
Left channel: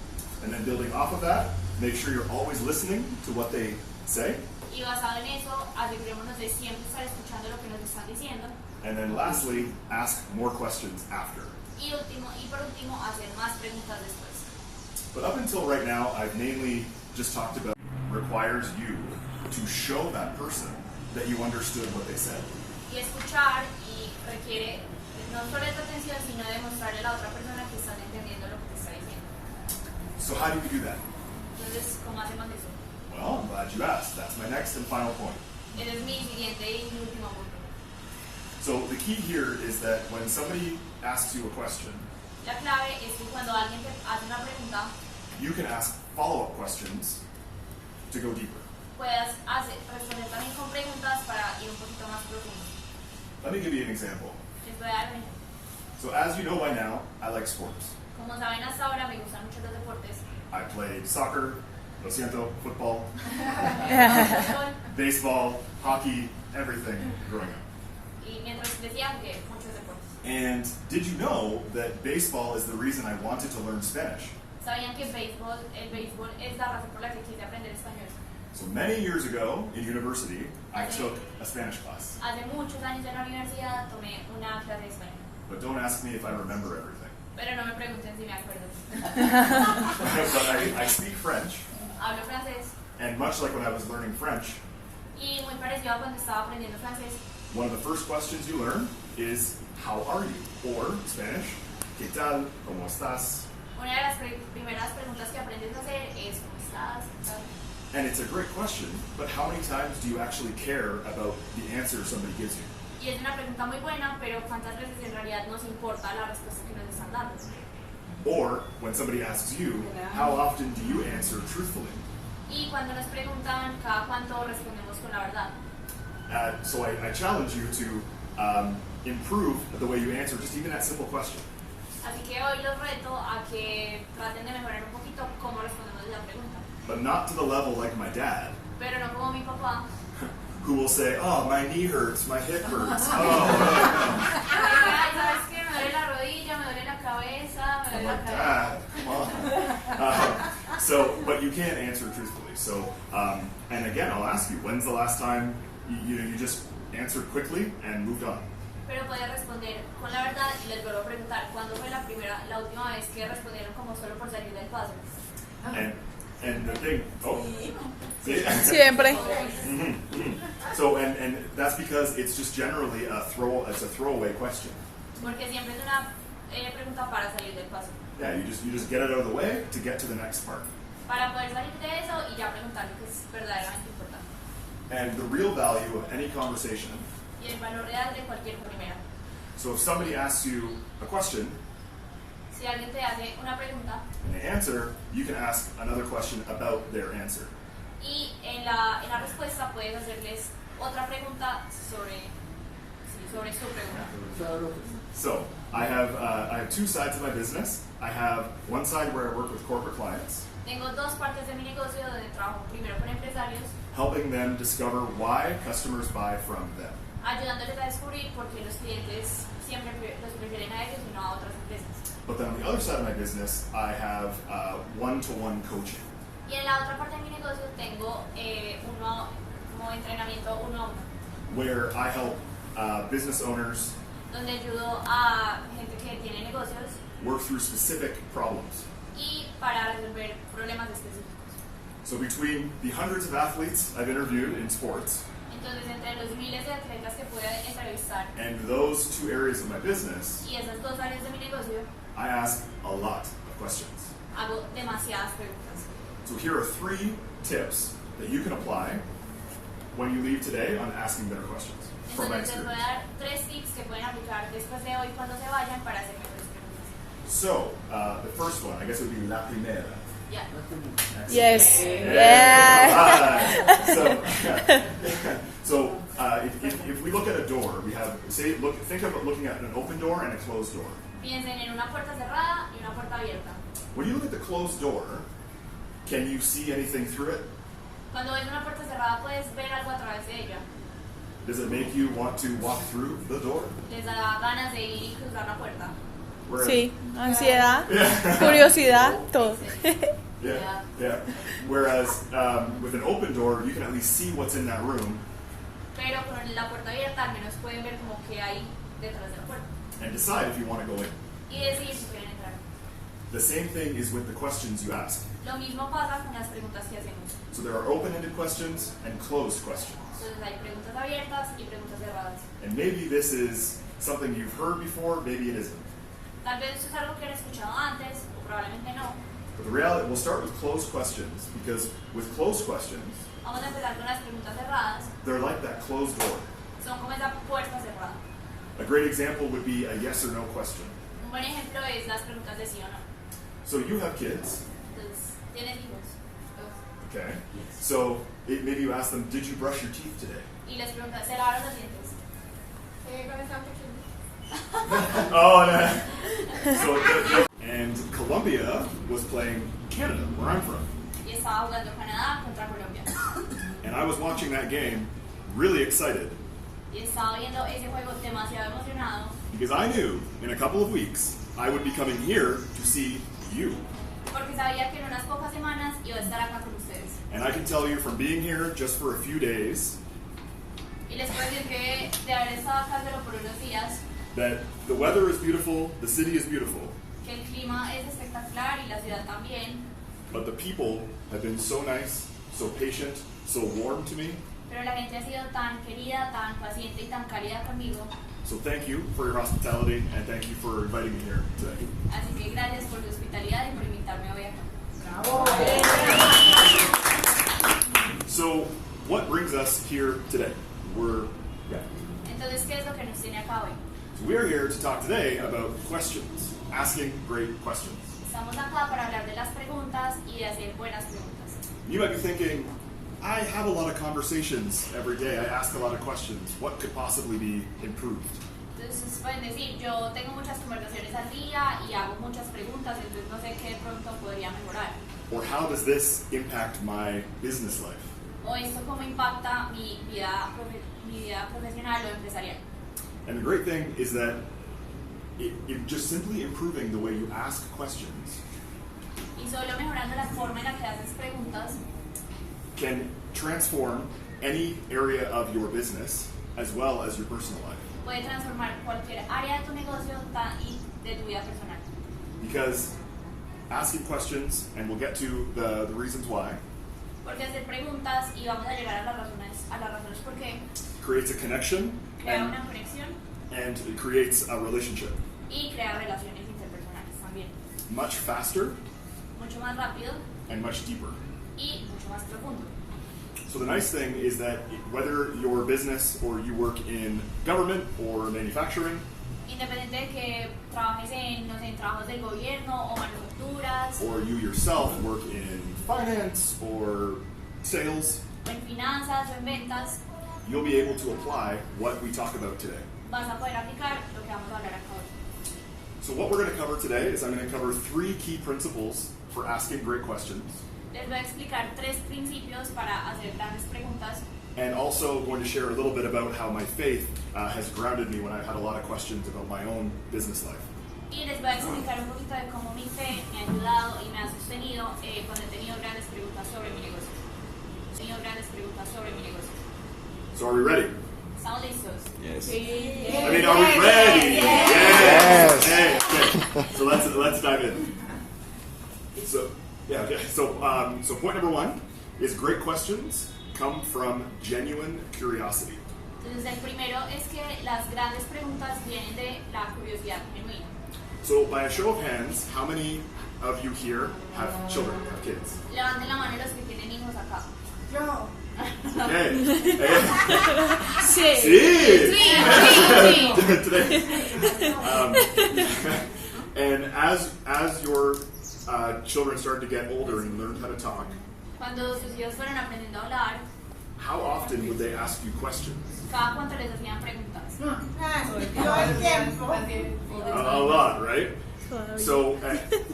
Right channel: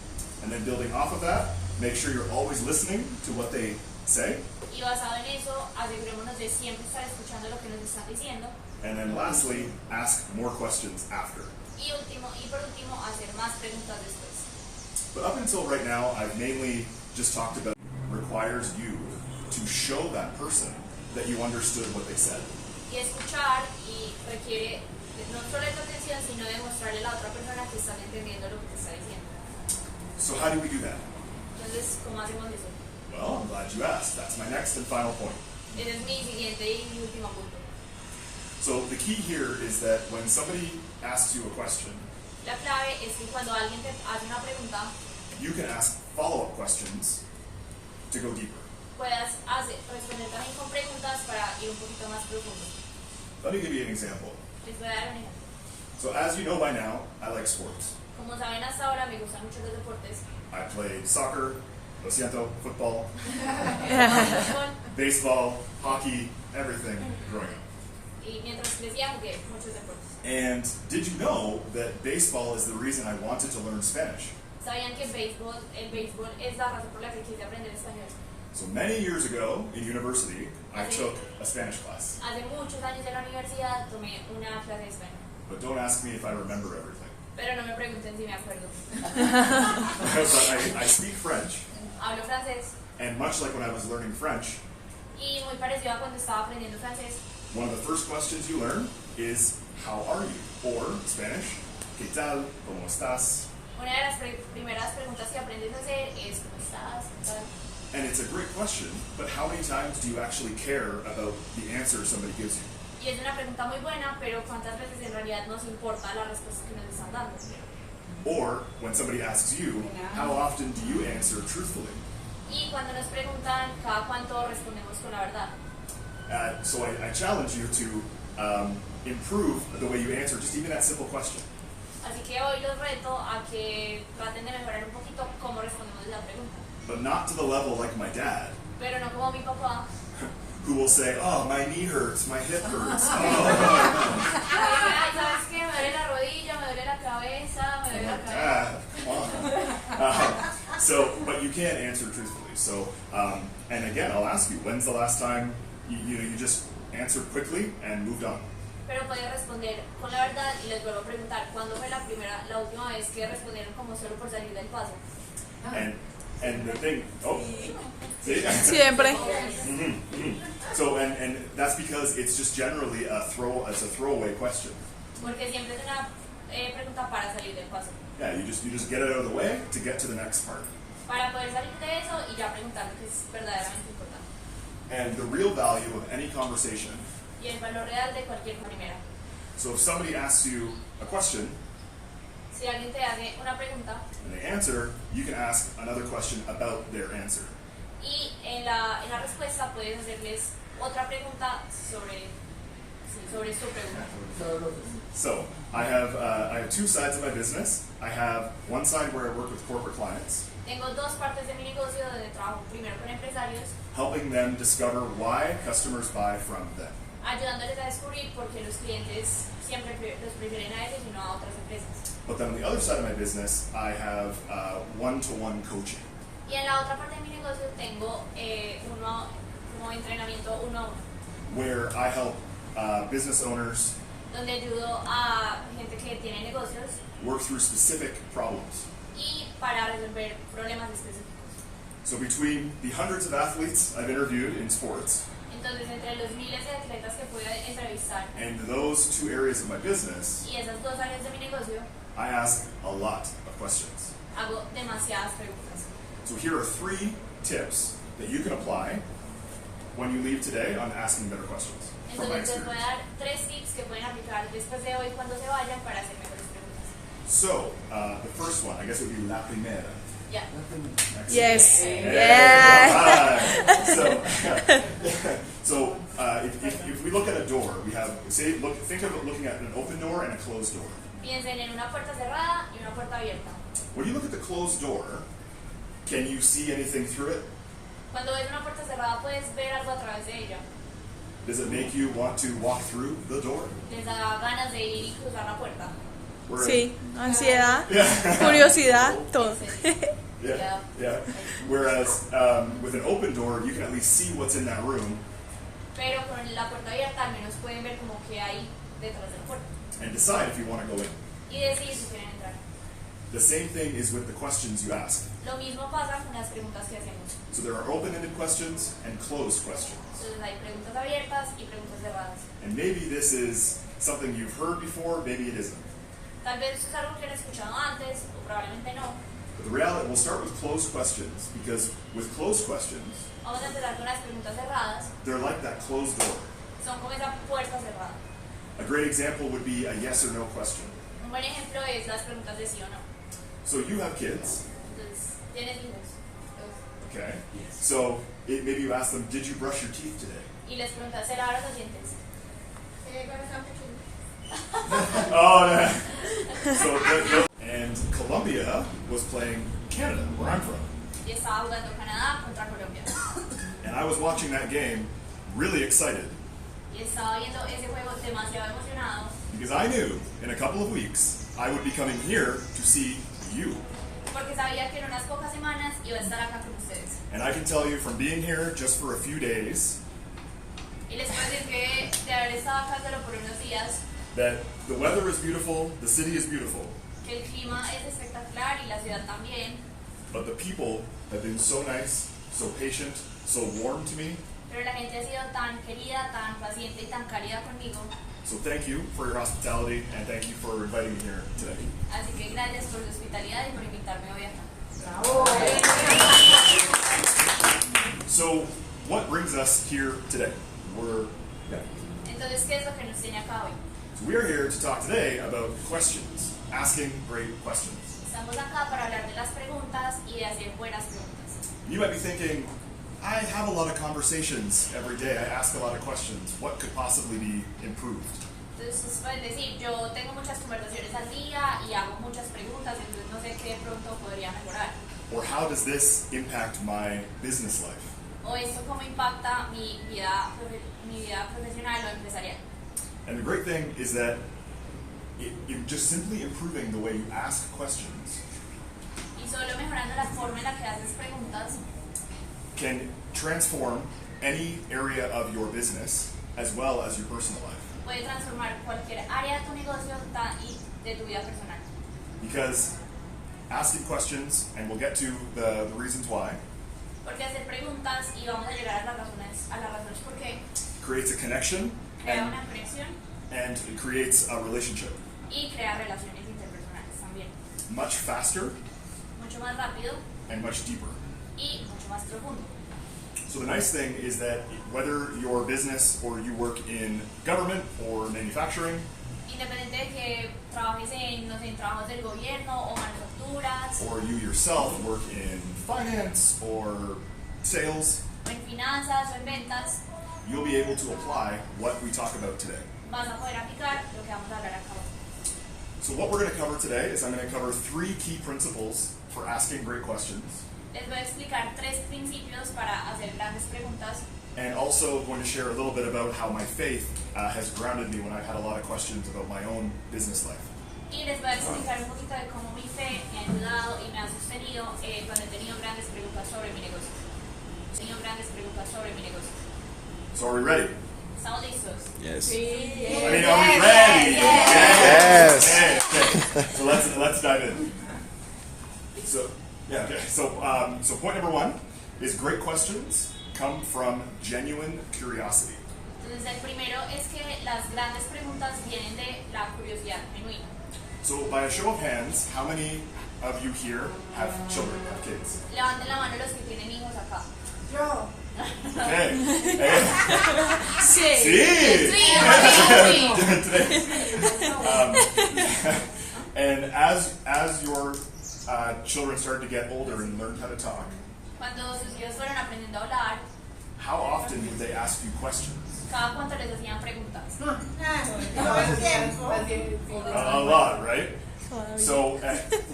And then building off of that, make sure you're always listening to what they say. Y basado en eso, asegurémonos de siempre estar escuchando lo que nos están diciendo. And then lastly, ask more questions after. Y por último, hacer más preguntas después. But up until right now, I've mainly just talked about requires you to show that person that you understood what they said. Y escuchar y requiere no solo tu atención, sino demostrarle a la otra persona que estás entendiendo lo que te está diciendo. So how do we do that? Entonces, ¿cómo hacemos eso? Well, I'm glad you asked. That's my next and final point. Ese es mi siguiente y mi último punto. So the key here is that when somebody asks you a question, La clave es que cuando alguien te hace una pregunta, you can ask follow-up questions to go deeper. puedas responder también con preguntas para ir un poquito más profundo. Let me give you an example. Les voy a dar un ejemplo. So as you know by now, I like sports. Como saben hasta ahora me gustan mucho los deportes. I played soccer, lo siento, football, Fútbol, baseball, hockey, everything growing up. y mientras crecía jugué muchos deportes. And did you know that baseball is the reason I wanted to learn Spanish? ¿Sabían que el béisbol es la razón por la que quise aprender español? So many years ago in university, I took a Spanish class. Hace muchos años en la universidad tomé una clase de español. But don't ask me if I remember everything. Pero no me pregunten si me acuerdo. But I speak French, Hablo francés and much like when I was learning French, y muy parecido a cuando estaba aprendiendo francés. one of the first questions you learn is, how are you? Or, Spanish, ¿qué tal? ¿Cómo estás? Una de las primeras preguntas que aprendes a hacer es ¿cómo estás? ¿Qué tal? And it's a great question, but how many times do you actually care about the answer somebody gives you? Y es una pregunta muy buena, pero ¿cuántas veces en realidad nos importa la respuesta que nos están dando? Or, when somebody asks you, how often do you answer truthfully? Y cuando nos preguntan, ¿cada cuánto respondemos con la verdad? So I challenge you to improve the way you answer just even that simple question. Así que hoy los reto a que traten de mejorar un poquito cómo respondemos la pregunta. But not to the level like my dad, Pero no como mi papá, who will say, oh, my knee hurts, my hip hurts. que dice, ay, ¿sabes qué? Me duele la rodilla, me duele la cabeza, me duele la cabeza. Come on. So, but you can't answer truthfully. So, and again, I'll ask you, when's the last time you just answered quickly and moved on? Pero podía responder con la verdad y les vuelvo a preguntar, ¿cuándo fue la última vez que respondieron como solo por salir del paso? And the thing, see? Siempre. So, and that's because it's just generally it's a throwaway question. Porque siempre es una pregunta para salir del paso. Yeah, you just get it out of the way to get to the next part. Para poder salir de eso y ya preguntar lo que es verdaderamente importante. And the real value of any conversation. Y el valor real de cualquier primera. So if somebody asks you a question, Si alguien te hace una pregunta and they answer, you can ask another question about their answer. y en la respuesta puedes hacerles otra pregunta sobre su pregunta. So I have two sides of my business. I have one side where I work with corporate clients, Tengo dos partes de mi negocio donde trabajo primero con empresarios, helping them discover why customers buy from them. ayudándoles a descubrir por qué los clientes siempre los prefieren a ellos y no a otras empresas. But then on the other side of my business, I have one-to-one coaching, Y en la otra parte de mi negocio tengo como entrenamiento uno a uno, where I help business owners donde ayudo a gente que tiene negocios work through specific problems. y para resolver problemas específicos. So between the hundreds of athletes I've interviewed in sports Entonces, entre los miles de atletas que pude entrevistar and those two areas of my business, y esas dos áreas de mi negocio, I ask a lot of questions. hago demasiadas preguntas. So here are 3 tips that you can apply when you leave today on asking better questions from my Entonces, les voy a experience. dar 3 tips que pueden aplicar después de hoy cuando se vayan para hacer mejores preguntas. So the first one, I guess it would be la primera. Ya. Yes. Yeah. So if we look at a door, we have think of looking at an open door and a closed door. Piensen en una puerta cerrada y una puerta abierta. When you look at the closed door, can you see anything through it? Cuando ves una puerta cerrada puedes ver algo a través de ella. Does it make you want to walk through the door? Les da ganas de ir y cruzar la puerta. Where- Sí, ansiedad, Yeah. curiosidad, todo. Yeah. Whereas with an open door, you can at least see what's in that room Pero con la puerta abierta al menos pueden ver como que hay detrás de la puerta and decide if you want to go in. y decidir si quieren entrar. The same thing is with the questions you ask. Lo mismo pasa con las preguntas que hacemos. So there are open-ended questions and closed questions. Entonces hay preguntas abiertas y preguntas cerradas. And maybe this is something you've heard before, maybe it isn't. Tal vez eso es algo que han escuchado antes o probablemente no. But the reality, we'll start with closed questions because with closed questions, Vamos a empezar con las preguntas cerradas. they're like that closed door. Son como esa puerta cerrada. A great example would be a yes or no question. Un buen ejemplo es las preguntas de sí o no. So you have kids, Entonces, ¿tienes hijos? okay? So maybe you ask them, did you brush your teeth today? Y les preguntas, ¿se lavaron los dientes? Oh, no. So, and Colombia was playing Canada, where I'm from. Y estaba jugando Canadá contra Colombia. And I was watching that game really excited Y estaba viendo ese juego demasiado emocionado because I knew in a couple of weeks I would be coming here to see you. porque sabía que en unas pocas semanas iba a estar acá con ustedes. And I can tell you from being here just for a few days Y les puedo decir que de haber estado acá solo por unos días, that the weather is beautiful, the city is beautiful, que el clima es espectacular y la ciudad también, but the people have been so nice, so patient, so warm to me. pero la gente ha sido tan querida, tan paciente y tan cálida conmigo. So thank you for your hospitality and thank you for inviting me here today. Así que gracias por su hospitalidad y por invitarme hoy acá. So what brings us here today? Entonces, ¿qué es lo que nos tiene acá hoy? So we're here to talk today about questions, asking great questions. Estamos acá para hablar de las preguntas y de hacer buenas preguntas. You might be thinking, I have a lot of conversations every day. I ask a lot of questions. What could possibly be improved? Entonces pueden decir, yo tengo muchas conversaciones al día y hago muchas preguntas, entonces no sé qué de pronto podría mejorar. Or how does this impact my business life? O esto cómo impacta mi vida profesional o empresarial. And the great thing is that it just simply improving the way you ask questions Y solo mejorando la forma en la que haces preguntas can transform any area of your business as well as your personal life. puede transformar cualquier área de tu negocio y de tu vida personal. Because asking questions, and we'll get to the reasons why, Porque hacer preguntas y vamos a llegar a las razones por qué, creates a connection crea una conexión and it creates a relationship y crea relaciones interpersonales también. much faster Mucho más rápido and much deeper. y mucho más profundo. So the nice thing is that whether your business or you work in government or manufacturing, Independiente de que trabajes en trabajos del gobierno o manufacturas, or you yourself work in finance or sales, o en finanzas o en ventas, you'll be able to apply what we talk about today. vas a poder aplicar lo que vamos a hablar acá hoy. So what we're going to cover today is I'm going to cover 3 key principles for asking great questions, Les voy a explicar 3 principios para hacer grandes preguntas and also going to share a little bit about how my faith has grounded me when I've had a lot of questions about my own business life. y les voy a explicar un poquito de cómo mi fe me ha ayudado y me ha sostenido cuando he tenido grandes preguntas sobre mi negocio. So are we ready? ¿Estamos listos? Yes. I mean, are we ready? Yes. Okay. So let's dive in. So So point number 1 is great questions come from genuine curiosity. Entonces el primero es que las grandes preguntas vienen de la curiosidad genuina. So by a show of hands, how many of you here have children, have kids? Levanten la mano los que tienen hijos acá. Yo. Okay. Sí. And as your children started to get older and learned how to talk, Cuando sus hijos fueron aprendiendo a hablar, how often would they ask you questions? cada cuánto les hacían preguntas. A lot, right? So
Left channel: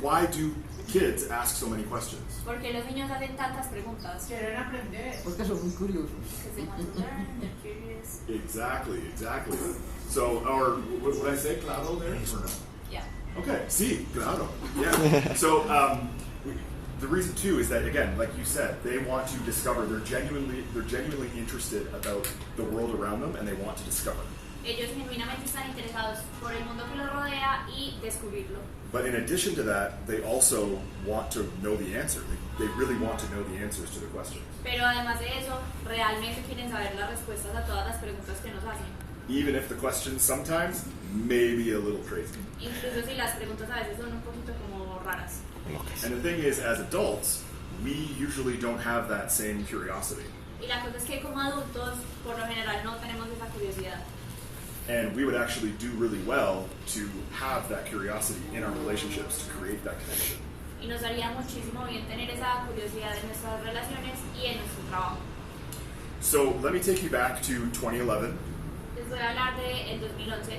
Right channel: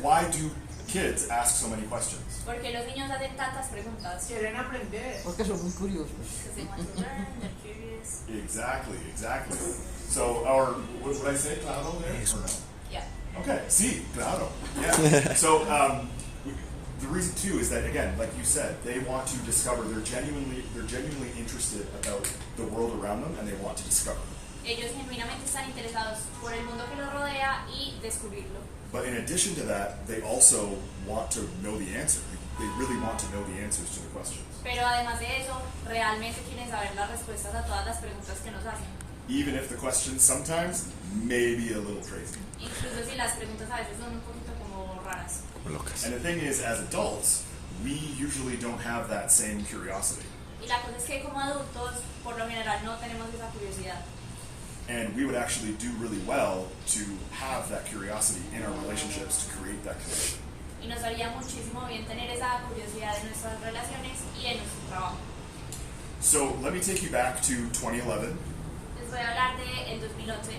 why do kids ask so many questions? Porque los niños hacen tantas preguntas. Quieren aprender. Porque son muy curiosos. Because they want to learn, they're curious. Exactly. So what did I say? Claro there? Or no? Yeah. Okay, sí, claro. Yeah. So the reason too is that, again, like you said, they want to discover. They're genuinely interested about the world around them, and they want to discover. Ellos genuinamente están interesados por el mundo que los rodea y descubrirlo. But in addition to that, they also want to know the answer. They really want to know the answers to the questions. Pero además de eso, realmente quieren saber las respuestas a todas las preguntas que nos hacen. Even if the questions sometimes may be a little crazy. Incluso si las preguntas a veces son un poquito como raras. And the thing is, as adults, we usually don't have that same curiosity. Y la cosa es que como adultos, por lo general, no tenemos esa curiosidad. And we would actually do really well to have that curiosity in our relationships to create that connection. Y nos haría muchísimo bien tener esa curiosidad en nuestras relaciones y en nuestro trabajo. So let me take you back to 2011. Les voy a hablar del 2011.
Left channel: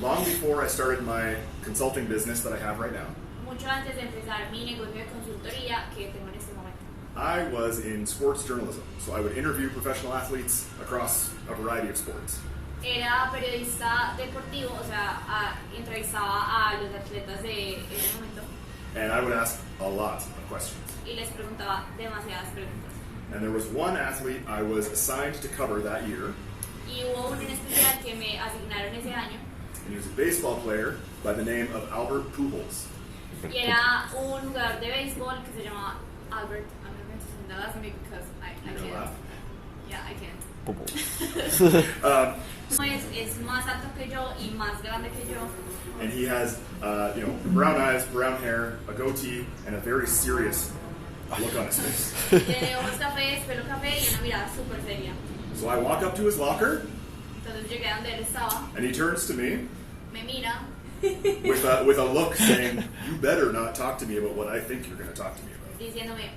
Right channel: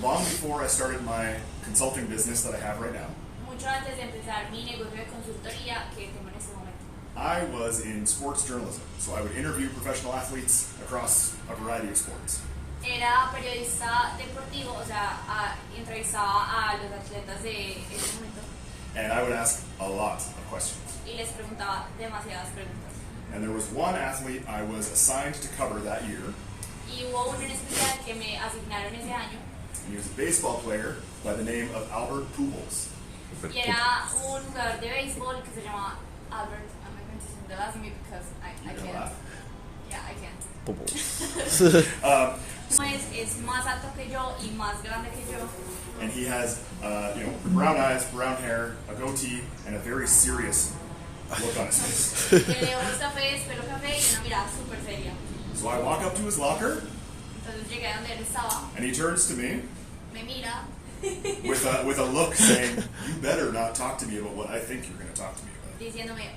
long before I started my consulting business that I have right now, mucho antes de empezar mi negocio de consultoría que tengo en este momento. I was in sports journalism, so I would interview professional athletes across a variety of sports. Era periodista deportivo, o sea, entrevistaba a los atletas de ese momento And I would ask a lot of questions. y les preguntaba demasiadas preguntas. And there was one athlete I was assigned to cover that year, Y hubo uno en especial que me asignaron ese año and he was a baseball player by the name of Albert Pujols. y era un jugador de béisbol que se llamaba Albert. I'm not going to sing the last name because I You know can't. that? Yeah, I can't. Um, Es más alto que yo y más grande que yo. and he has, brown eyes, brown hair, a goatee, and a very serious look on his face. Tiene ojos cafés, pelo café y una mirada súper seria. So I walk up to his locker, Entonces llegué a donde él estaba, and he turns to me me mira with a look saying, "You better not talk to me about what I think you're going to talk to me about." diciéndome,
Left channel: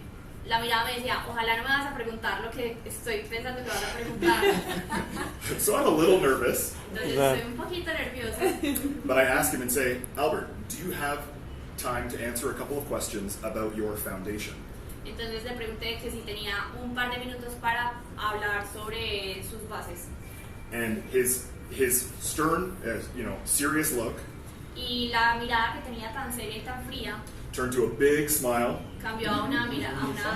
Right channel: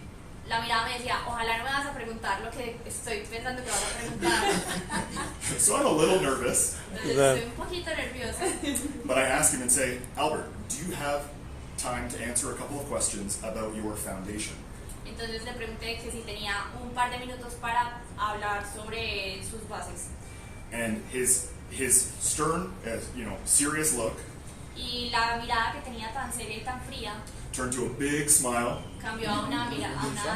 la mirada me decía, ojalá no me vas a preguntar lo que estoy pensando que vas a preguntar. So I'm a little nervous, Entonces estoy un poquito nerviosa. but I ask him and say, "Albert, do you have time to answer a couple of questions about your foundation?" Entonces le pregunté que si tenía un par de minutos para hablar sobre sus bases. And his stern, serious look Y la mirada que tenía tan seria y tan fría turned to a big smile, cambió a una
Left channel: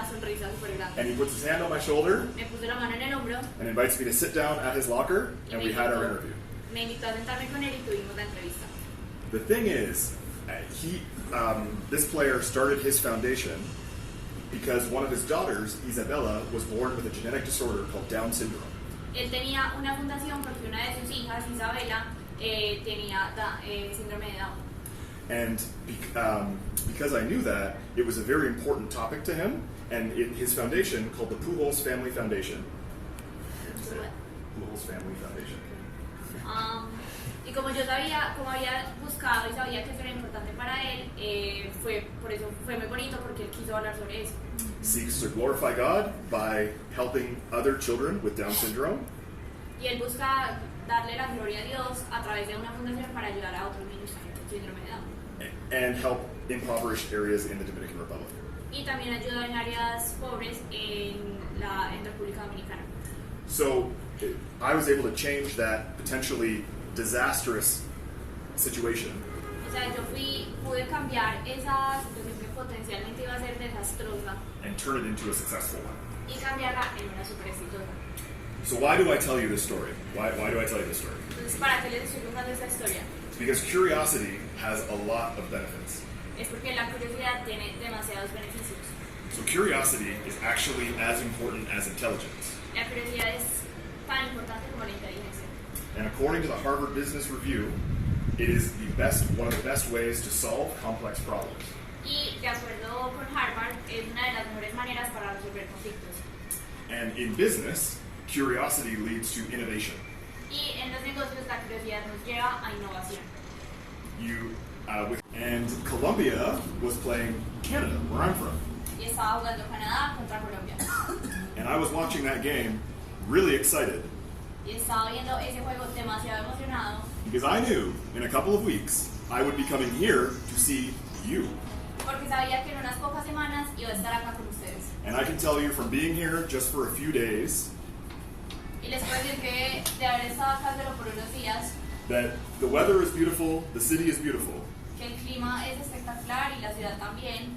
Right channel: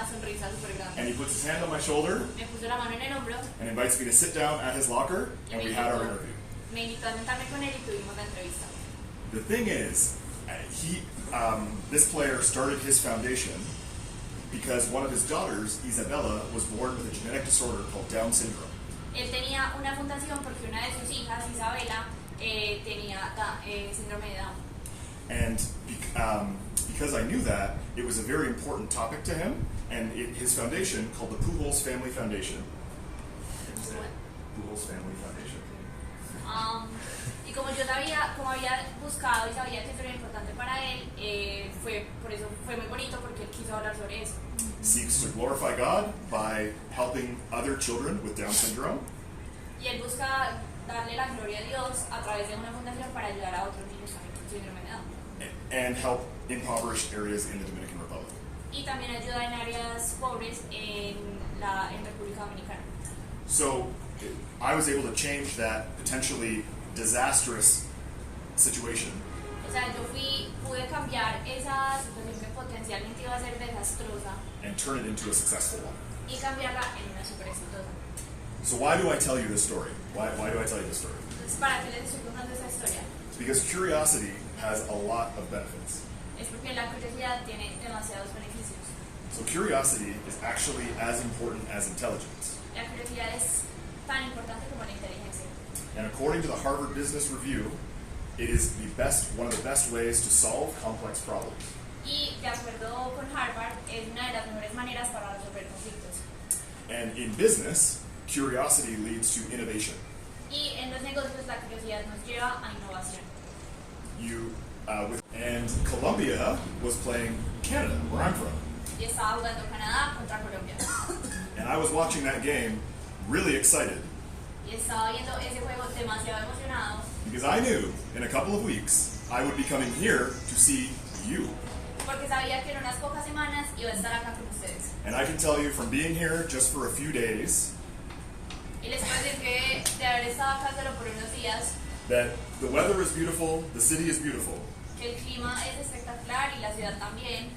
sonrisa súper and grande. he puts his hand on my shoulder Me puso la mano en el hombro, and invites me to sit down at his locker, and we had our interview. me invitó a sentarme con él y tuvimos la entrevista. The thing is, this player started his foundation because one of his daughters, Isabella, was born with a genetic disorder called Down syndrome. Él tenía una fundación porque una de sus hijas, Isabela, tenía síndrome de Down. And because I knew that, it was a very important topic to him, and his foundation, called the Pujols Family Foundation. Pujols Family Foundation. Y como yo sabía, como había buscado y sabía que eso era importante para él, por eso fue muy bonito porque él quiso hablar sobre eso. Seeks to glorify God by helping other children with Down syndrome, Y él busca darle la gloria a Dios a través de una fundación para ayudar a otros niños también con síndrome de Down. and help impoverished areas in the Dominican Republic. Y también ayuda en áreas pobres en República Dominicana. So I was able to change that potentially disastrous situation O sea, pude cambiar esa situación que potencialmente iba a ser desastrosa and turn it into a successful one. y cambiarla en una super exitosa. So why do I tell you this story? Why do I tell you this story? Entonces, ¿para qué les estoy contando esta historia? It's because curiosity has a lot of benefits. Es porque la curiosidad tiene demasiados beneficios. So curiosity is actually as important as intelligence. La curiosidad es tan importante como la inteligencia. And according to the Harvard Business Review, it is one of the best ways to solve complex problems. Y de acuerdo con Harvard, es una de las mejores maneras para resolver conflictos. And in business, curiosity leads to innovation. Y en los negocios la curiosidad nos lleva a innovación. And Colombia was playing Canada, where I'm from. Y estaba jugando Canadá contra Colombia. And I was watching that game really excited Y estaba viendo ese juego demasiado emocionado because I knew in a couple of weeks I would be coming here to see you. porque sabía que en unas pocas semanas iba a estar acá con ustedes. And I can tell you from being here just for a few days Y les puedo decir que de haber estado acá solo por unos días, that the weather is beautiful, the city is beautiful, que el clima es espectacular y la ciudad también,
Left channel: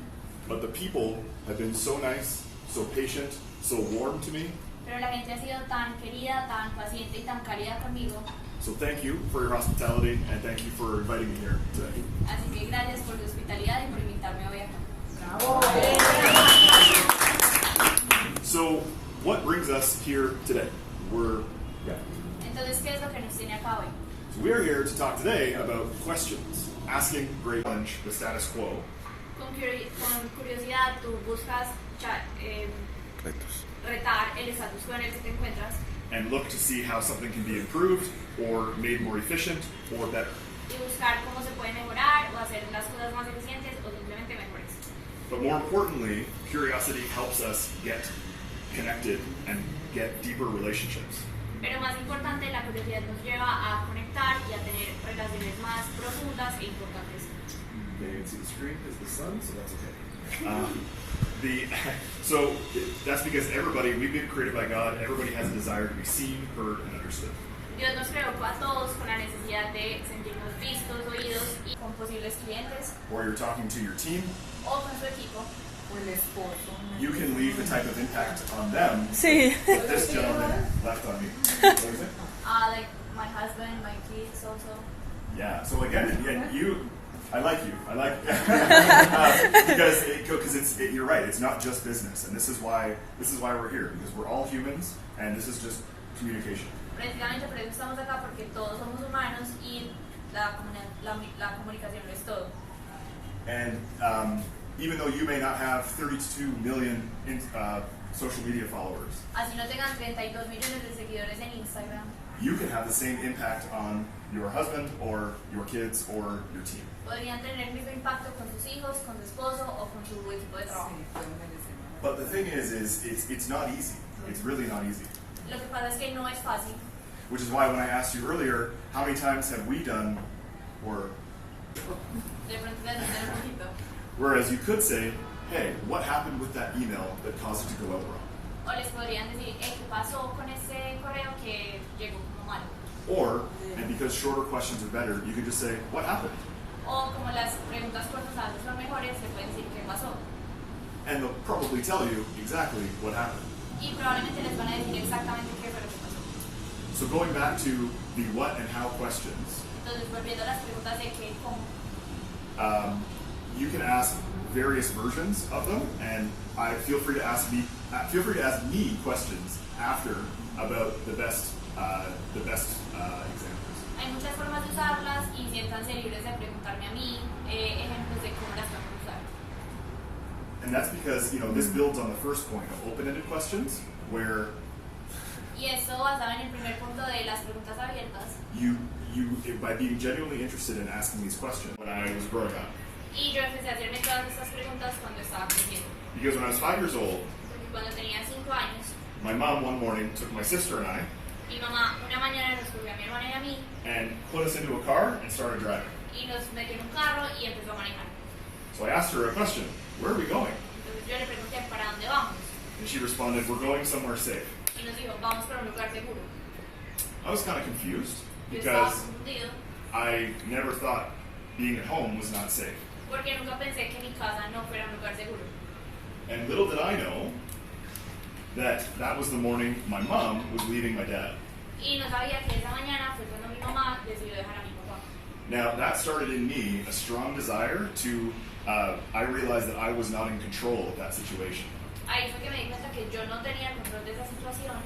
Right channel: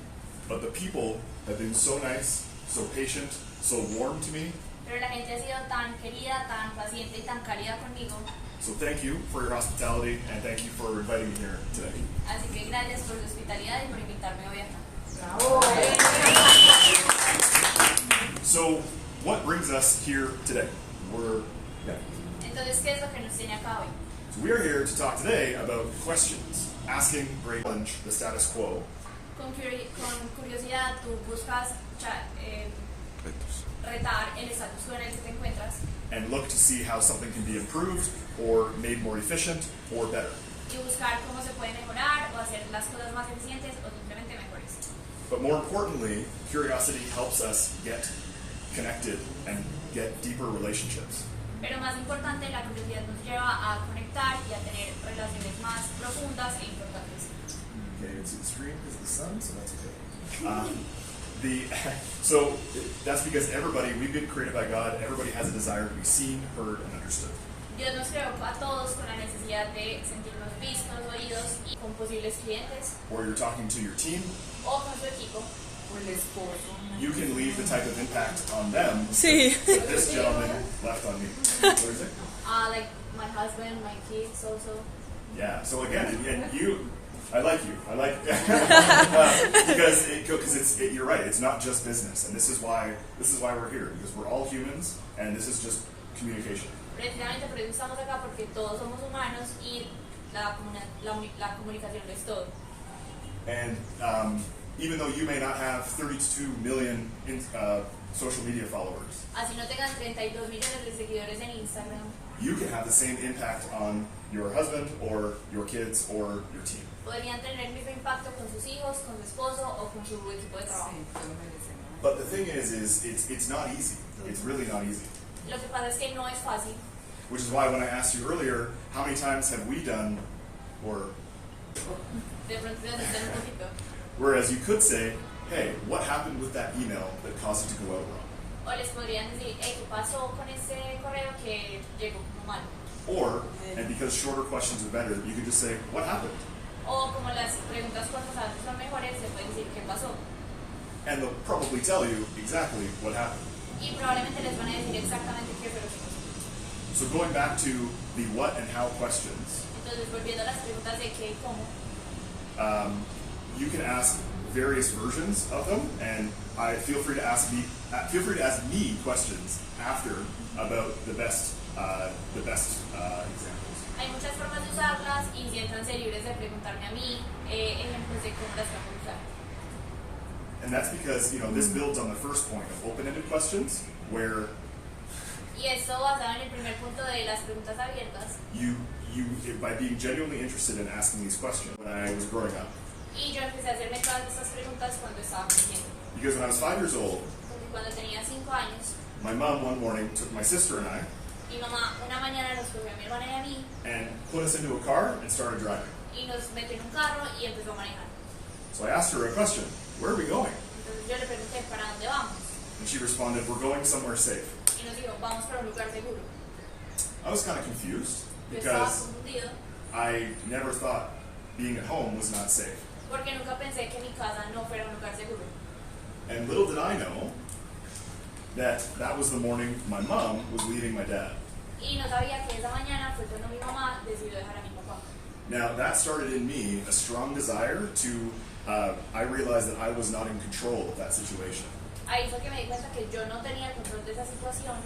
but the people have been so nice, so patient, so warm to me. pero la gente ha sido tan querida, tan paciente y tan cálida conmigo. So thank you for your hospitality and thank you for inviting me here today. Así que gracias por su hospitalidad y por invitarme hoy acá. So what brings us here today? Entonces, ¿qué es lo que nos tiene acá hoy? So we are here to talk today about questions, asking great challenge the status quo, Con curiosidad tú buscas retar el status quo en el que te encuentras and look to see how something can be improved or made more efficient or better. y buscar cómo se puede mejorar o hacer las cosas más eficientes o simplemente mejores. But more importantly, curiosity helps us get connected and get deeper relationships. Pero más importante, la curiosidad nos lleva a conectar y a tener relaciones más profundas e importantes. Okay, you can see the screen because of the sun, so that's okay. So that's because we've been created by God. Everybody has a desire to be seen, heard, and understood. Dios nos creó a todos con la necesidad de sentirnos vistos, oídos y con posibles clientes Or you're talking to your team, o con su equipo. you can leave the type of impact on them Sí. that this gentleman left on you. What is it? Like my husband, my kids also. Yeah. So again, I like you. Because you're right. It's not just business, and this is why we're here, because we're all humans, and this is just communication. Precisamente por eso estamos acá, porque todos somos humanos y la comunicación lo es todo. And even though you may not have 32 million social media followers, Así no tengan 32 millones de seguidores en Instagram, you can have the same impact on your husband or your kids or your team. podrían tener el mismo impacto con sus hijos, con su esposo o con su equipo de trabajo. But the thing is it's not easy. It's really not easy. Lo que pasa es que no es fácil. Which is why when I asked you earlier, how many times have we done, or De pronto se asustan un poquito. whereas you could say, hey, what happened with that email that caused it to go out wrong? O les podrían decir, ¿qué pasó con ese correo que llegó como mal? Or, and because shorter questions are better, you could just say, what happened? O como las preguntas cortas a veces son mejores, le pueden decir qué pasó. And they'll probably tell you exactly what happened. Y probablemente les van a decir exactamente qué fue lo que pasó. So going back to the what and how questions, Entonces, volviendo a las preguntas de qué y cómo, you can ask various versions of them, and feel free to ask me questions after about the best examples. hay muchas formas de usarlas y siéntanse libres de preguntarme a mí ejemplos de cómo las vamos a usar. And that's because this builds on the first point of open-ended questions, where Y esto basado en el primer punto de las preguntas abiertas. by being genuinely interested in asking these questions when I was growing up. Y yo empecé a hacerme todas estas preguntas cuando estaba creciendo. Because when I was 5 years old, Porque cuando tenía 5 años, my mom one morning took my sister and I mi mamá una mañana nos cogió a mi hermana y a mí and put us into a car and started driving. y nos metió en un carro y empezó a manejar. So I asked her a question, where are we going? Entonces yo le pregunté, ¿para dónde vamos? And she responded, we're going somewhere safe. Y nos dijo, vamos para un lugar seguro. I was kind of confused Yo estaba because confundido I never thought being at home was not safe. porque nunca pensé que mi casa no fuera un lugar seguro. And little did I know that was the morning my mom was leaving my dad. Y no sabía que esa mañana fue cuando mi mamá decidió dejar a mi papá. Now that started in me a strong desire to, I realized that I was not in control of that situation. Ahí fue que me di cuenta que yo no tenía el control de esa situación.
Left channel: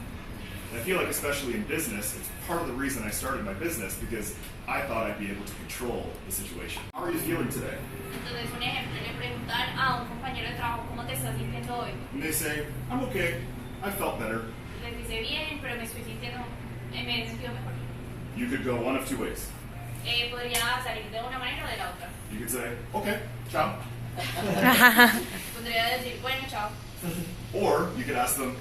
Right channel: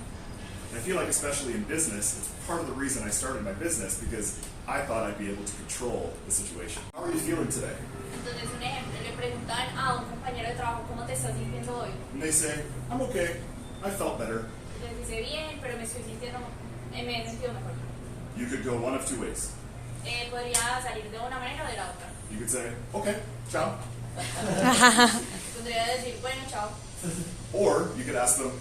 And I feel like especially in business, it's part of the reason I started my business, because I thought I'd be able to control the situation. How are you feeling today? Entonces, un ejemplo, le preguntan a un compañero de trabajo, ¿cómo te estás sintiendo hoy? And they say, I'm okay, I felt better. Les dice, bien, pero me estoy sintiendo, me he sentido mejor. You could go one of two ways. Podría salir de una manera o de la otra. You could say, okay, ciao. Podría decir, bueno, chao. Or you could ask them,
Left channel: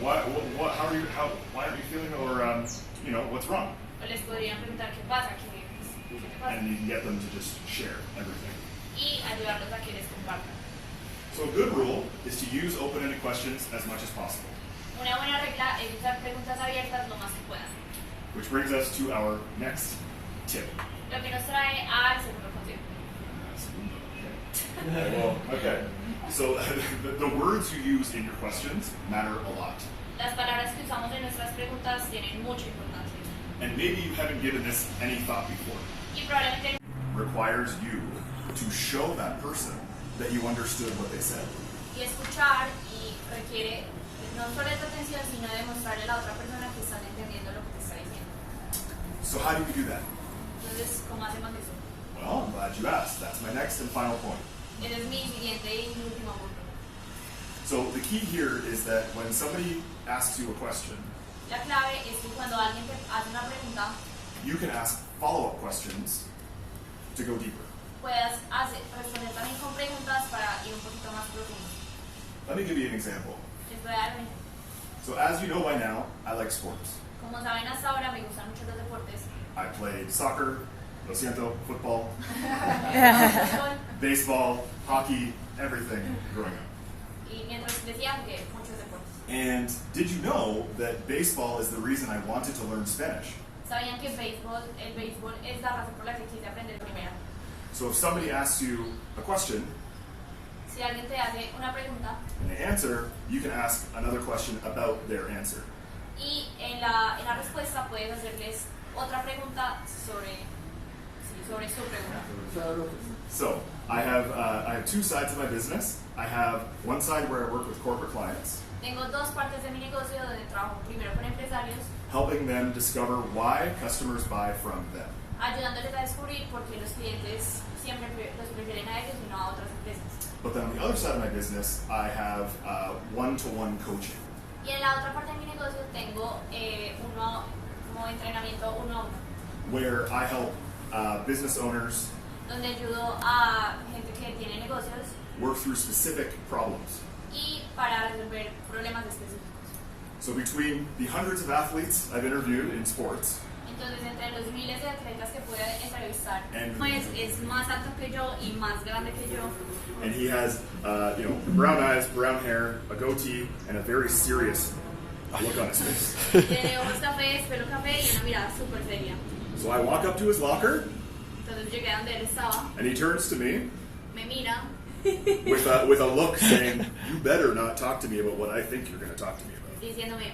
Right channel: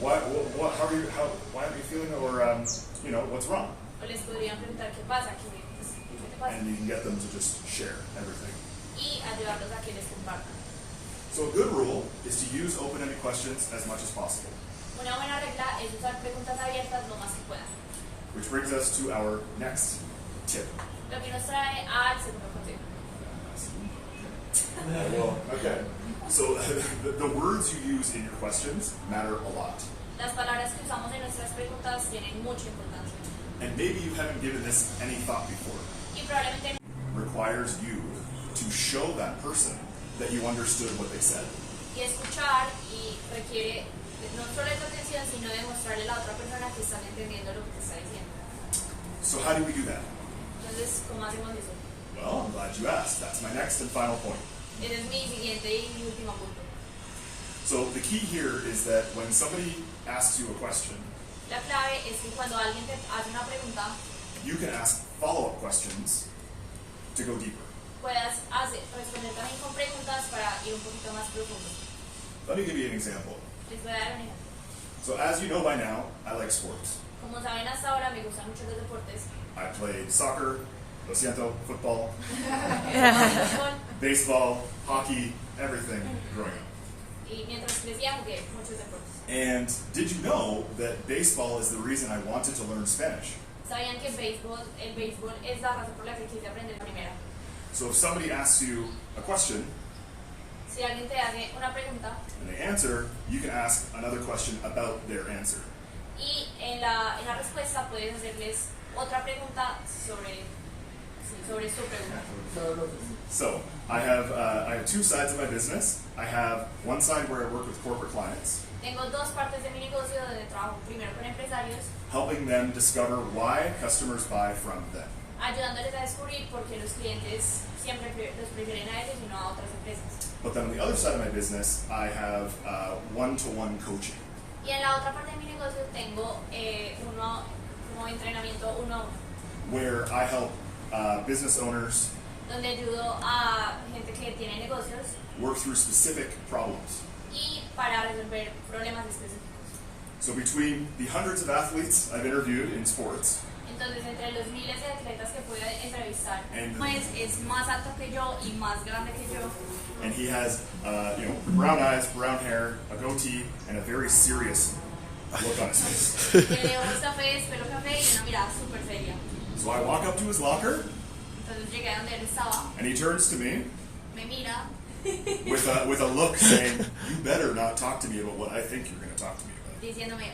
why aren't you feeling, or what's wrong? O les podrían preguntar qué pasa, qué te pasa. And you can get them to just share everything. Y ayudarlos a que les compartan. So a good rule is to use open-ended questions as much as possible. Una buena regla es usar preguntas abiertas lo más que puedan. Which brings us to our next tip. Lo que nos trae al segundo consejo. Okay. So the words you use in your questions matter a lot. Las palabras que usamos en nuestras preguntas tienen mucha importancia. And maybe you haven't given this any thought before. Y probablemente Requires you to show that person that you understood what they said. y escuchar y requiere no solo de tu atención, sino de mostrarle a la otra persona que están entendiendo lo que te está diciendo. So how do we do that? Entonces, ¿cómo hacemos eso? Well, I'm glad you asked. That's my next and final point. Ese es mi siguiente y mi último punto. So the key here is that when somebody asks you a question, La clave es que cuando alguien te hace una pregunta, you can ask follow-up questions to go deeper. puedas responder también con preguntas para ir un poquito más profundo. Let me give you an example. Les voy a dar un ejemplo. So as you know by now, I like sports. Como saben hasta ahora me gustan mucho los deportes. I played soccer, lo siento, football, Fútbol, baseball, hockey, everything growing up. y mientras crecía jugué muchos deportes. And did you know that baseball is the reason I wanted to learn Spanish? ¿Sabían que el béisbol es la razón por la que quise aprender primero? So if somebody asks you a question Si alguien te hace una pregunta and they answer, you can ask another question about their answer. y en la respuesta puedes hacerles otra pregunta sobre su pregunta. So I have two sides of my business. I have one side where I work with corporate clients, Tengo dos partes de mi negocio donde trabajo primero con empresarios, helping them discover why customers buy from them. ayudándoles a descubrir por qué los clientes siempre los prefieren a ellos y no a otras empresas. But then on the other side of my business, I have one-to-one coaching, Y en la otra parte de mi negocio tengo como entrenamiento uno a uno, where I help business owners donde ayudo a gente que tiene negocios work through specific problems. y para resolver problemas específicos. So between the hundreds of athletes I've interviewed in sports Entonces, entre los miles de atletas que pude entrevistar, And- pues es más alto que yo y más grande que yo. and he has brown eyes, brown hair, a goatee, and a very serious look on his face. Tiene ojos cafés, pelo café y una mirada súper seria. So I walk up to his locker, Entonces llegué a donde él estaba, and he turns to me me mira with a look saying, "You better not talk to me about what I think you're going to talk to me about." diciéndome,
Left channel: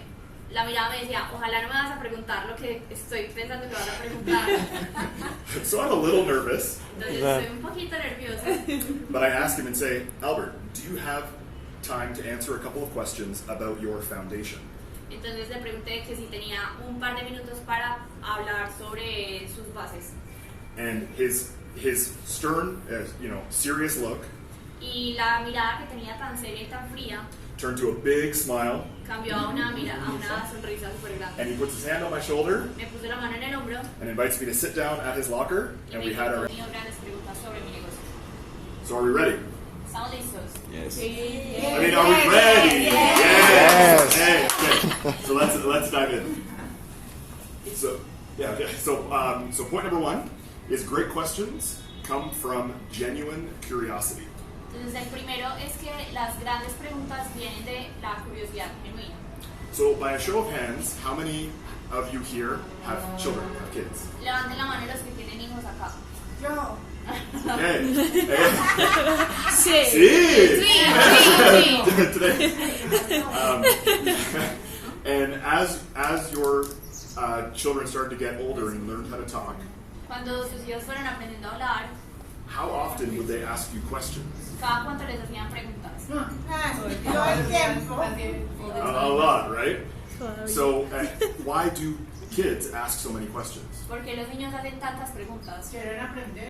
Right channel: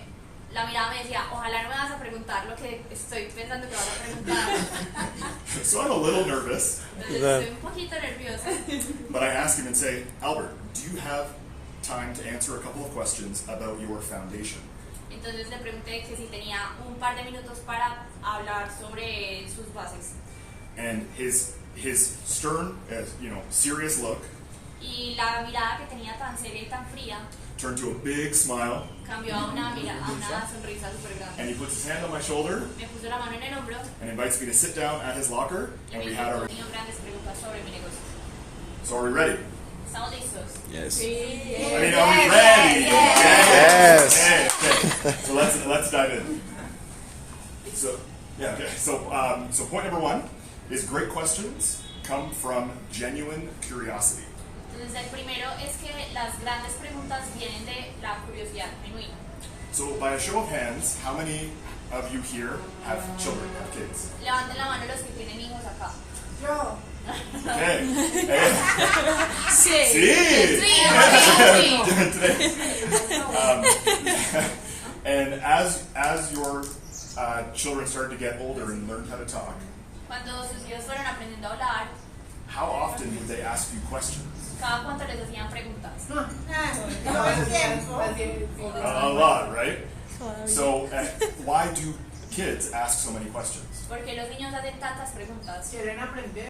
la mirada me decía, ojalá no me vas a preguntar lo que estoy pensando que vas a preguntar. So I'm a little nervous, Entonces estoy un poquito nerviosa. but I ask him and say, "Albert, do you have time to answer a couple of questions about your foundation?" Entonces le pregunté que si tenía un par de minutos para hablar sobre sus bases. And his stern, serious look Y la mirada que tenía tan seria y tan fría turned to a big smile, cambió a una sonrisa súper and grande. he puts his hand on my shoulder Me puso la mano en el hombro and invites me to sit down at his locker, y and me we had our. hizo grandes preguntas sobre mi negocio. So are we ready? ¿Estamos listos? Yes. I mean, are we ready? Yes. Okay. So let's dive in. So okay. So point number one is great questions come from genuine curiosity. Entonces el primero es que las grandes preguntas vienen de la curiosidad genuina. So by a show of hands, how many of you here have children, have kids? Levanten la mano los que tienen hijos acá. Yo. Okay. Sí. Sí. Sí. And as your children started to get older and learned how to talk, Cuando sus hijos fueron aprendiendo a hablar, how often would they ask you questions? cada cuánto les hacían preguntas. Todo el tiempo. A lot, right? So why do kids ask so many questions? Porque los niños hacen tantas preguntas. Quieren aprender.